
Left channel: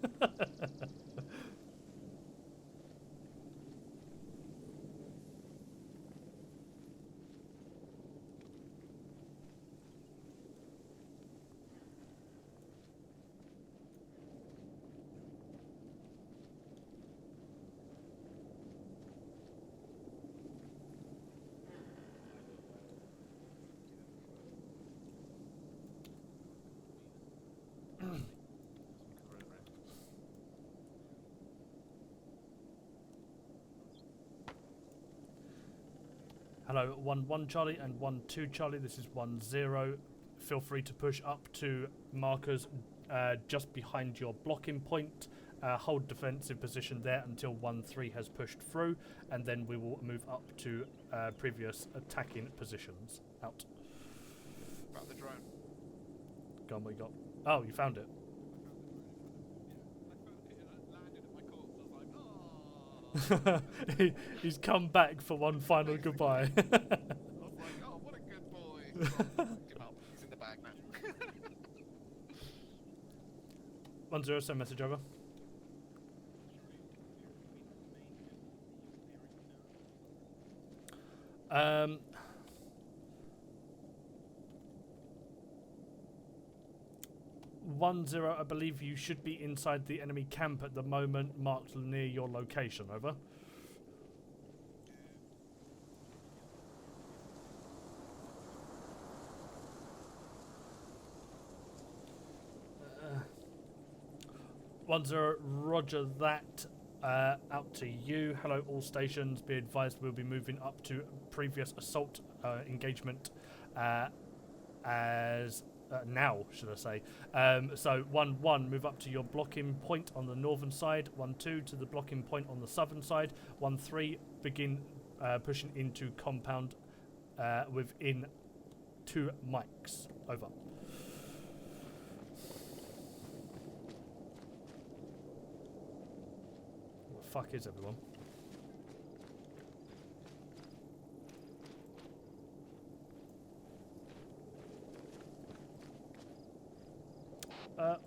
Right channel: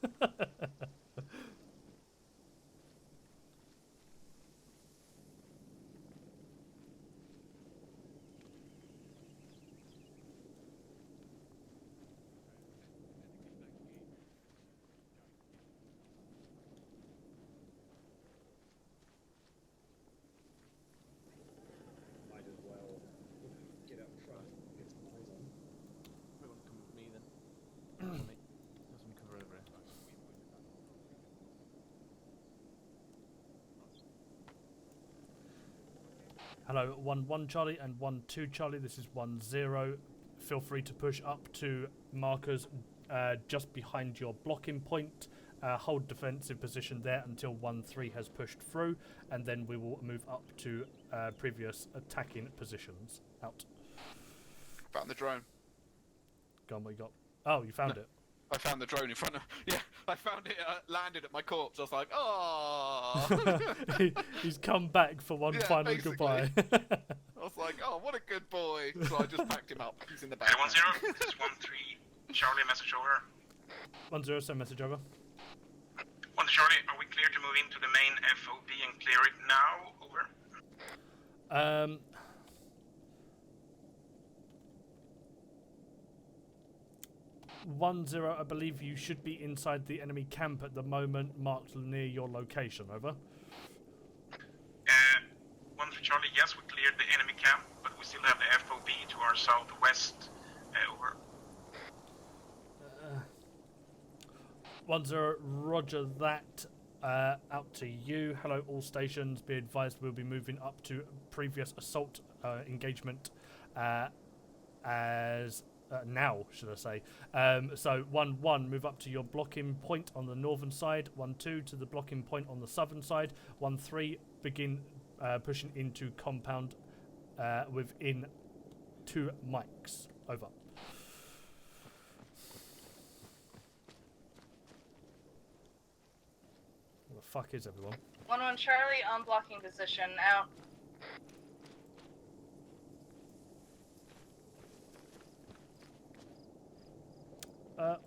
Hello, 1-1 Charlie and 1-2 Charlie. This is 1-0. Feel free to push up to markers just behind your blocking point. Hold defensive position there until 1-3 has pushed through, and then we will move up to previous attacking positions. Out. Found the drone. Go on, what you got? Oh, you found it. I found the drone in front of... Yeah, I found it landed at my corpse. I was like, oh. He's come back for one final basically. goodbye. I was like, oh, what a good boy. So I just packed him up. He's in the back. 1-0, this is 1-3 Charlie, message over. 1-0, send message over. 1 Charlie, are we clear to move into the main FOB and clear it now? Over. 1-0, I believe you should be inside the enemy camp at the moment, marked near your location. Over. 1-3 Charlie, yes, we cleared the enemy camp, but we still have the FOB to our southwest. Over. 1-0, roger that. Out to you. Hello, all stations. Be advised, we'll be moving up to previous assault engagement as now, should I say. So 1-1, move up to your blocking point on the northern side. 1-2 to the blocking point on the southern side. 1-3, begin pushing into compound within 2 mics. Over. Where the fuck is everyone? 1-1 Charlie on blocking position. Out.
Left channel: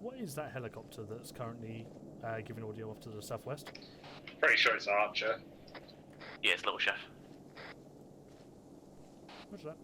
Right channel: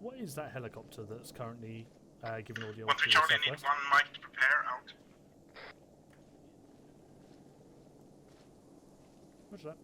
What is that helicopter that's currently giving audio to the Charlie southwest? Pretty sure it's Archer. Yeah, it's Little Chef. What's that?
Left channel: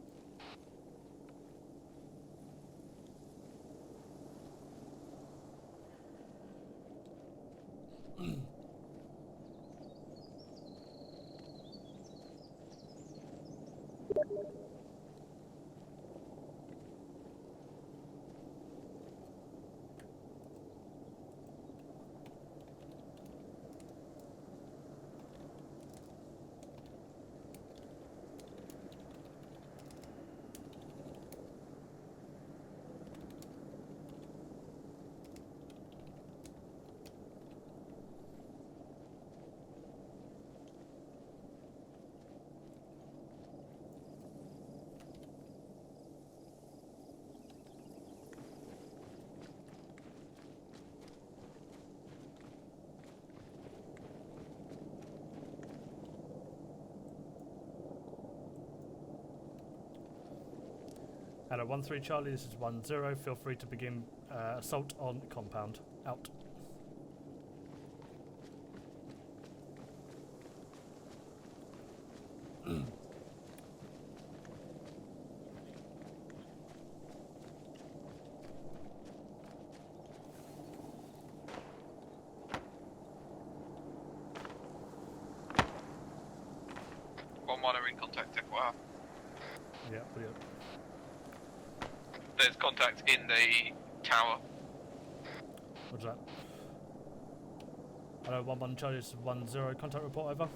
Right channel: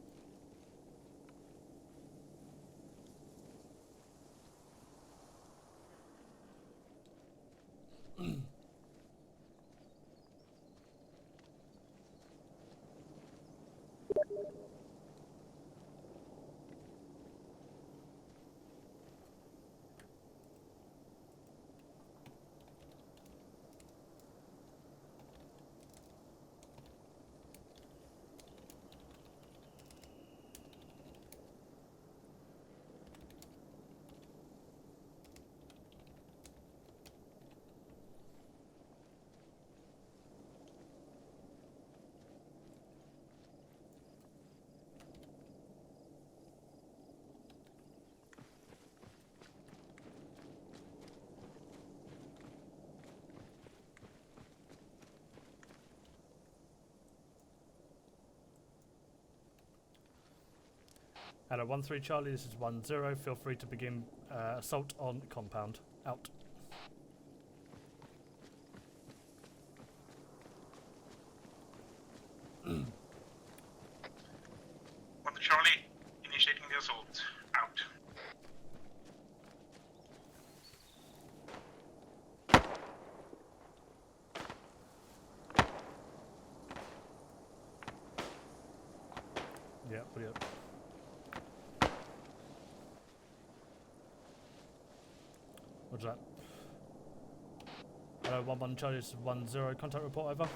Hello, 1-3 Charlie, this is 1-0. Feel free to begin assault on compound. Out. Charlie, initiating the assault. Out. One monitoring contact. Wow. Yeah, put it up. There's contact in the tower. What's that? Hello, 1-1 Charlie, this is 1-0. Contact report, over.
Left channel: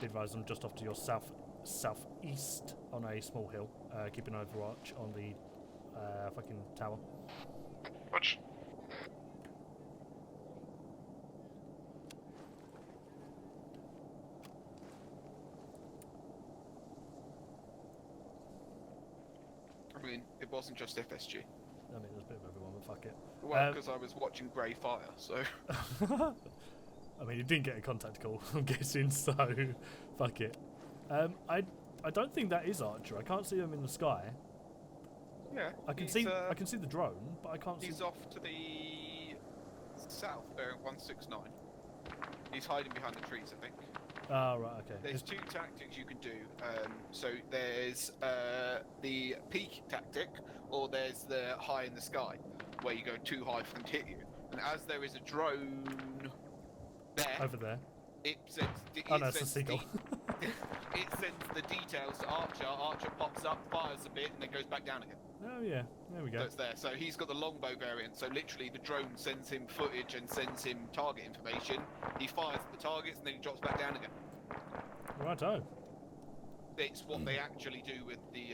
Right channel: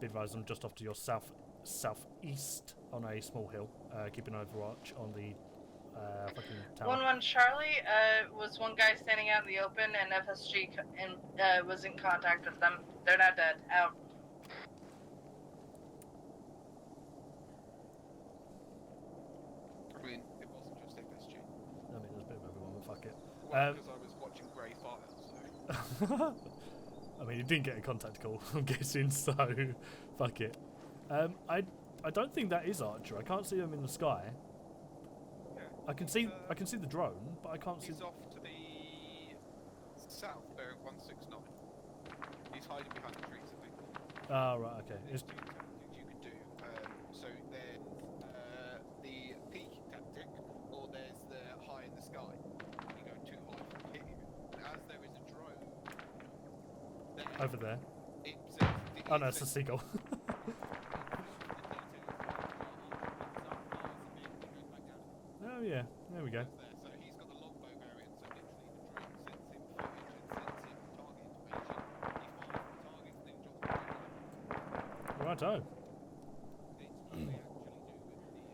Be advised, I'm just off to your southeast on a small hill, keeping overwatch on the fucking tower. 1-1 Charlie, was one guy standing out in the open, and FSG was in contact with them. They're not dead. Out. I mean, it wasn't just FSG. I mean, there's a bit of everyone, but fuck it. Well, because I was watching Grey Fire, so... I mean, you didn't get a contact call, I'm guessing, so fuck it. I don't think that is Archer. I can't see him in the sky. Yeah. I can see the drone, but I can't see. He's off to the south, 169. He's hiding behind the trees, I think. Oh, right, okay. There's two tactics you can do. So there's the peak tactic, or there's the high in the sky, where you go too high for them to hit you. And as there is a drone there, over there. It sends oh no, it's a seagull. It sends the details to Archer. Archer pops up, fires a bit, and then goes back down again. Oh yeah, there we go. That's there. So he's got the longbow variant. So literally, the drone sends him footage and sends him target information. He fires at the targets and then he drops back down again. Righto. It's what they actually do with the.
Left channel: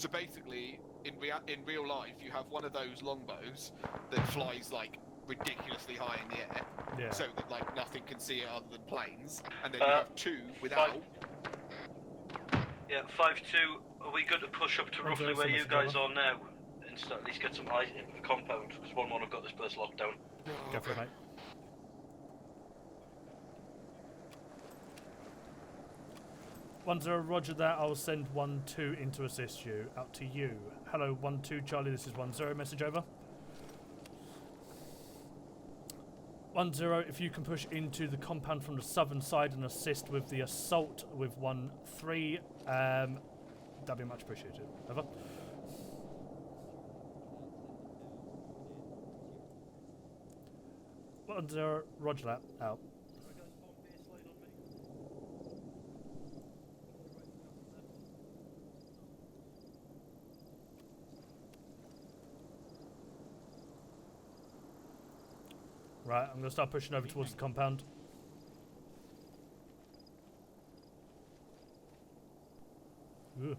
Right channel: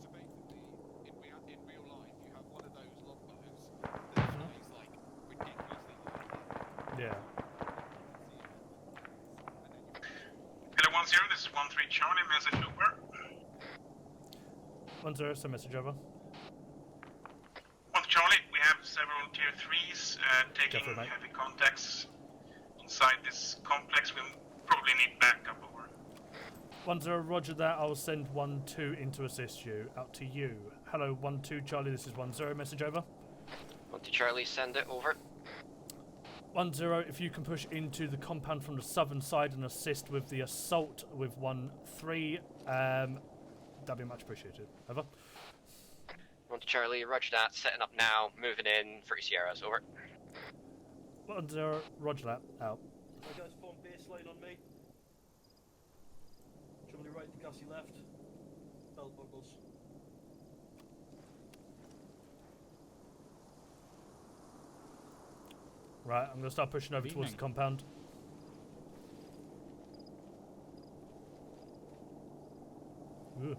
So basically, in real life, you have one of those longbows that flies like ridiculously high in the air. Yeah. So that like nothing can see it other than planes. And then you have two without. 5-1-0, this is 1-3 Charlie, message over. Yeah, 5-2. Are we good to push up to roughly where you guys are now? And start, at least get some eyes. 1 Charlie, we have several tier 3s taking heavy contacts inside this complex. We'll probably need backup over. 1-0, roger that. I'll send 1-2 in to assist you. Out to you. Hello, 1-2 Charlie, this is 1-0. Message over. 1-2 Charlie, send it over. 1-0, if you can push into the compound from the southern side and assist with the assault with 1-3, that'd be much appreciated. Over. 1-2 Charlie, roger that. Setting up now. Moving in. 3 Sierras, over. 1-0, roger that. Out. You guys form baseline on me. Charlie right, Gussie left. Bell buckles. Right, I'm going to start pushing over towards the compound. Ooh.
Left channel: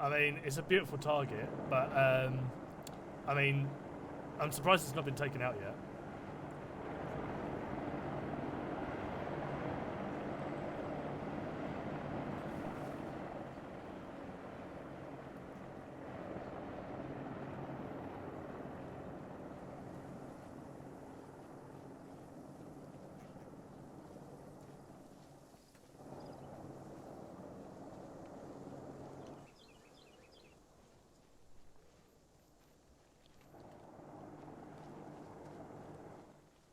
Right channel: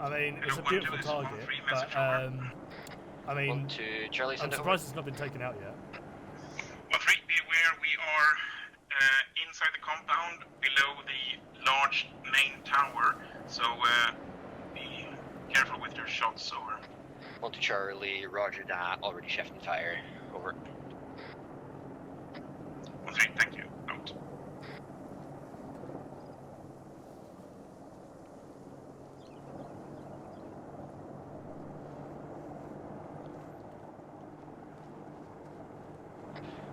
I mean, it's a beautiful target, but I mean, I'm surprised it's not been taken out yet. 1-3, be aware we are inside the compound below the large main tower, so be careful with your shots. Over. 1-2 Charlie, roger that. Already shifting fire. Over. 1-3, thank you. Out.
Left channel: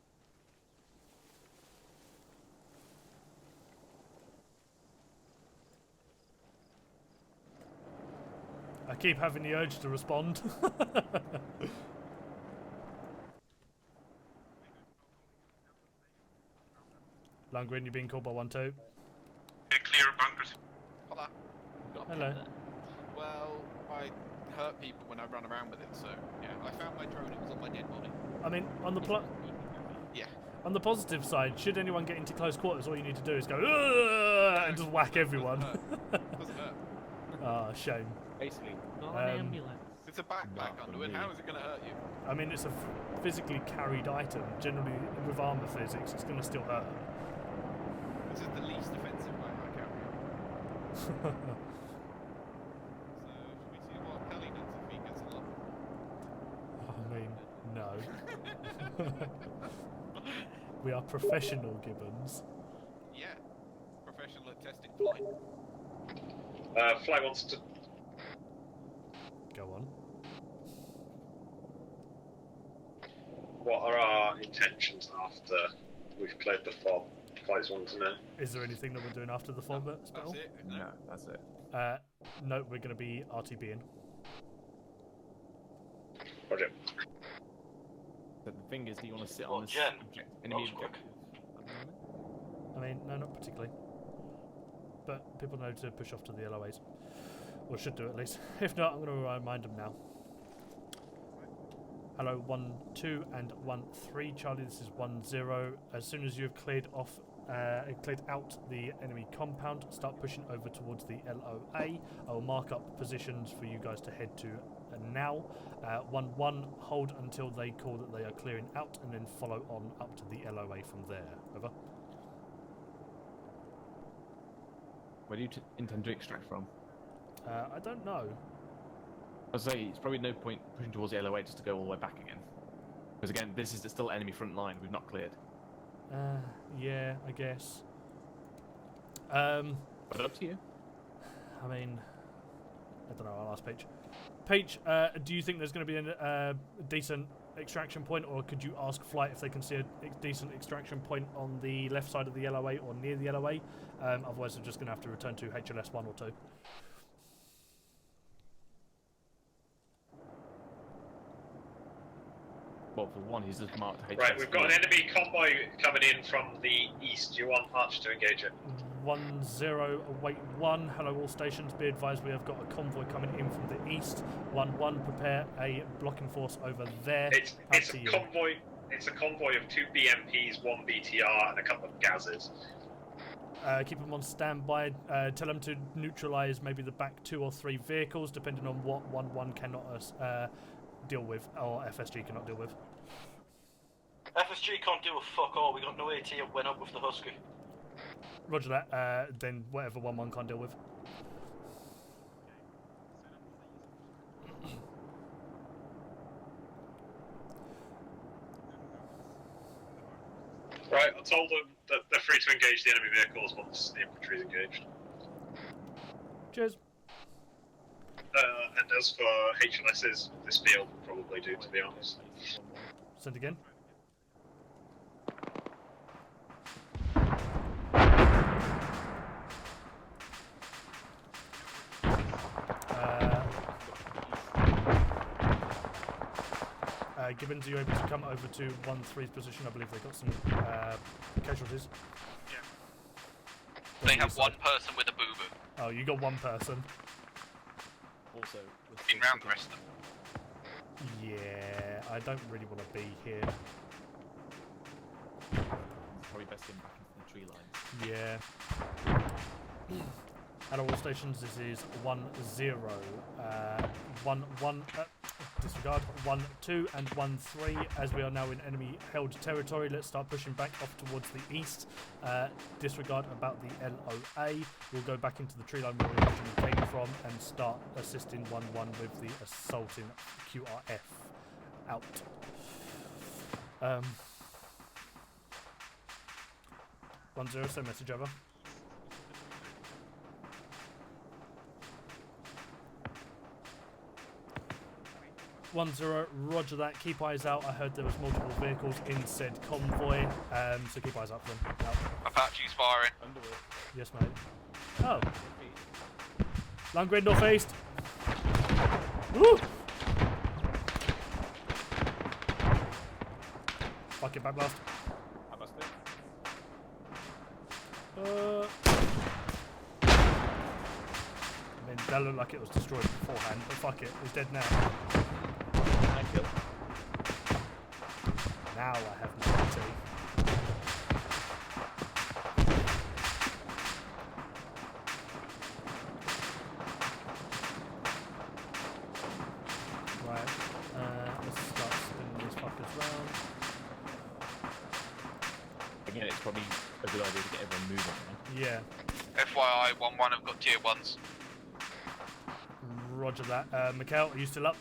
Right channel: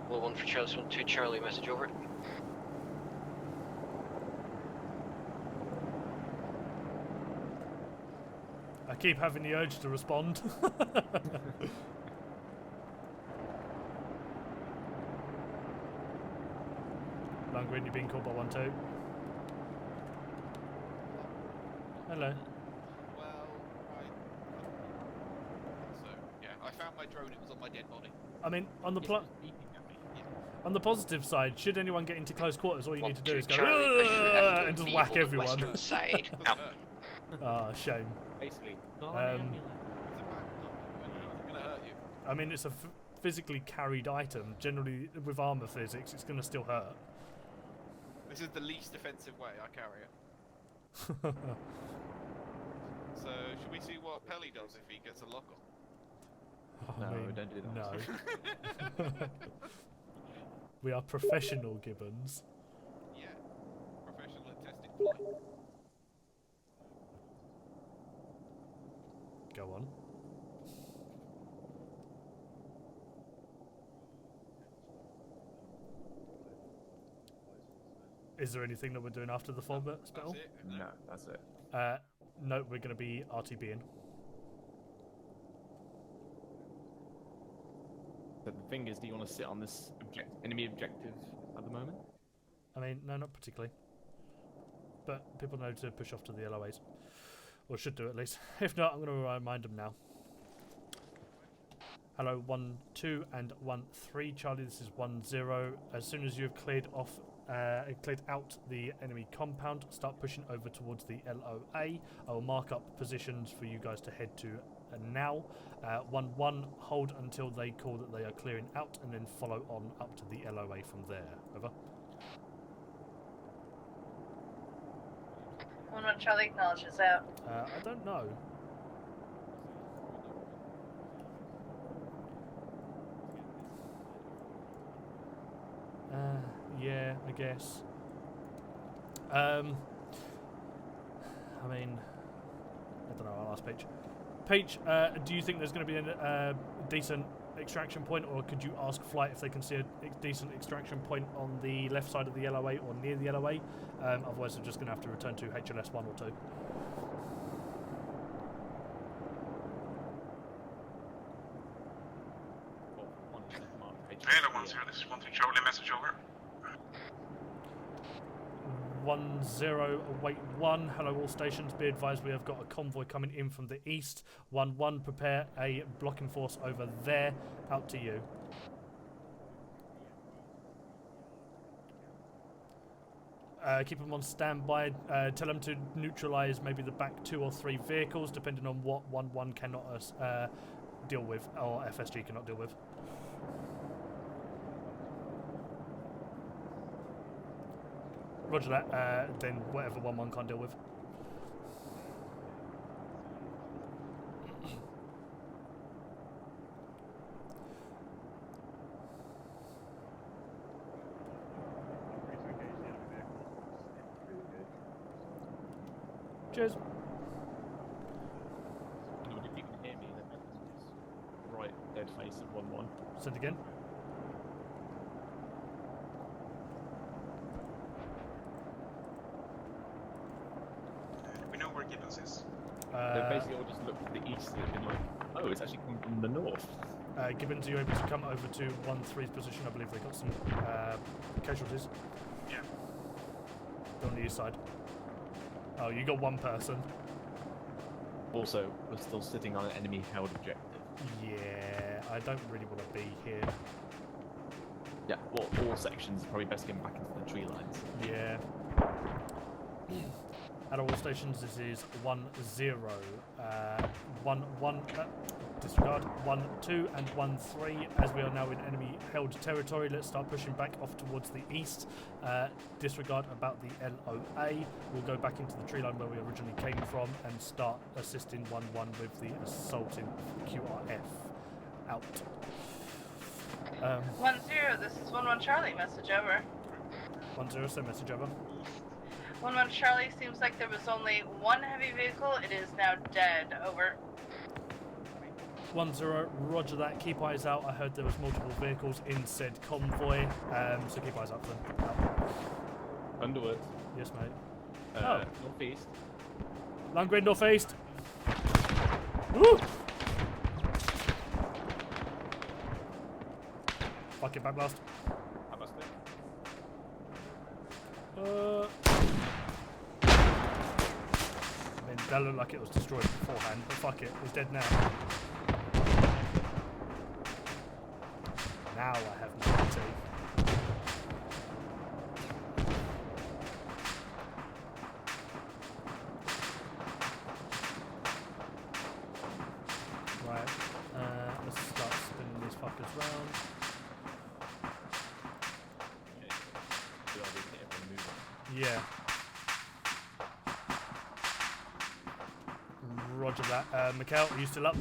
Well, 1 for Charlie, 1-2 Charlie, message over. I keep having the urge to respond. Lundgren, you're being called by 1-2. Clear bunkers. Hello. Well, I hurt people when I run around with it, so yeah. I found my drone, it was on my dead body. I mean, on the on the positive side, should anyone get into close quarters, all you need to do is go and just whack everyone. Ah, shame. Basically. It's a backpack, Underwood. How is it going to hurt you? I mean, it's a physically carried item. Generally, with armor physics, it's going to still hurt. This is the least offensive way I carry it. So, should we see what Pelly does if he gets a lock? I mean, no. We are professional Gibbons. Yeah. Professional tested play. Fly wants to. Go on. What are our intentions after we've cleared the fob? Flights want to know. Is there anything that we're doing after the fob spell? No, that's it. No, we're going to be RTBing. Roger. But the thing is, do you want to sit on this enemy objective at the moment? I mean, no, not particularly. But people know to push off to the LOAs. Or should do at least. If not, I'm going to remind them now. Hello, 1-2 and 1-3, Charlie. This is 1-0. As soon as you've cleared out the enemy compound, start pushing over towards the LOA. I will mark up positions for you guys to head to now. 1-1, hold until they call that they are clearing out, and then follow on up to the LOA from there. Over. Where do you intend Well, Charlie acknowledges that. I don't know. I'd say it's probably no point pushing towards the LOA just to go all the way back again. Because again, this is still enemy front line we've not cleared. Yeah, I guess. But up to you. I mean, I don't know, I'll ask Peach. Peach, do you think there's going to be a decent extraction point, or could you ask Flight if they can see a decent extraction point on the left side of the LOA or near the LOA? Otherwise, they're just going to have to return to HLS 1 or 2. Well, for one, he's just marked HLS. Right, we've got an enemy convoy coming in from the east. Do you want Arch to engage it? 1-0, await 1. Hello, all stations. Be advised, we have got a convoy coming in from the east. 1-1, prepare a blocking force over there. It's a convoy. It's a convoy of 2 BMPs, 1 BTR, and a couple of Gazes. Keep them on standby. Tell them to neutralise maybe the back 2 or 3 vehicles, depending on what 1-1 cannot deal with, or FSG cannot deal with. FSG can't deal with fuck all. We got no AT and went up with the Husky. Roger that. Then whatever 1-1 can't deal with. Right, I told them that they're free to engage the enemy vehicles once the infantry is engaged. Cheers. And as for HLSs, this field will probably do, to be honest. Send again. Gibbons, are you able to come over to 1-3's position? I believe they got some casualties. Yeah. They have one person with a boo-boo. Oh, you got one person. Also, we're still sitting on an enemy held objective. Yeah, I don't really want to be here. Yeah, well, all sections are probably best getting back into the tree lines. Yeah. At all stations, this is 1-0. 1-1. Disregard 1-2 and 1-3. As we are now in enemy held territory, let's start pushing back off towards the east. Disregard about the LOA. We'll go back into the tree line where we originally came from and start assisting 1-1 with the assaulting QRF. Out. 1-0, this is 1-1 Charlie, message over. 1-0, send message over. 1-1 Charlie, seems like there was only one heavy vehicle, it is now dead, over. 1-0, roger that, keep eyes out. I heard there was multiple vehicles in said convoy, so keep eyes out for them. Out. Apache's firing. Underwood. Yes, mate. Northeast. Line grid northeast. Woo! Fuck it, backblast. I mean, that looked like it was destroyed beforehand, but fuck it, it's dead now. Now I have no AT. Right, let's start spinning this round. Again, it's probably a good idea to get everyone moving. Yeah. FYI, 1-1 have got tier 1s. Roger that. Mikhail, are you still up?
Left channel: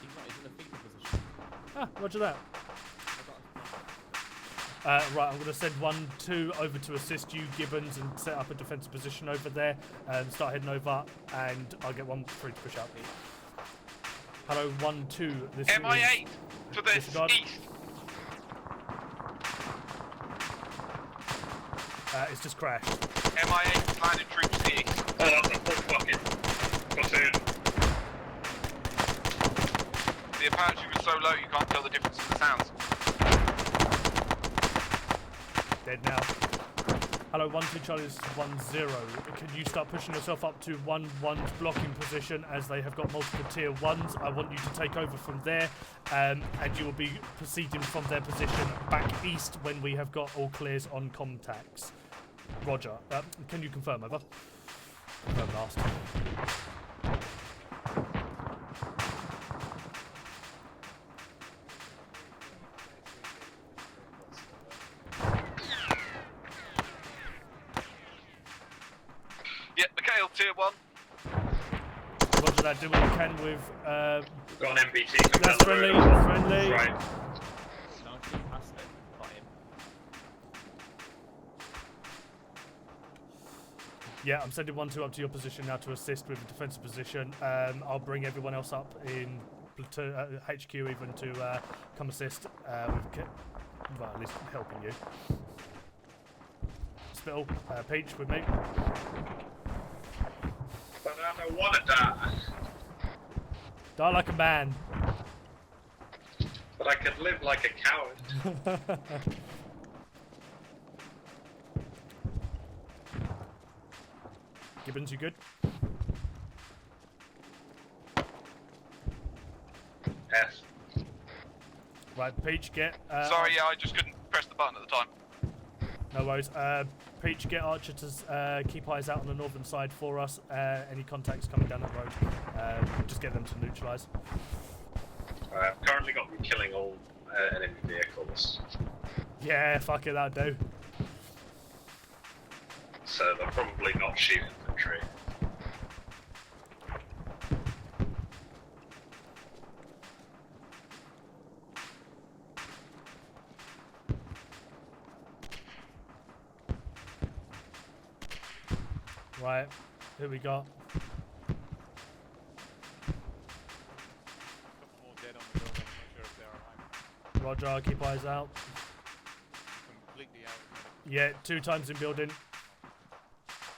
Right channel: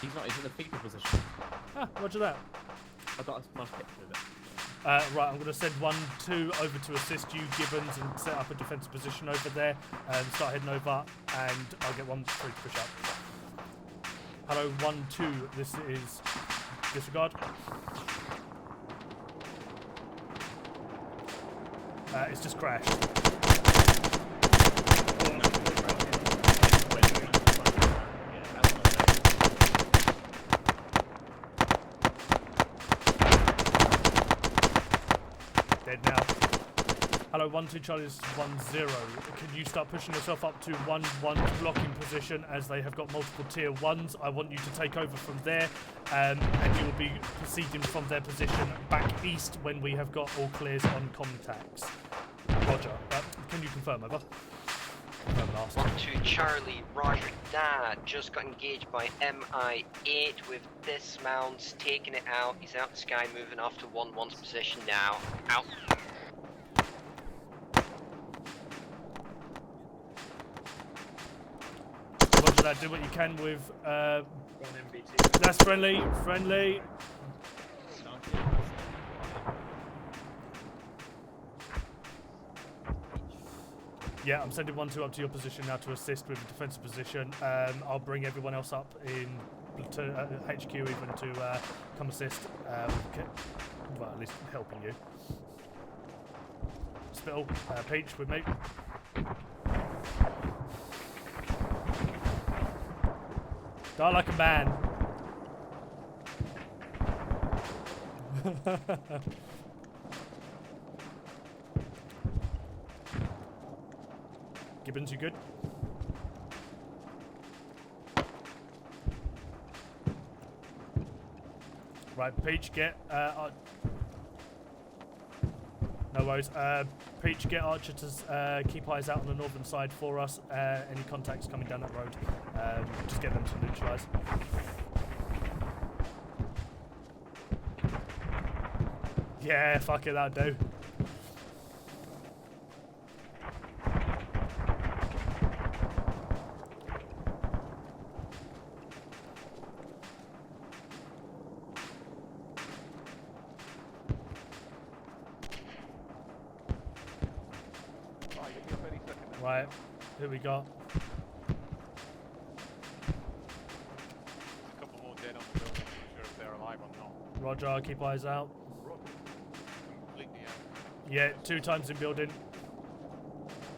He's not, he's in a fetal position. Ah, roger that. I got a Right, I'm going to send 1-2 over to assist you, Gibbons, and set up a defensive position over there. Start heading over, and I'll get 1-3 to push up. Hello, 1-2. This MIA is to the disregard. east. It's just crashed. MIA mandatory P. The Apache was so low you can't tell the difference in the sounds. Dead now. Hello, 1-2 Charlie, this is 1-0. Can you start pushing yourself up to 1-1's blocking position as they have got multiple tier 1s? I want you to take over from there, and you will be proceeding from their position back east when we have got all clears on contacts. Roger. Can you confirm, over? Confirm last. 1-2 Charlie, roger that. Just got engaged by MI8 with dismounts, taking it out. He's out the sky, moving off to 1-1's position now. Out. Yeah, Mikhail, tier 1. Roger that, do what you can with... Got an MBT. That's friendly, friendly. Right. Yeah, I'm sending 1-2 up to your position now to assist with the defensive position. I'll bring everyone else up in platoon, HQ even to come assist. Well, at least helping you. Spittle, Peach with me. I want to die. Die like a man. But I can live like a coward. Gibbons, you good? Yes. Right, Peach, get... Sorry, yeah, I just couldn't press the button at the time. No worries. Peach, get Archer to keep eyes out on the northern side for us. Any contacts coming down that road, just get them to neutralise. I've currently got them killing all enemy vehicles. Yeah, fuck it, that'll do. So they're probably not shooting infantry. Right, who we got? Roger, keep eyes out. Completely out. Yeah, 2 times in building.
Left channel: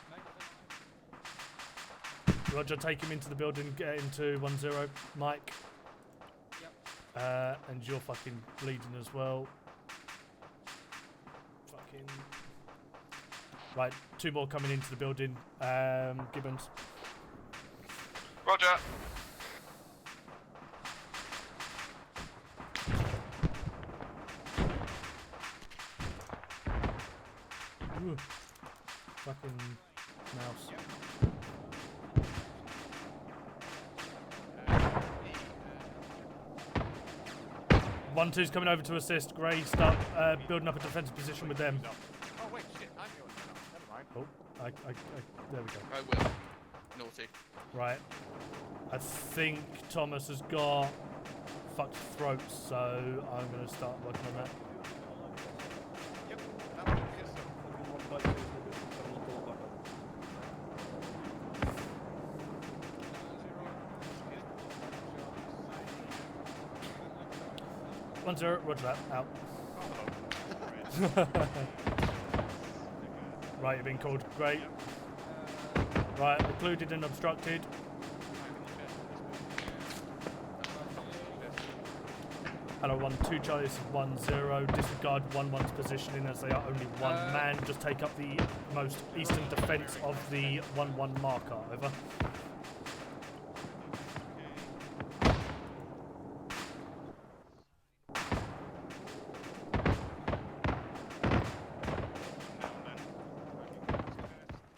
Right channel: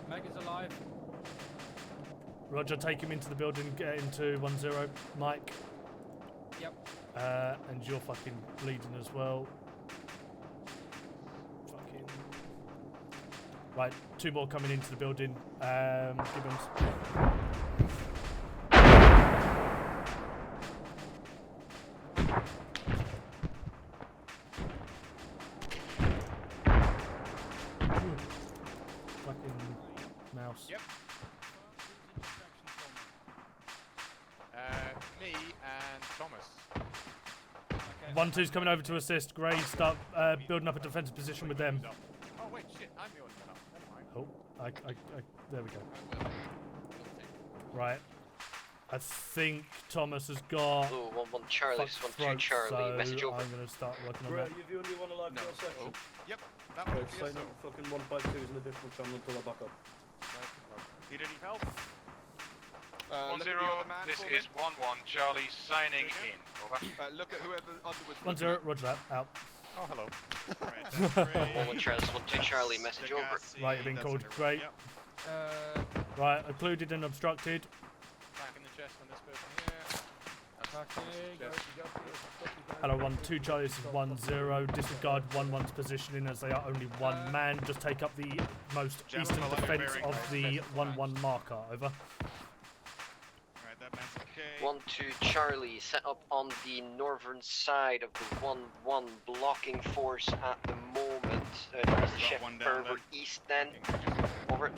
Meg is alive. Roger, take him into the building, get into 1-0. Mike. Yep. And you're fucking bleeding as well. Fucking. Right, 2 more coming into the building. Gibbons. Roger. Ooh. Fucking mouse. Yep. Me and Thomas. 1-2's coming over to assist. Gray, start building up a defensive position with them. Oh wait, shit! I'm the only one up. Never mind. Oh, there we go. I will. Naughty. Right. I think Thomas has got Oh, 1-1 Charlie, fucked 1-2 throat, Charlie, so I'm message over. going to start working on that. Yep. That was Fucking one bite to the distance, I'm gonna go back up. You need help? 1-0, this is 1-1, Charlie signing. Look at whoever. 1-0, roger that, out. Oh, hello. 1-1 Charlie, 1-2 Charlie, message over. Right, you've been called. Great. Right, occluded and obstructed. Hello, 1-2 Charlie, this is 1-0. Disregard 1-1's positioning as they are only 1 man. Just take up the most eastern defence of the 1-1 marker. Over. 1-2 Charlie, set up on the northern side of the 1-1 blocking force at the moment. Is the ship further east then? Over it.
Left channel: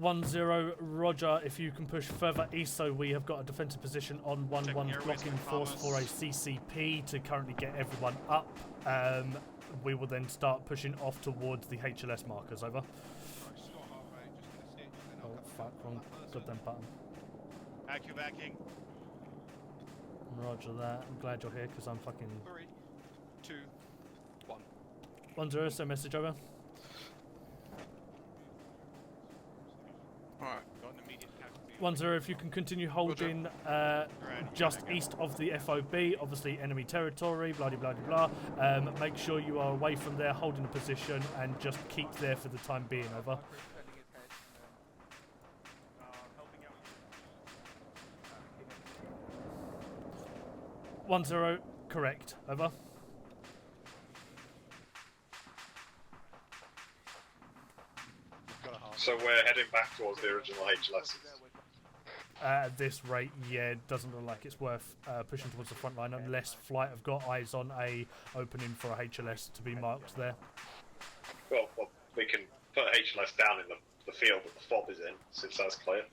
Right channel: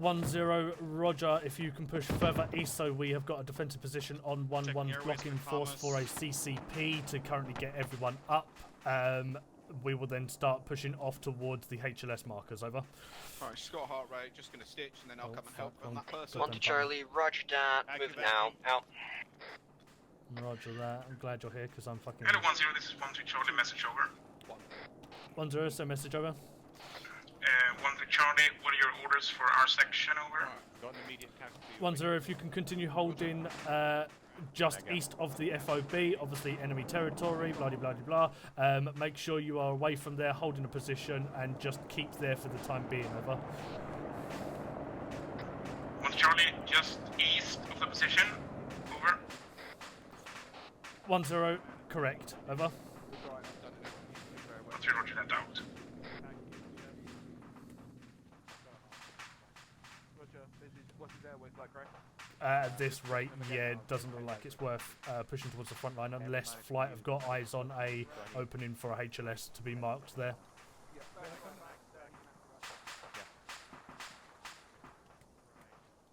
1-0, Roger. If you can push further east, so we have got a defensive position on 1-1 blocking force for a CCP to currently get everyone up. We will then start pushing off towards the HLS markers. Over. Alright, Scott heart rate, just gonna stitch and then I'll come fuck, help on that person. 1 to Charlie, roger that. Move now. Out. Roger that. I'm glad you're here because I'm fucking. Hello 1-0, this is 1-2 Charlie, message over. 1-0, so message over. 1-2 Charlie, what are your orders for our section over? 1-0, if you can continue holding just east of the FOB, obviously enemy territory, blah blah blah blah. Make sure you are away from there, holding a position, and just keep there for the time being. Over. 1 Charlie, just east of the position. Over. 1-0, correct. Over. 1-2 Roger that out. So we're heading back towards the original HLS. At this rate, yeah, it doesn't look like it's worth pushing towards the front line unless Flight have got eyes on a opening for a HLS to be marked there. Well, we can put HLS down in the field that the FOB is in, since that's clear.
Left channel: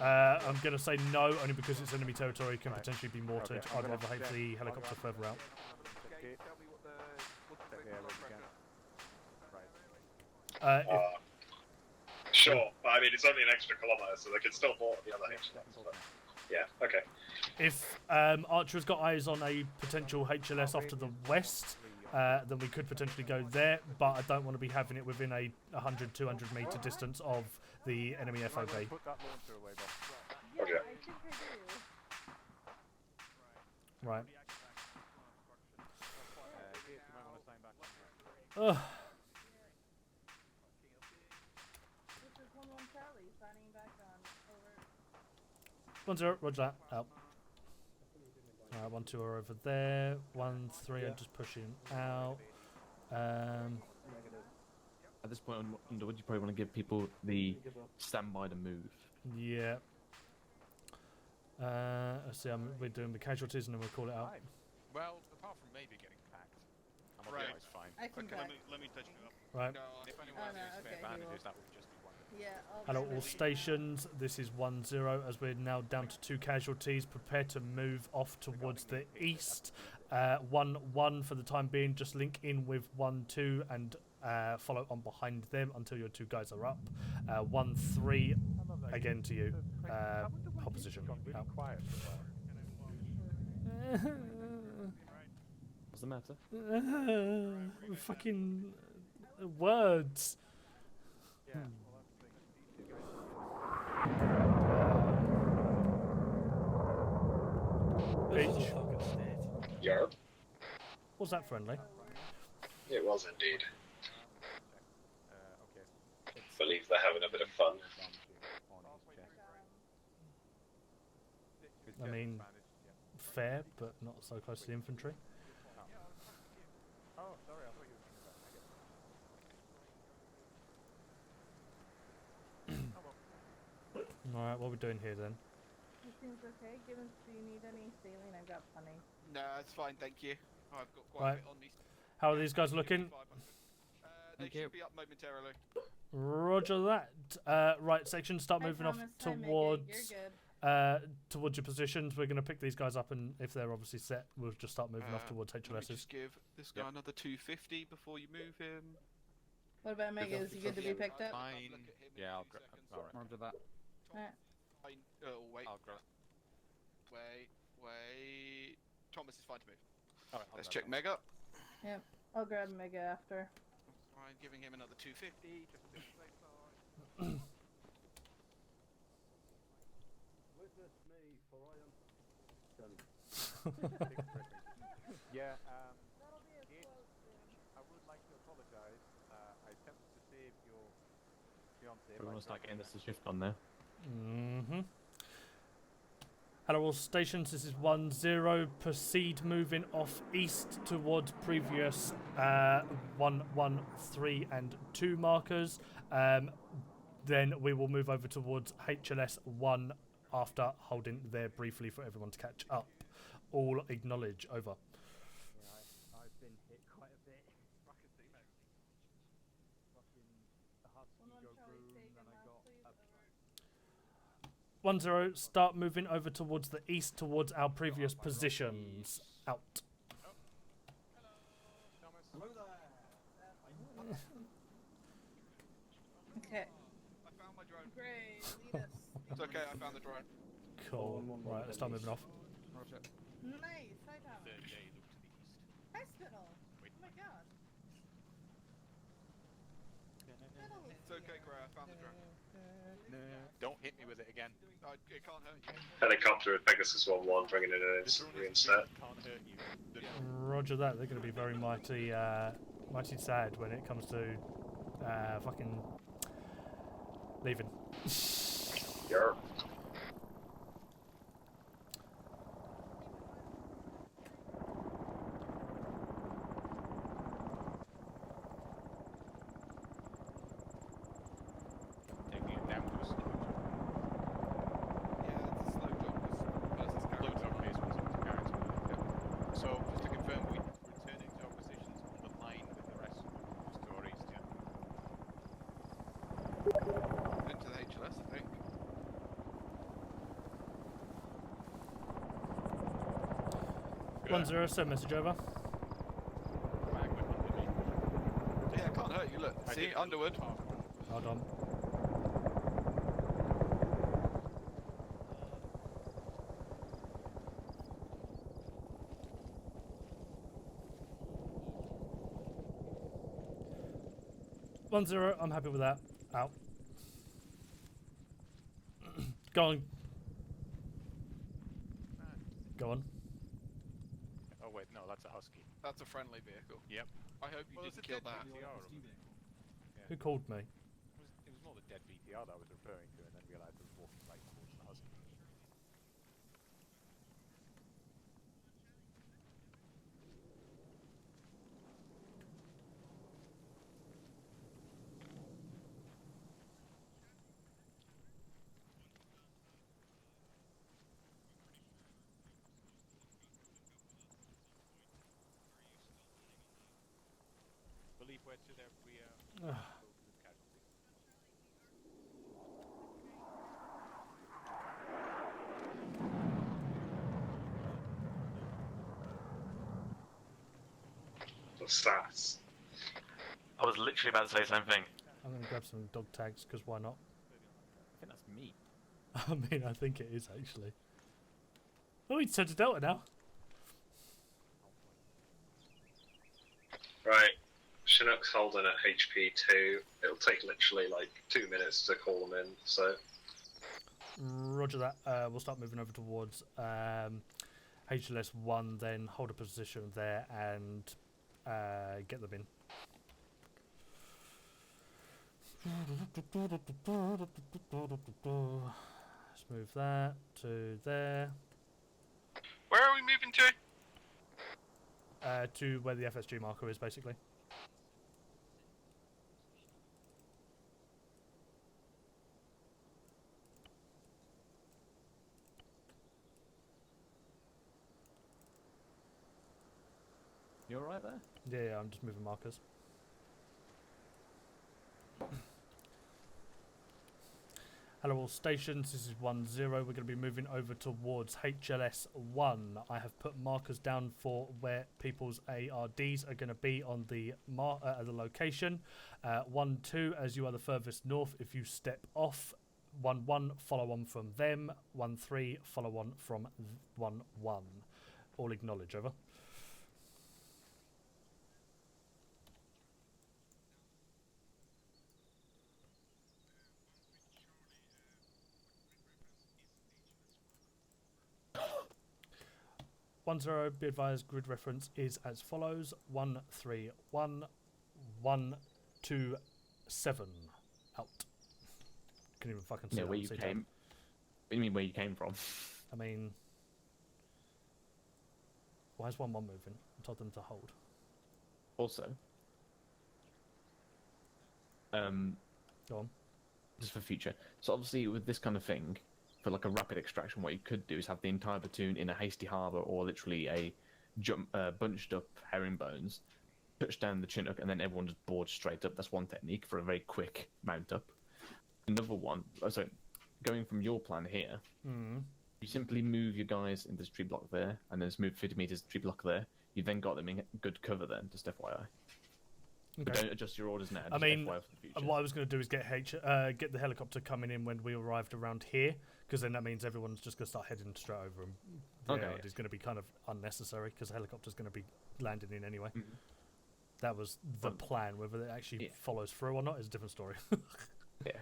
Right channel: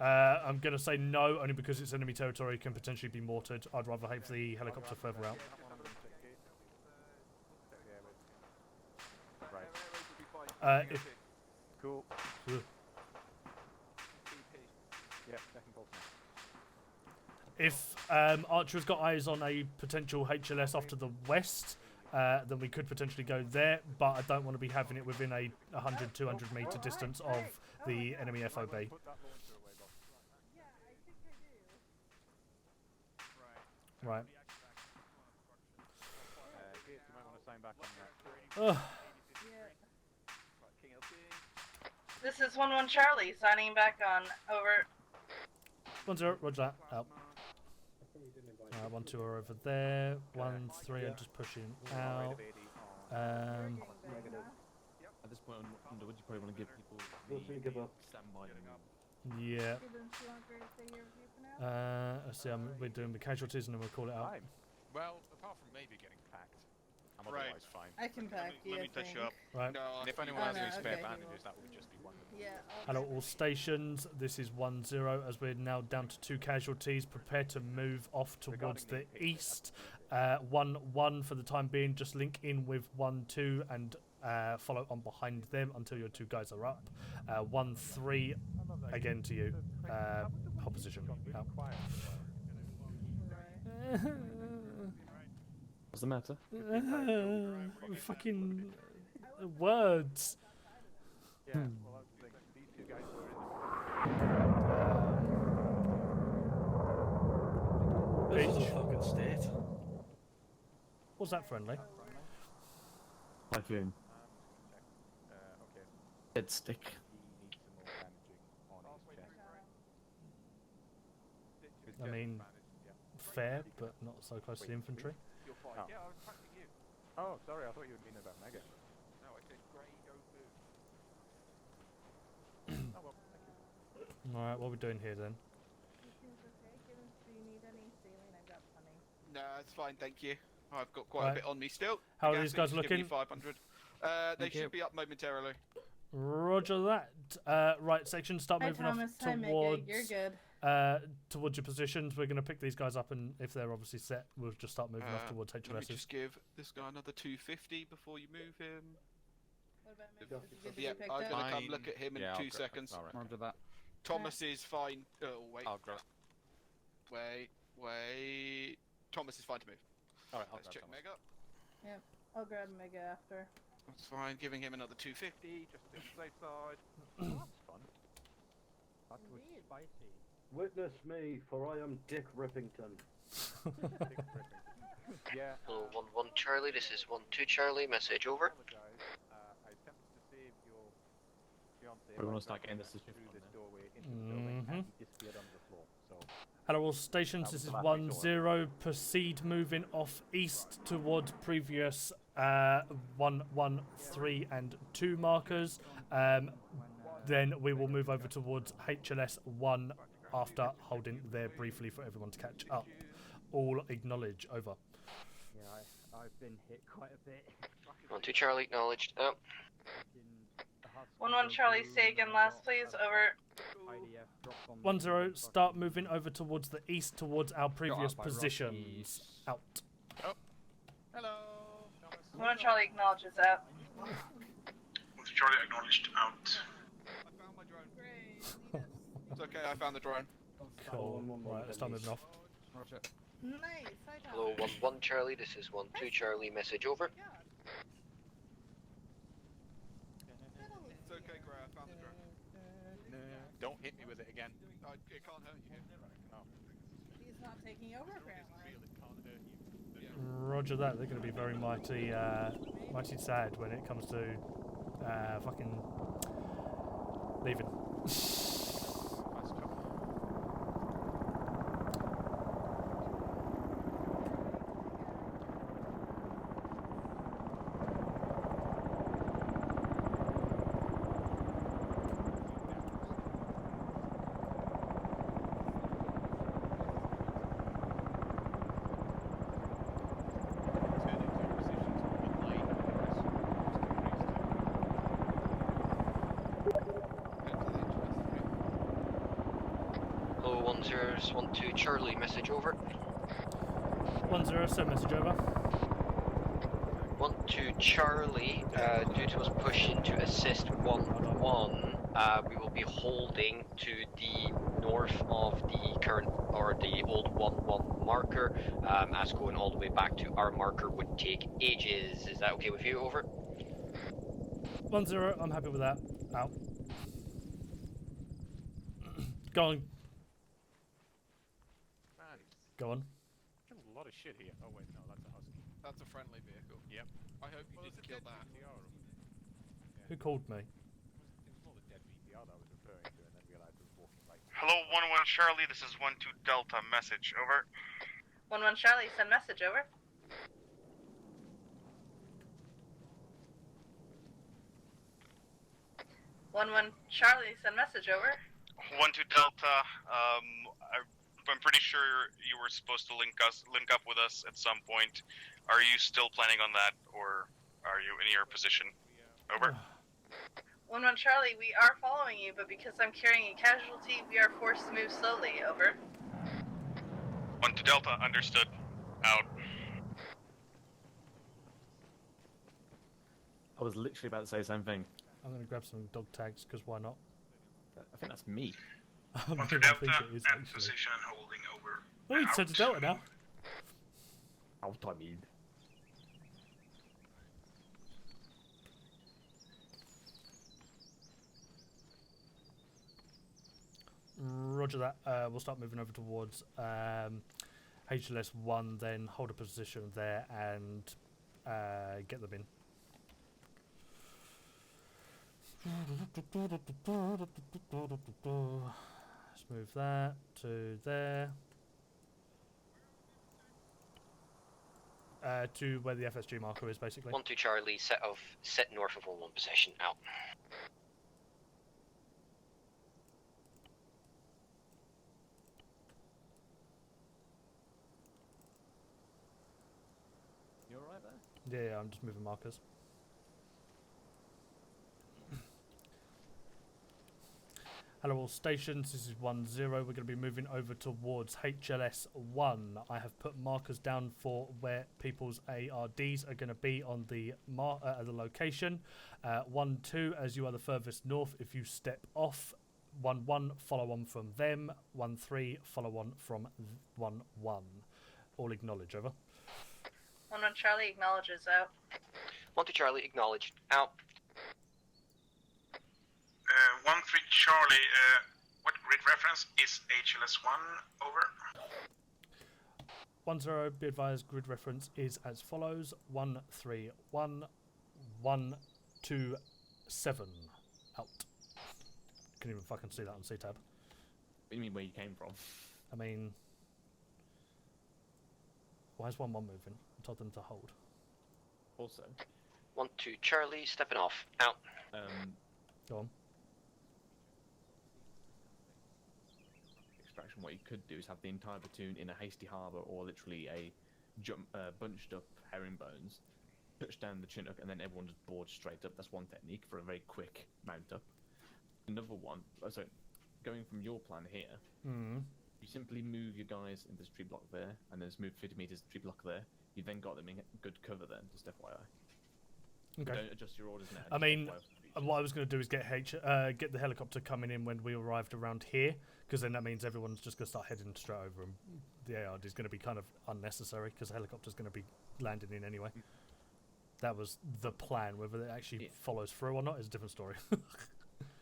I'm going to say no, only because it's enemy territory, can potentially be mortared. I'd rather have the helicopter further out. Sure, but I mean it's only an extra kilometre, so they can still mortar the other HLS. Yeah, okay. If Archer has got eyes on a potential HLS off to the west, then we could potentially go there, but I don't want to be having it within a 100-200 metre distance of the enemy FOB. Okay. Right. This is 1-1 Charlie, signing back on. Over. 1-0, roger that. Out. 1-2 are over there. 1-3 are just pushing out. At this point, Underwood, you probably want to give people the standby to move. Yeah. Let's see, we're doing the casualties and then we'll call it out. Well, apart from maybe getting packed, I'm otherwise fine. I can back you, Let me I touch you think. up. Right. No, and if anyone has any spare okay, bandages, that would just be wonderful. Yeah. Hello, all stations. This is 1-0 as we're now down to 2 casualties. Prepare to move off towards the east. 1-1 for the time being. Just link in with 1-2 and follow on behind them until your 2 guys are up. 1-3 again to you. Opposition. Out. What's the matter? Fucking words. Beach. Yarp. Was that friendly? It was indeed. Platoon. I believe they're having a bit of fun. I mean, fair, but not so close to the infantry. Oh, sorry, I thought you were meaning about Mega. Alright, what are we doing here then? It seems okay. Do you need any saline? I've got plenty. No, it's fine, thank you. I've got quite Right. a bit on me still. How are Yeah, these guys give me looking? 500. They should be up momentarily. Roger that. Right, section, start Hi, moving Thomas. off Hi, Mickey. towards You're good. towards your positions. We're going to pick these guys up, and if they're obviously set, we'll just start moving off towards Let me HLSs. just give this guy another 250 before you move him. What about Mega? Is he good to be picked I'm up? gonna come look at him in Yeah, 2 seconds. Roger that. Thomas is fine. Oh, wait. I'll grab. Wait. Thomas is fine to move. Alright, Let's check Mega. Yep. I'll grab Mega after. That's fine. Giving him another 250 just to be on the safe side. Witness me, for I am Dick Rippington. Yeah. 1-1 Charlie, this is 1-2 Charlie, message over. I attempted to save your fiance. We want to start getting this shift on there. Hello, all stations. This is 1-0. Proceed moving off east towards previous 1, 1, 3, and 2 markers. Then we will move over towards HLS 1 after holding there briefly for everyone to catch up. All acknowledge. Over. Yeah, I've been hit quite a bit. 1-2 Charlie, acknowledged. 1-1 Charlie, say again last, please. Over. 1-0, start moving over towards the east, towards our previous positions. Out. Hello. 1-1 Charlie acknowledges that. Charlie acknowledged out. I found my drone. It's okay, I found the drone. Cool. Right, let's start moving off. Nice. Hello, 1-1 Charlie, this is 1-2 Charlie, message over. It's okay, Gray, I found the drone. Don't hit me with it again. It can't hurt you. Helicopter with Pegasus 1-1 bringing in an instantly instead. Roger that. They're going to be very mighty sad when it comes to fucking leaving. Yeah. Hello, 1-2 Charlie, message over. 1-0, send message over. 1-2 Charlie, due to us pushing to assist 1-1, we will be holding to the north of the current, or the old 1-1 marker, as going all the way back to our marker would take ages. Is that okay with you? Over. 1-0, I'm happy with that. Out. Go on. Go on. There's a lot of shit here. Oh wait, no, that's a husky. That's a friendly vehicle. Yep. I hope you didn't kill that. Who called me? It was more the dead VTR that I was referring to, and then realized it was walking right. Hello, 1-1 Charlie, this is 1-2 Delta, message, over. 1-1 Charlie, send message over. One Charlie, send message over. 1-2 Delta, I'm pretty sure you were supposed to link up with us at some point. Are you still planning on that, or are you in your position? Over. 1-1 Charlie, we are following you, but because I'm carrying a casualty, we are forced to move slowly. Over. 1-2 Delta, understood. Out. The stats. I was literally about to say the same thing. I'm going to grab some dog tags, because why not? I think that's me. I mean, I think it is, actually. Position holding over. Oh, it's set to Delta now. Out, I mean. Right. Chinook's holding at HP 2. It'll take literally like 2 minutes to call them in, so. Roger that. We'll start moving over towards HLS 1, then hold a position there and get them in. Let's move that to there. Where are we moving to? To where the FSG marker is, basically. 1-2 Charlie, set north of 1-1 position. Out. You alright there? Yeah, I'm just moving markers. Hello all stations, this is 1-0. We're going to be moving over towards HLS 1. I have put markers down for where people's ARDs are going to be on the location. 1-2, as you are the furthest north, if you step off. 1-1, follow on from them. 1-3, follow on from 1-1. All acknowledge, over. 1-1 Charlie acknowledges out. 1-2 Charlie, acknowledged. Out. 1-3 Charlie, what grid reference is HLS1? Over. 1-0, be advised, grid reference is as follows: 131 127. Out. Couldn't even fucking see Yeah, that. where you See that. came. What do you mean where you came from? I mean, why is 1-1 moving? I told them to hold. Also, 1-2 Charlie, stepping off. Out. Go on. Just for future. So obviously with this kind of thing, for like a rapid extraction, what you could do is have the entire platoon in a hasty harbour or literally a bunched up herringbones, touch down the Chinook, and then everyone just boards straight up. That's one technique for a very quick mount up. Another one, going from your plan here, you simply move your guys into this tree block there, and then just move 50 meters tree block there. You then got them in good cover then, just FYI. Okay. Don't adjust your orders now. I just mean, FYI for the future. what I was going to do is get the helicopter coming in when we arrived around here, because then that means everyone's just going to start heading straight over them. Okay. Yeah, it's going to be kind of unnecessary because the helicopter's going to be landing in anyway. That was the plan. Whether it actually follows through or not is a different story. Yeah.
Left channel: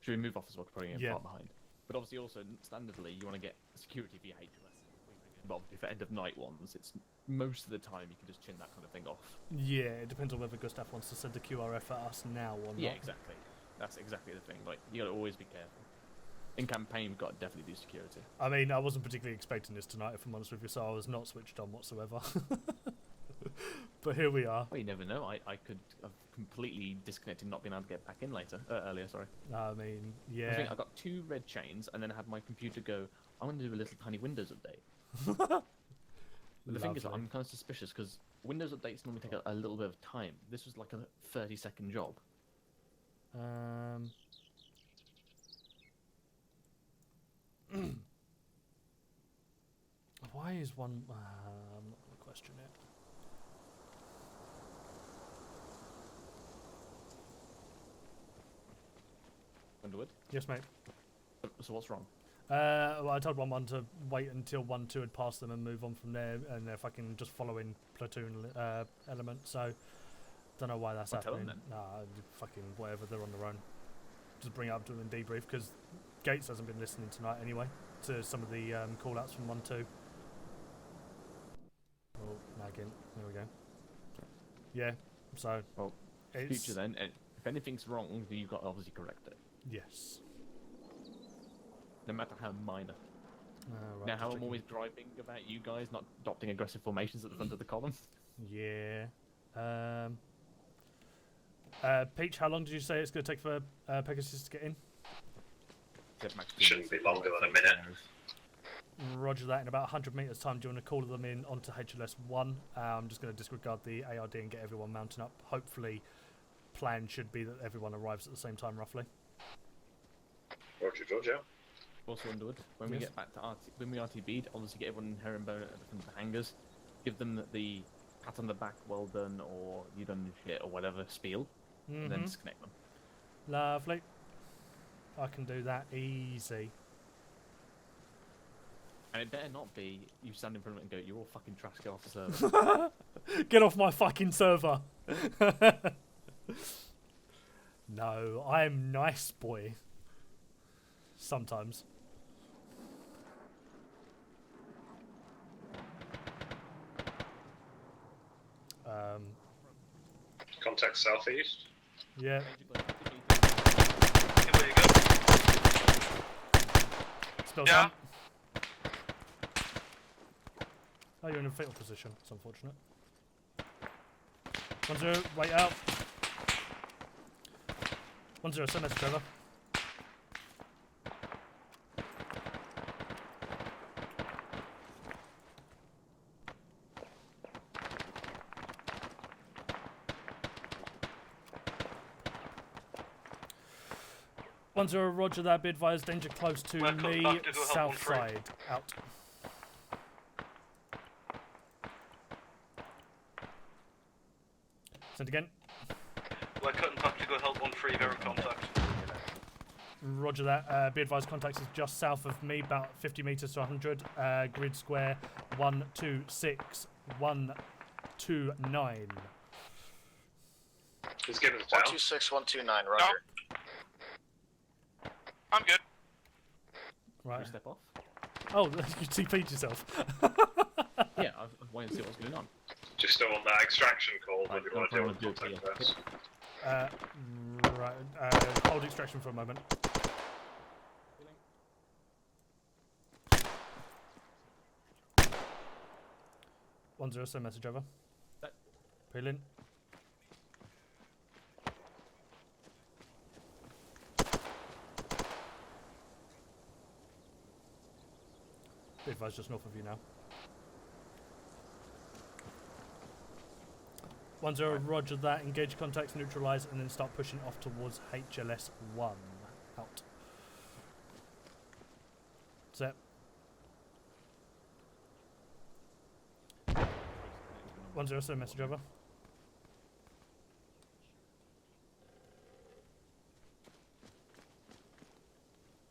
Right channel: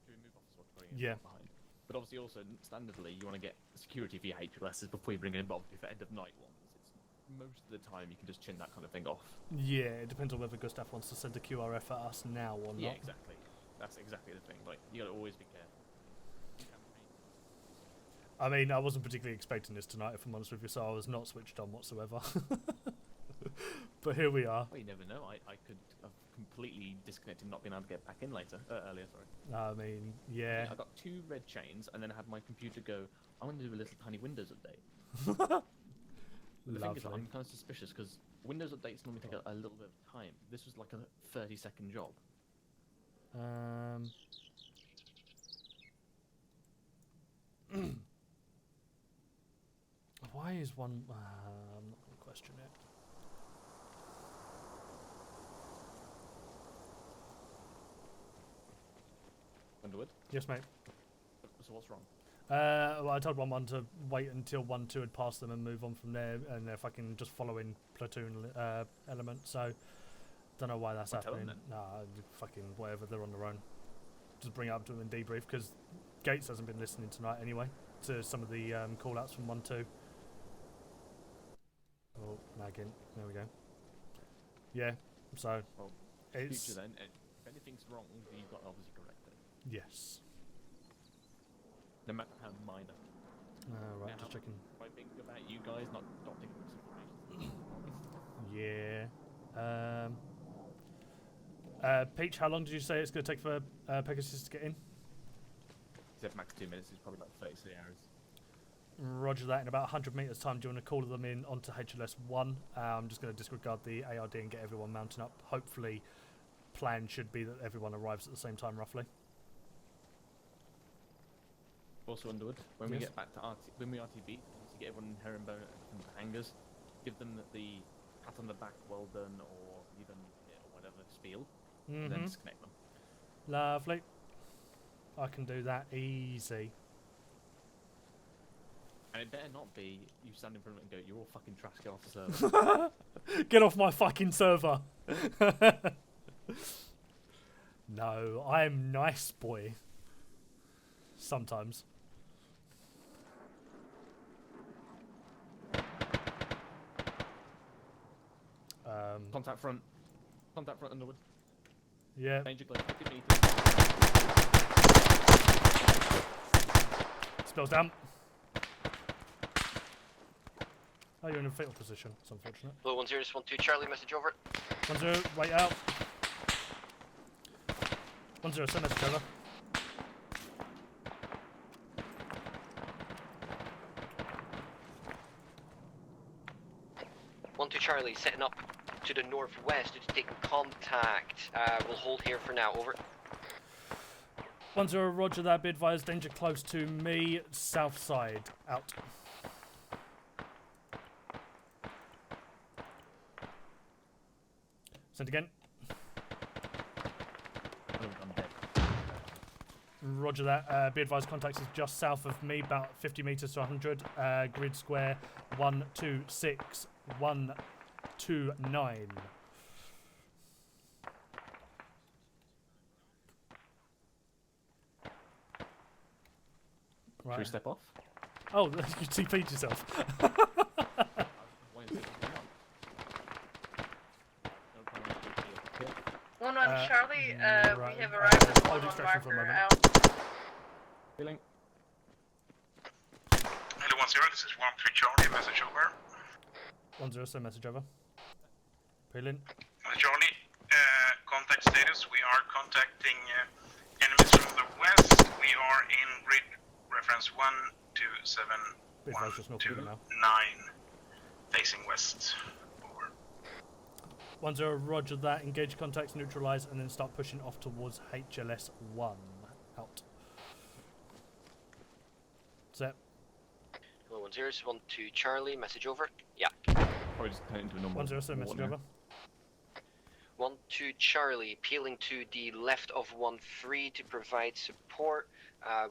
Should we move off as well, putting in Yeah. far behind? But obviously, also standardly, you want to get security for your HLSs before you bring in. But obviously, for end of night ones, it's most of the time you can just chin that kind of thing off. Yeah, it depends on whether Gustav wants to send a QRF at us now or not. Yeah, exactly. That's exactly the thing. Like, you got to always be careful. In campaign, we've got to definitely do security. I mean, I wasn't particularly expecting this tonight, if I'm honest with you, so I was not switched on whatsoever. But here we are. Well, you never know. I could have completely disconnected, not being able to get back in earlier. Sorry. I mean, yeah. I got 2 red chains, and then I had my computer go, I'm going to do a little tiny Windows update. The thing is, Lovely. I'm kind of suspicious because Windows updates normally take a little bit of time. This was like a 30-second job. Why is one? I'm not going to question it. Underwood? Yes, mate. So what's wrong? Well, I told 1-1 to wait until 1-2 had passed them and move on from there, and if I can just follow in platoon element. So, don't know why that's Well, tell happening. them Nah, fucking whatever. They're on their own. Just bring it up to them and debrief because Gates hasn't been listening tonight anyway to some of the call-outs from 1-2. Oh, nagging. There we go. Yeah. So, it's Future then, if anything's wrong, then you've got to obviously correct it. yes. No matter how minor. Right, Now, just how I'm checking. always griping about you guys not adopting aggressive formations at the front of the column. Yeah. Peach, how long did you say it's going to take for Pegasus to get in? Shouldn't be longer than a minute. Roger that. In about 100 metres time, do you want to call them in onto HLS 1? I'm just going to disregard the ARD and get everyone mounting up. Hopefully, plan should be that everyone arrives at the same time, roughly. Roger. Also, Underwood, when we Yes. get back to when we RTB'd, obviously get everyone in herringbone at the hangars, give them the pat on the back, well done, or you done shit, or whatever spiel, and then Mhm. disconnect them. Lovely. I can do that easy. And it better not be you stand in front of it and go, "You're all fucking trash, get off the server." Get off my fucking server. No, I'm nice boy. Sometimes. Contact front. Contact southeast. Yeah. Danger close. Spill down. Oh, you're in a fatal position. It's unfortunate. Blue 10, just 1-2 Charlie, message over. 1-0, wait out. 1-0, send message over. Charlie, setting up to the northwest to take contact. We'll hold here for now, over. 1-0, roger that. Be advised, danger close to me, south side. Out. Send again. We're cutting back to go help 1-3, very contact. Roger that. Be advised, contact is just south of me, about 50 metres to 100. Grid square 126 129. He's giving us down. 126 129, roger. I'm good. Right. Should we step off? Oh, you TP'd yourself. Yeah, I was waiting to see what's going on. Just on that extraction call, what do you want to do? One on Charlie, right, we have arrived. hold extraction for a moment. Feeling. Hello 10, this is 1-3 Charlie, message over. 1-0, send message over. Peeling. Charlie, contact status, we are contacting enemies from the west. We are in grid reference 127 Be advised, just north of you now. 9, facing west. Over. 10, roger that. Engage contacts, neutralize, and then start pushing off towards HLS 1. Out. Set. 10, 12 Charlie, message over. Yeah. Probably just turn into a normal 10, so message over. 12 Charlie, peeling to the left of 13 to provide support.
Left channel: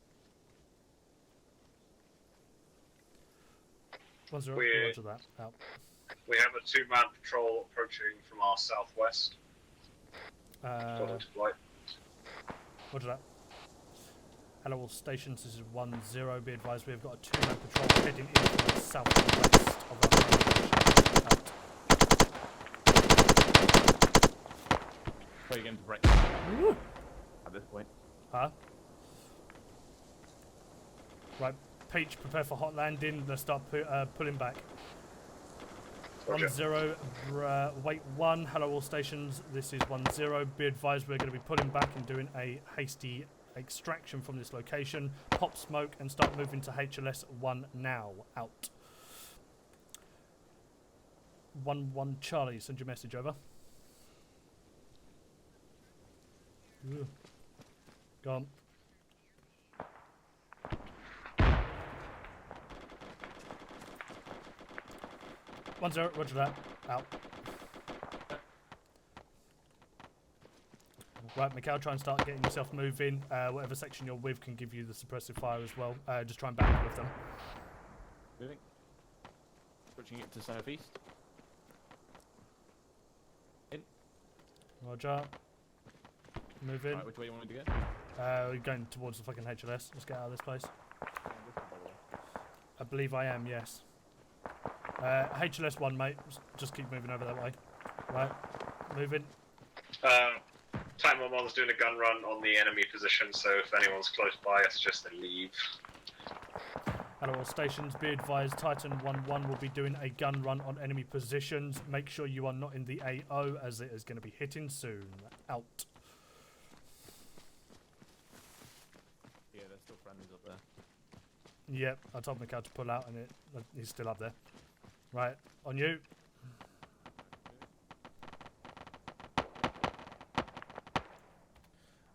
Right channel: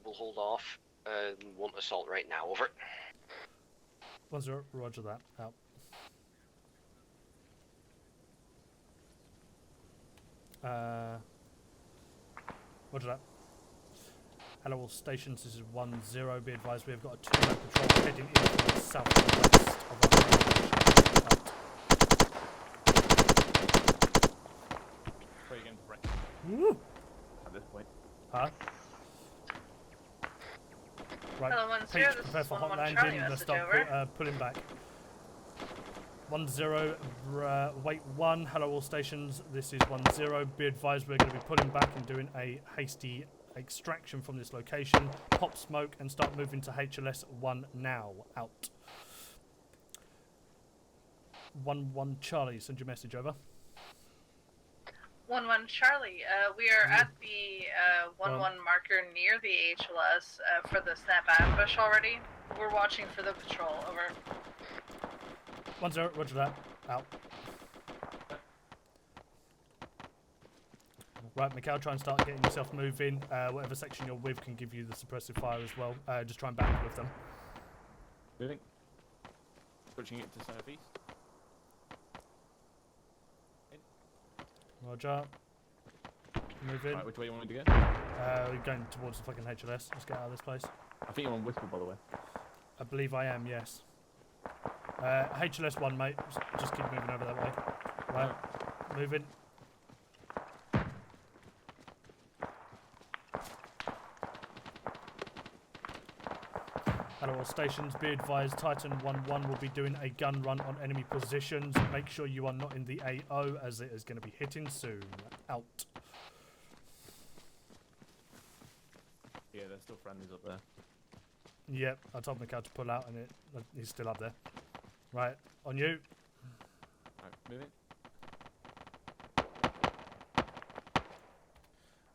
We'll hold off. Won't assault right now. Over. 10, roger that. Out. We have a 2-man patrol approaching from our southwest. Roger that. Hello, all stations. This is 10. Be advised, we have got a 2-man patrol heading into the southwest of our location. Out. Play again to break. Woo! At this point. Huh? Right, Hello, 10, Peach, this prepare is for 11 hot landing. Charlie, Let's message start over. pulling back. Roger. 10, wait 1. Hello, all stations. This is 10. Be advised, we're going to be pulling back and doing a hasty extraction from this location. Pop smoke and start moving to HLS 1 now. Out. 11 Charlie, send your message over. 11 Charlie, we are at the 11 marker near the HLS for the snap ambush already. We're watching for the patrol. Over. 10, roger that. Out. Right, Mikhail, try and start getting yourself moving. Whatever section you're with can give you the suppressive fire as well. Just try and back with them. Moving. Switching it to southeast. In. Roger. Move in. Right, which way you want me to go? We're going towards the fucking HLS. Let's get out of this place. I think you're on whistle, by the way. I believe I am, yes. HLS 1, mate. Just keep moving over that way. Right. Moving. Time One's doing a gun run on the enemy position, so if anyone's close by, it's just a leave. Hello, all stations. Be advised, Titan 1-1 will be doing a gun run on enemy positions. Make sure you are not in the AO, as it is going to be hitting soon. Out. Yeah, there's still friendlies up there. Yep, I told Mikhail to pull out, and he's still up there. Right, on you. Right, moving.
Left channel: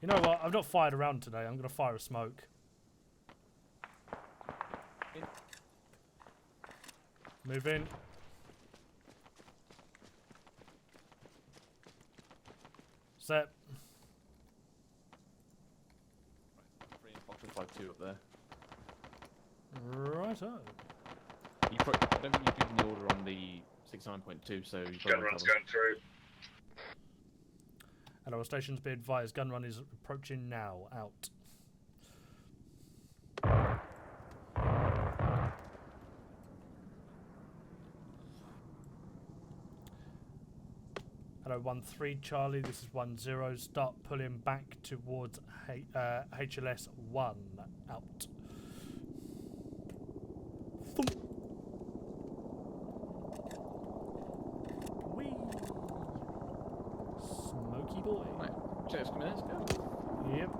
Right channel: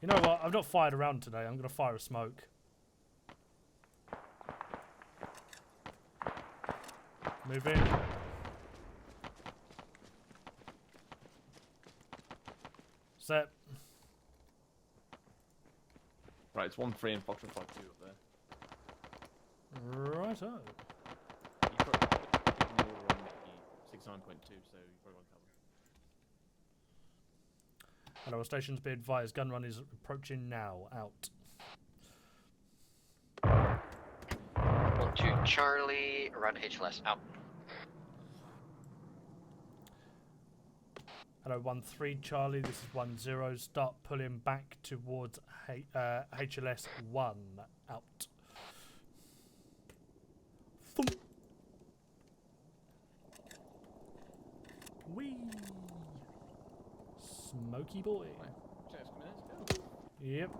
You know what? I've not fired around today. I'm going to fire a smoke. Move in. Set. Right, it's 1-3 and Foxtrot 5-2 up there. Righto. You probably, I don't think you can order on the 69.2, so you Gun run's going through. Hello, all stations. Be advised, gun run is approaching now. Out. 2 Charlie, around HLS. Out. Hello, 1-3 Charlie. This is 10. Start pulling back towards HLS 1. Out. Thump. Whee! Smoky boy. Right, check this minutes, go. Yep.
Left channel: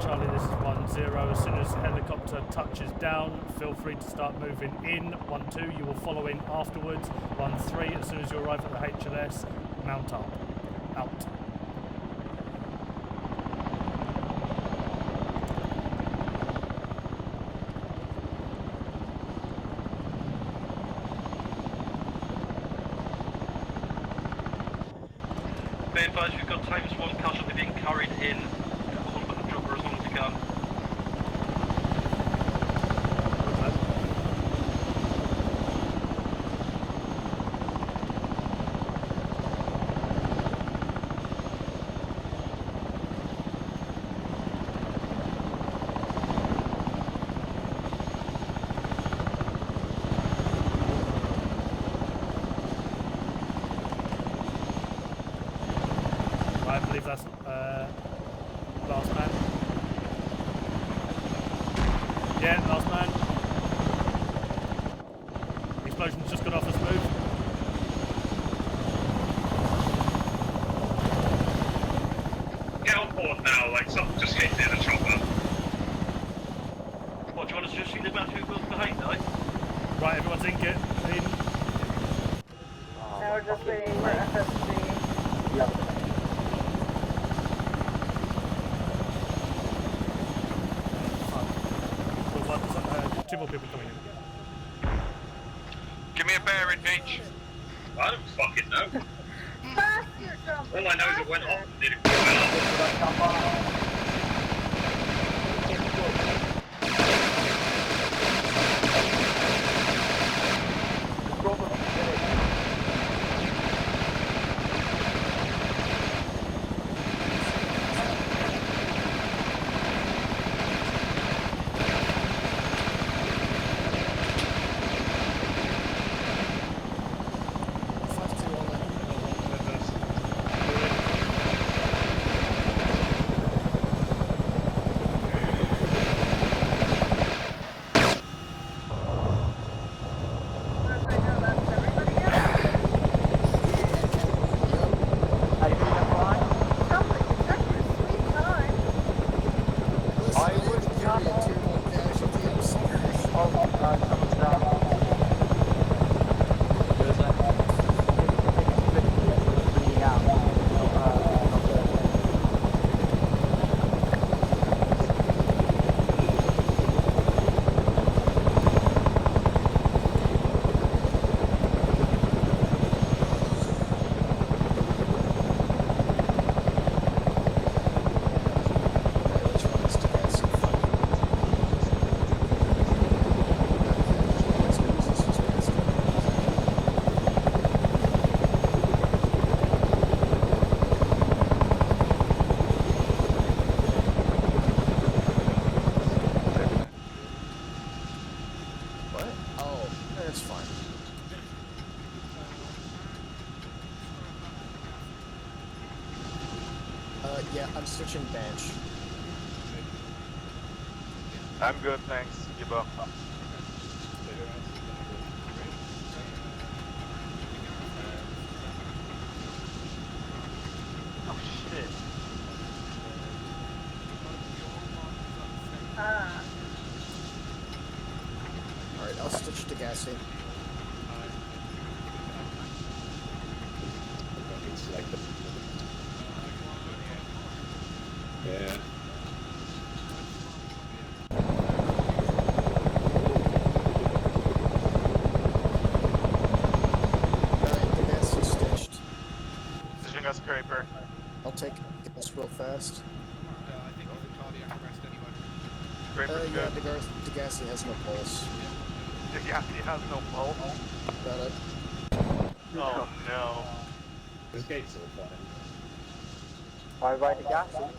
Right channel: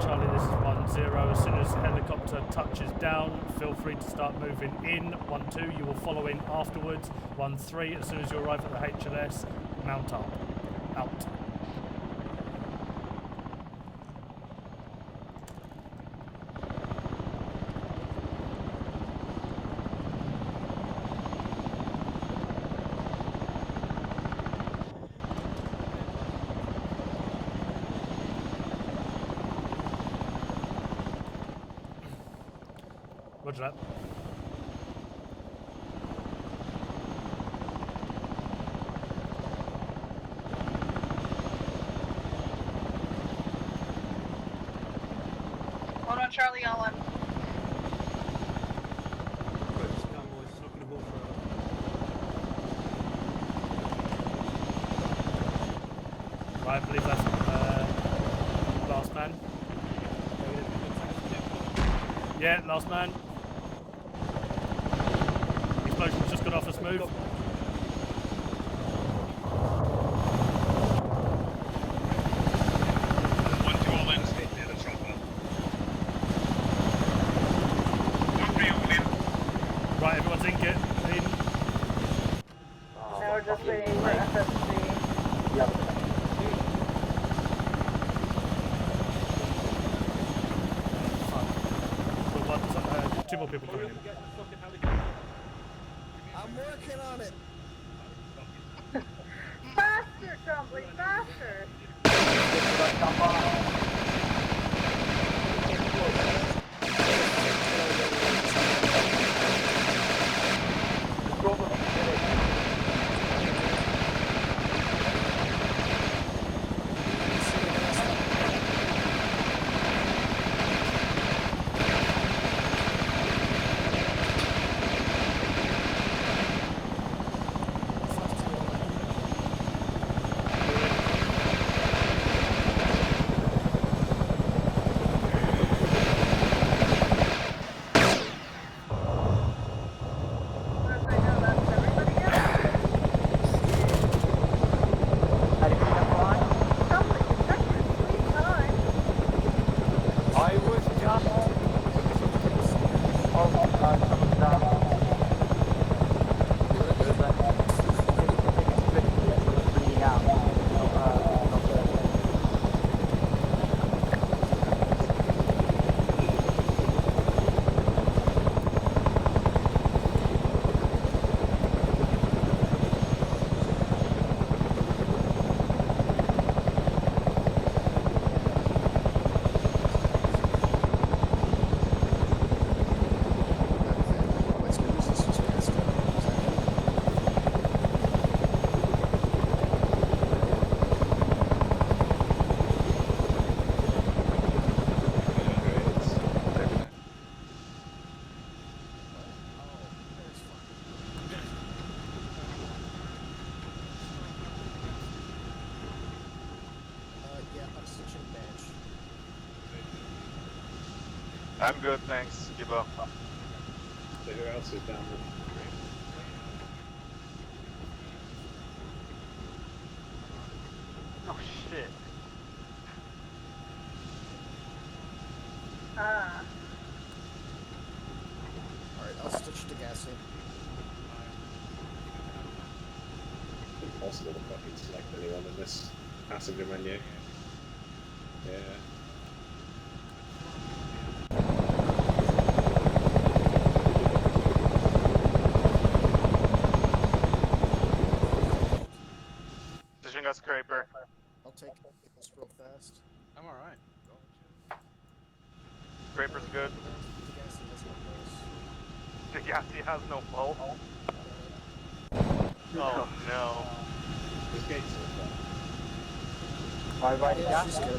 Charlie, this is 10. As soon as the helicopter touches down, feel free to start moving in. 1-2, you will follow in afterwards. 1-3, as soon as you arrive at the HLS, mount up. Out. Be advised, we've got Times 1 casualty being carried in. Roger that. Charlie, all left. Right, I believe that's last man. Yeah, last man. He's explosion's just gone off. Let's move. Get on board now, like someone just hit in a chopper. Right, everyone's in. Get in. Now we're just waiting for FSC. Two more people coming in. Give me a bearing, H. I don't fucking know. Faster, jump! All I know is it went off. Did it? Yeah, I'm switching bench. I'm good, thanks. Gibbo. Oh shit. Ah. Alright, I'll switch to gassy. Impossible to fucking select anyone in this passenger menu. Yeah. Position got scraper. I'll take this real fast. Scraper's good. Degassi has no pulse. Degassi has no pulse. Got it. Oh no. His gates are open. Bye bye, Degassi. Alright.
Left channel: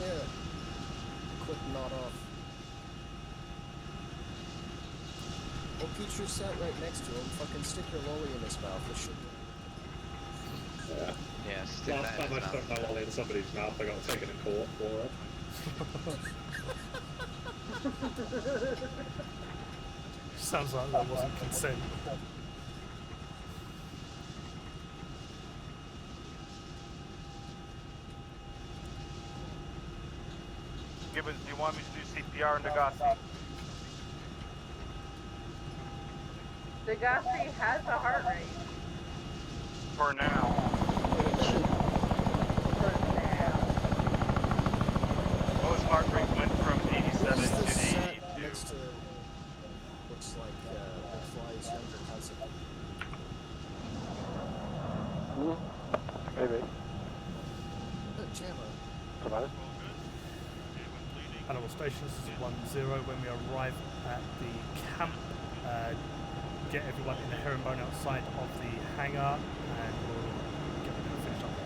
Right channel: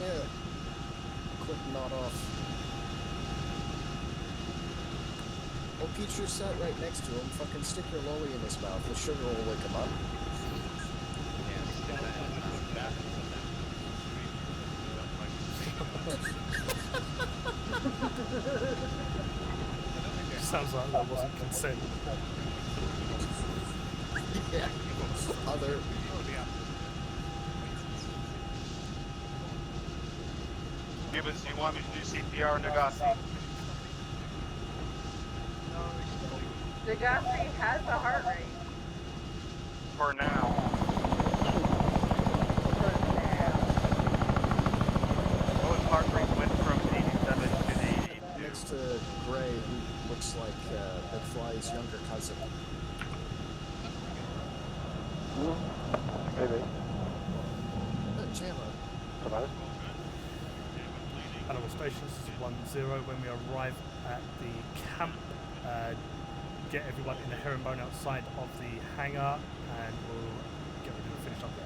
Yeah. Quick nod off. Oh, Pete's just sat right next to him. Fucking stick your lolly in his mouth. The sugar will wake him up. Last time I stuck my lolly in somebody's mouth, I got taken to court for it. Sounds like that wasn't consent. Yeah. Other. Gibbons, do you want me to do CPR on Degassi? Degassi has a heart rate. For now. Oh, his heart rate went from 87 to 82. Next to Gray, who looks like the Fly's younger cousin. Maybe. Chandler. Provider? Animal stations is 1-0. When we arrive at the camp, get everyone in a herringbone outside of the hangar, and we'll get ready to finish up there.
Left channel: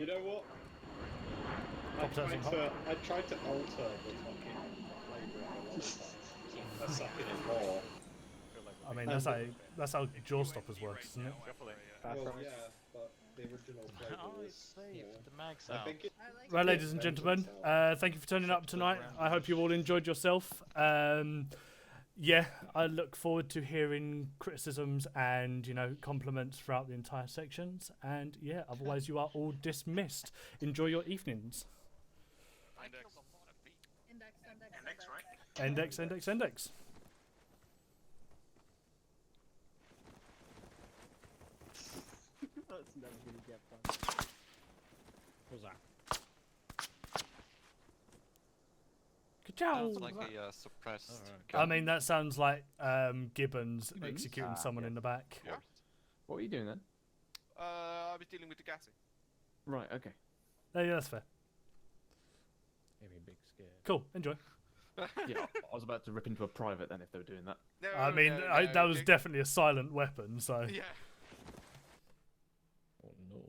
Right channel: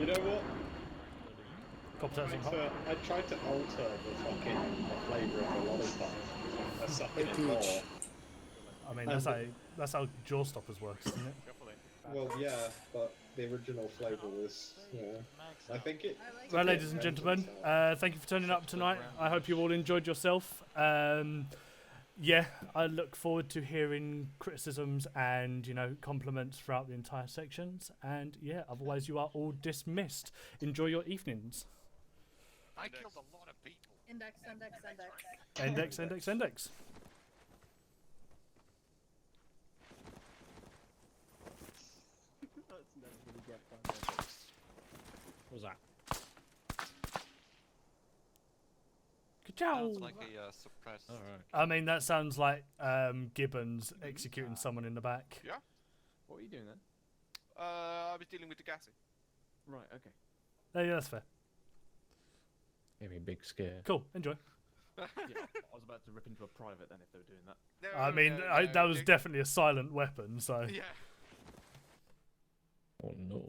You know what? Pop that some hot. I tried to alter the fucking flavour of the lollipop. I suck it more. I mean, that's how jaw stoppers work, isn't it? Well, yeah, but the original flavour was, you know, I think it... Right, ladies and gentlemen, thank you for turning up tonight. I hope you all enjoyed yourself. Yeah, I look forward to hearing criticisms and, you know, compliments throughout the entire sections. And yeah, otherwise you are all dismissed. Enjoy your evenings. I killed a lot of people. Index. Index. That's never gonna get fun. What's that? Ka-chow! Like a suppressed. I mean, that sounds like Gibbons executing someone in the back. Yeah. What were you doing then? I was dealing with the gassy. Right, okay. Yeah, that's fair. Gave me a big scare. Cool, enjoy. Yeah, I was about to rip into a private then if they were doing that. I mean, that was definitely a silent weapon, so... Yeah. Oh no.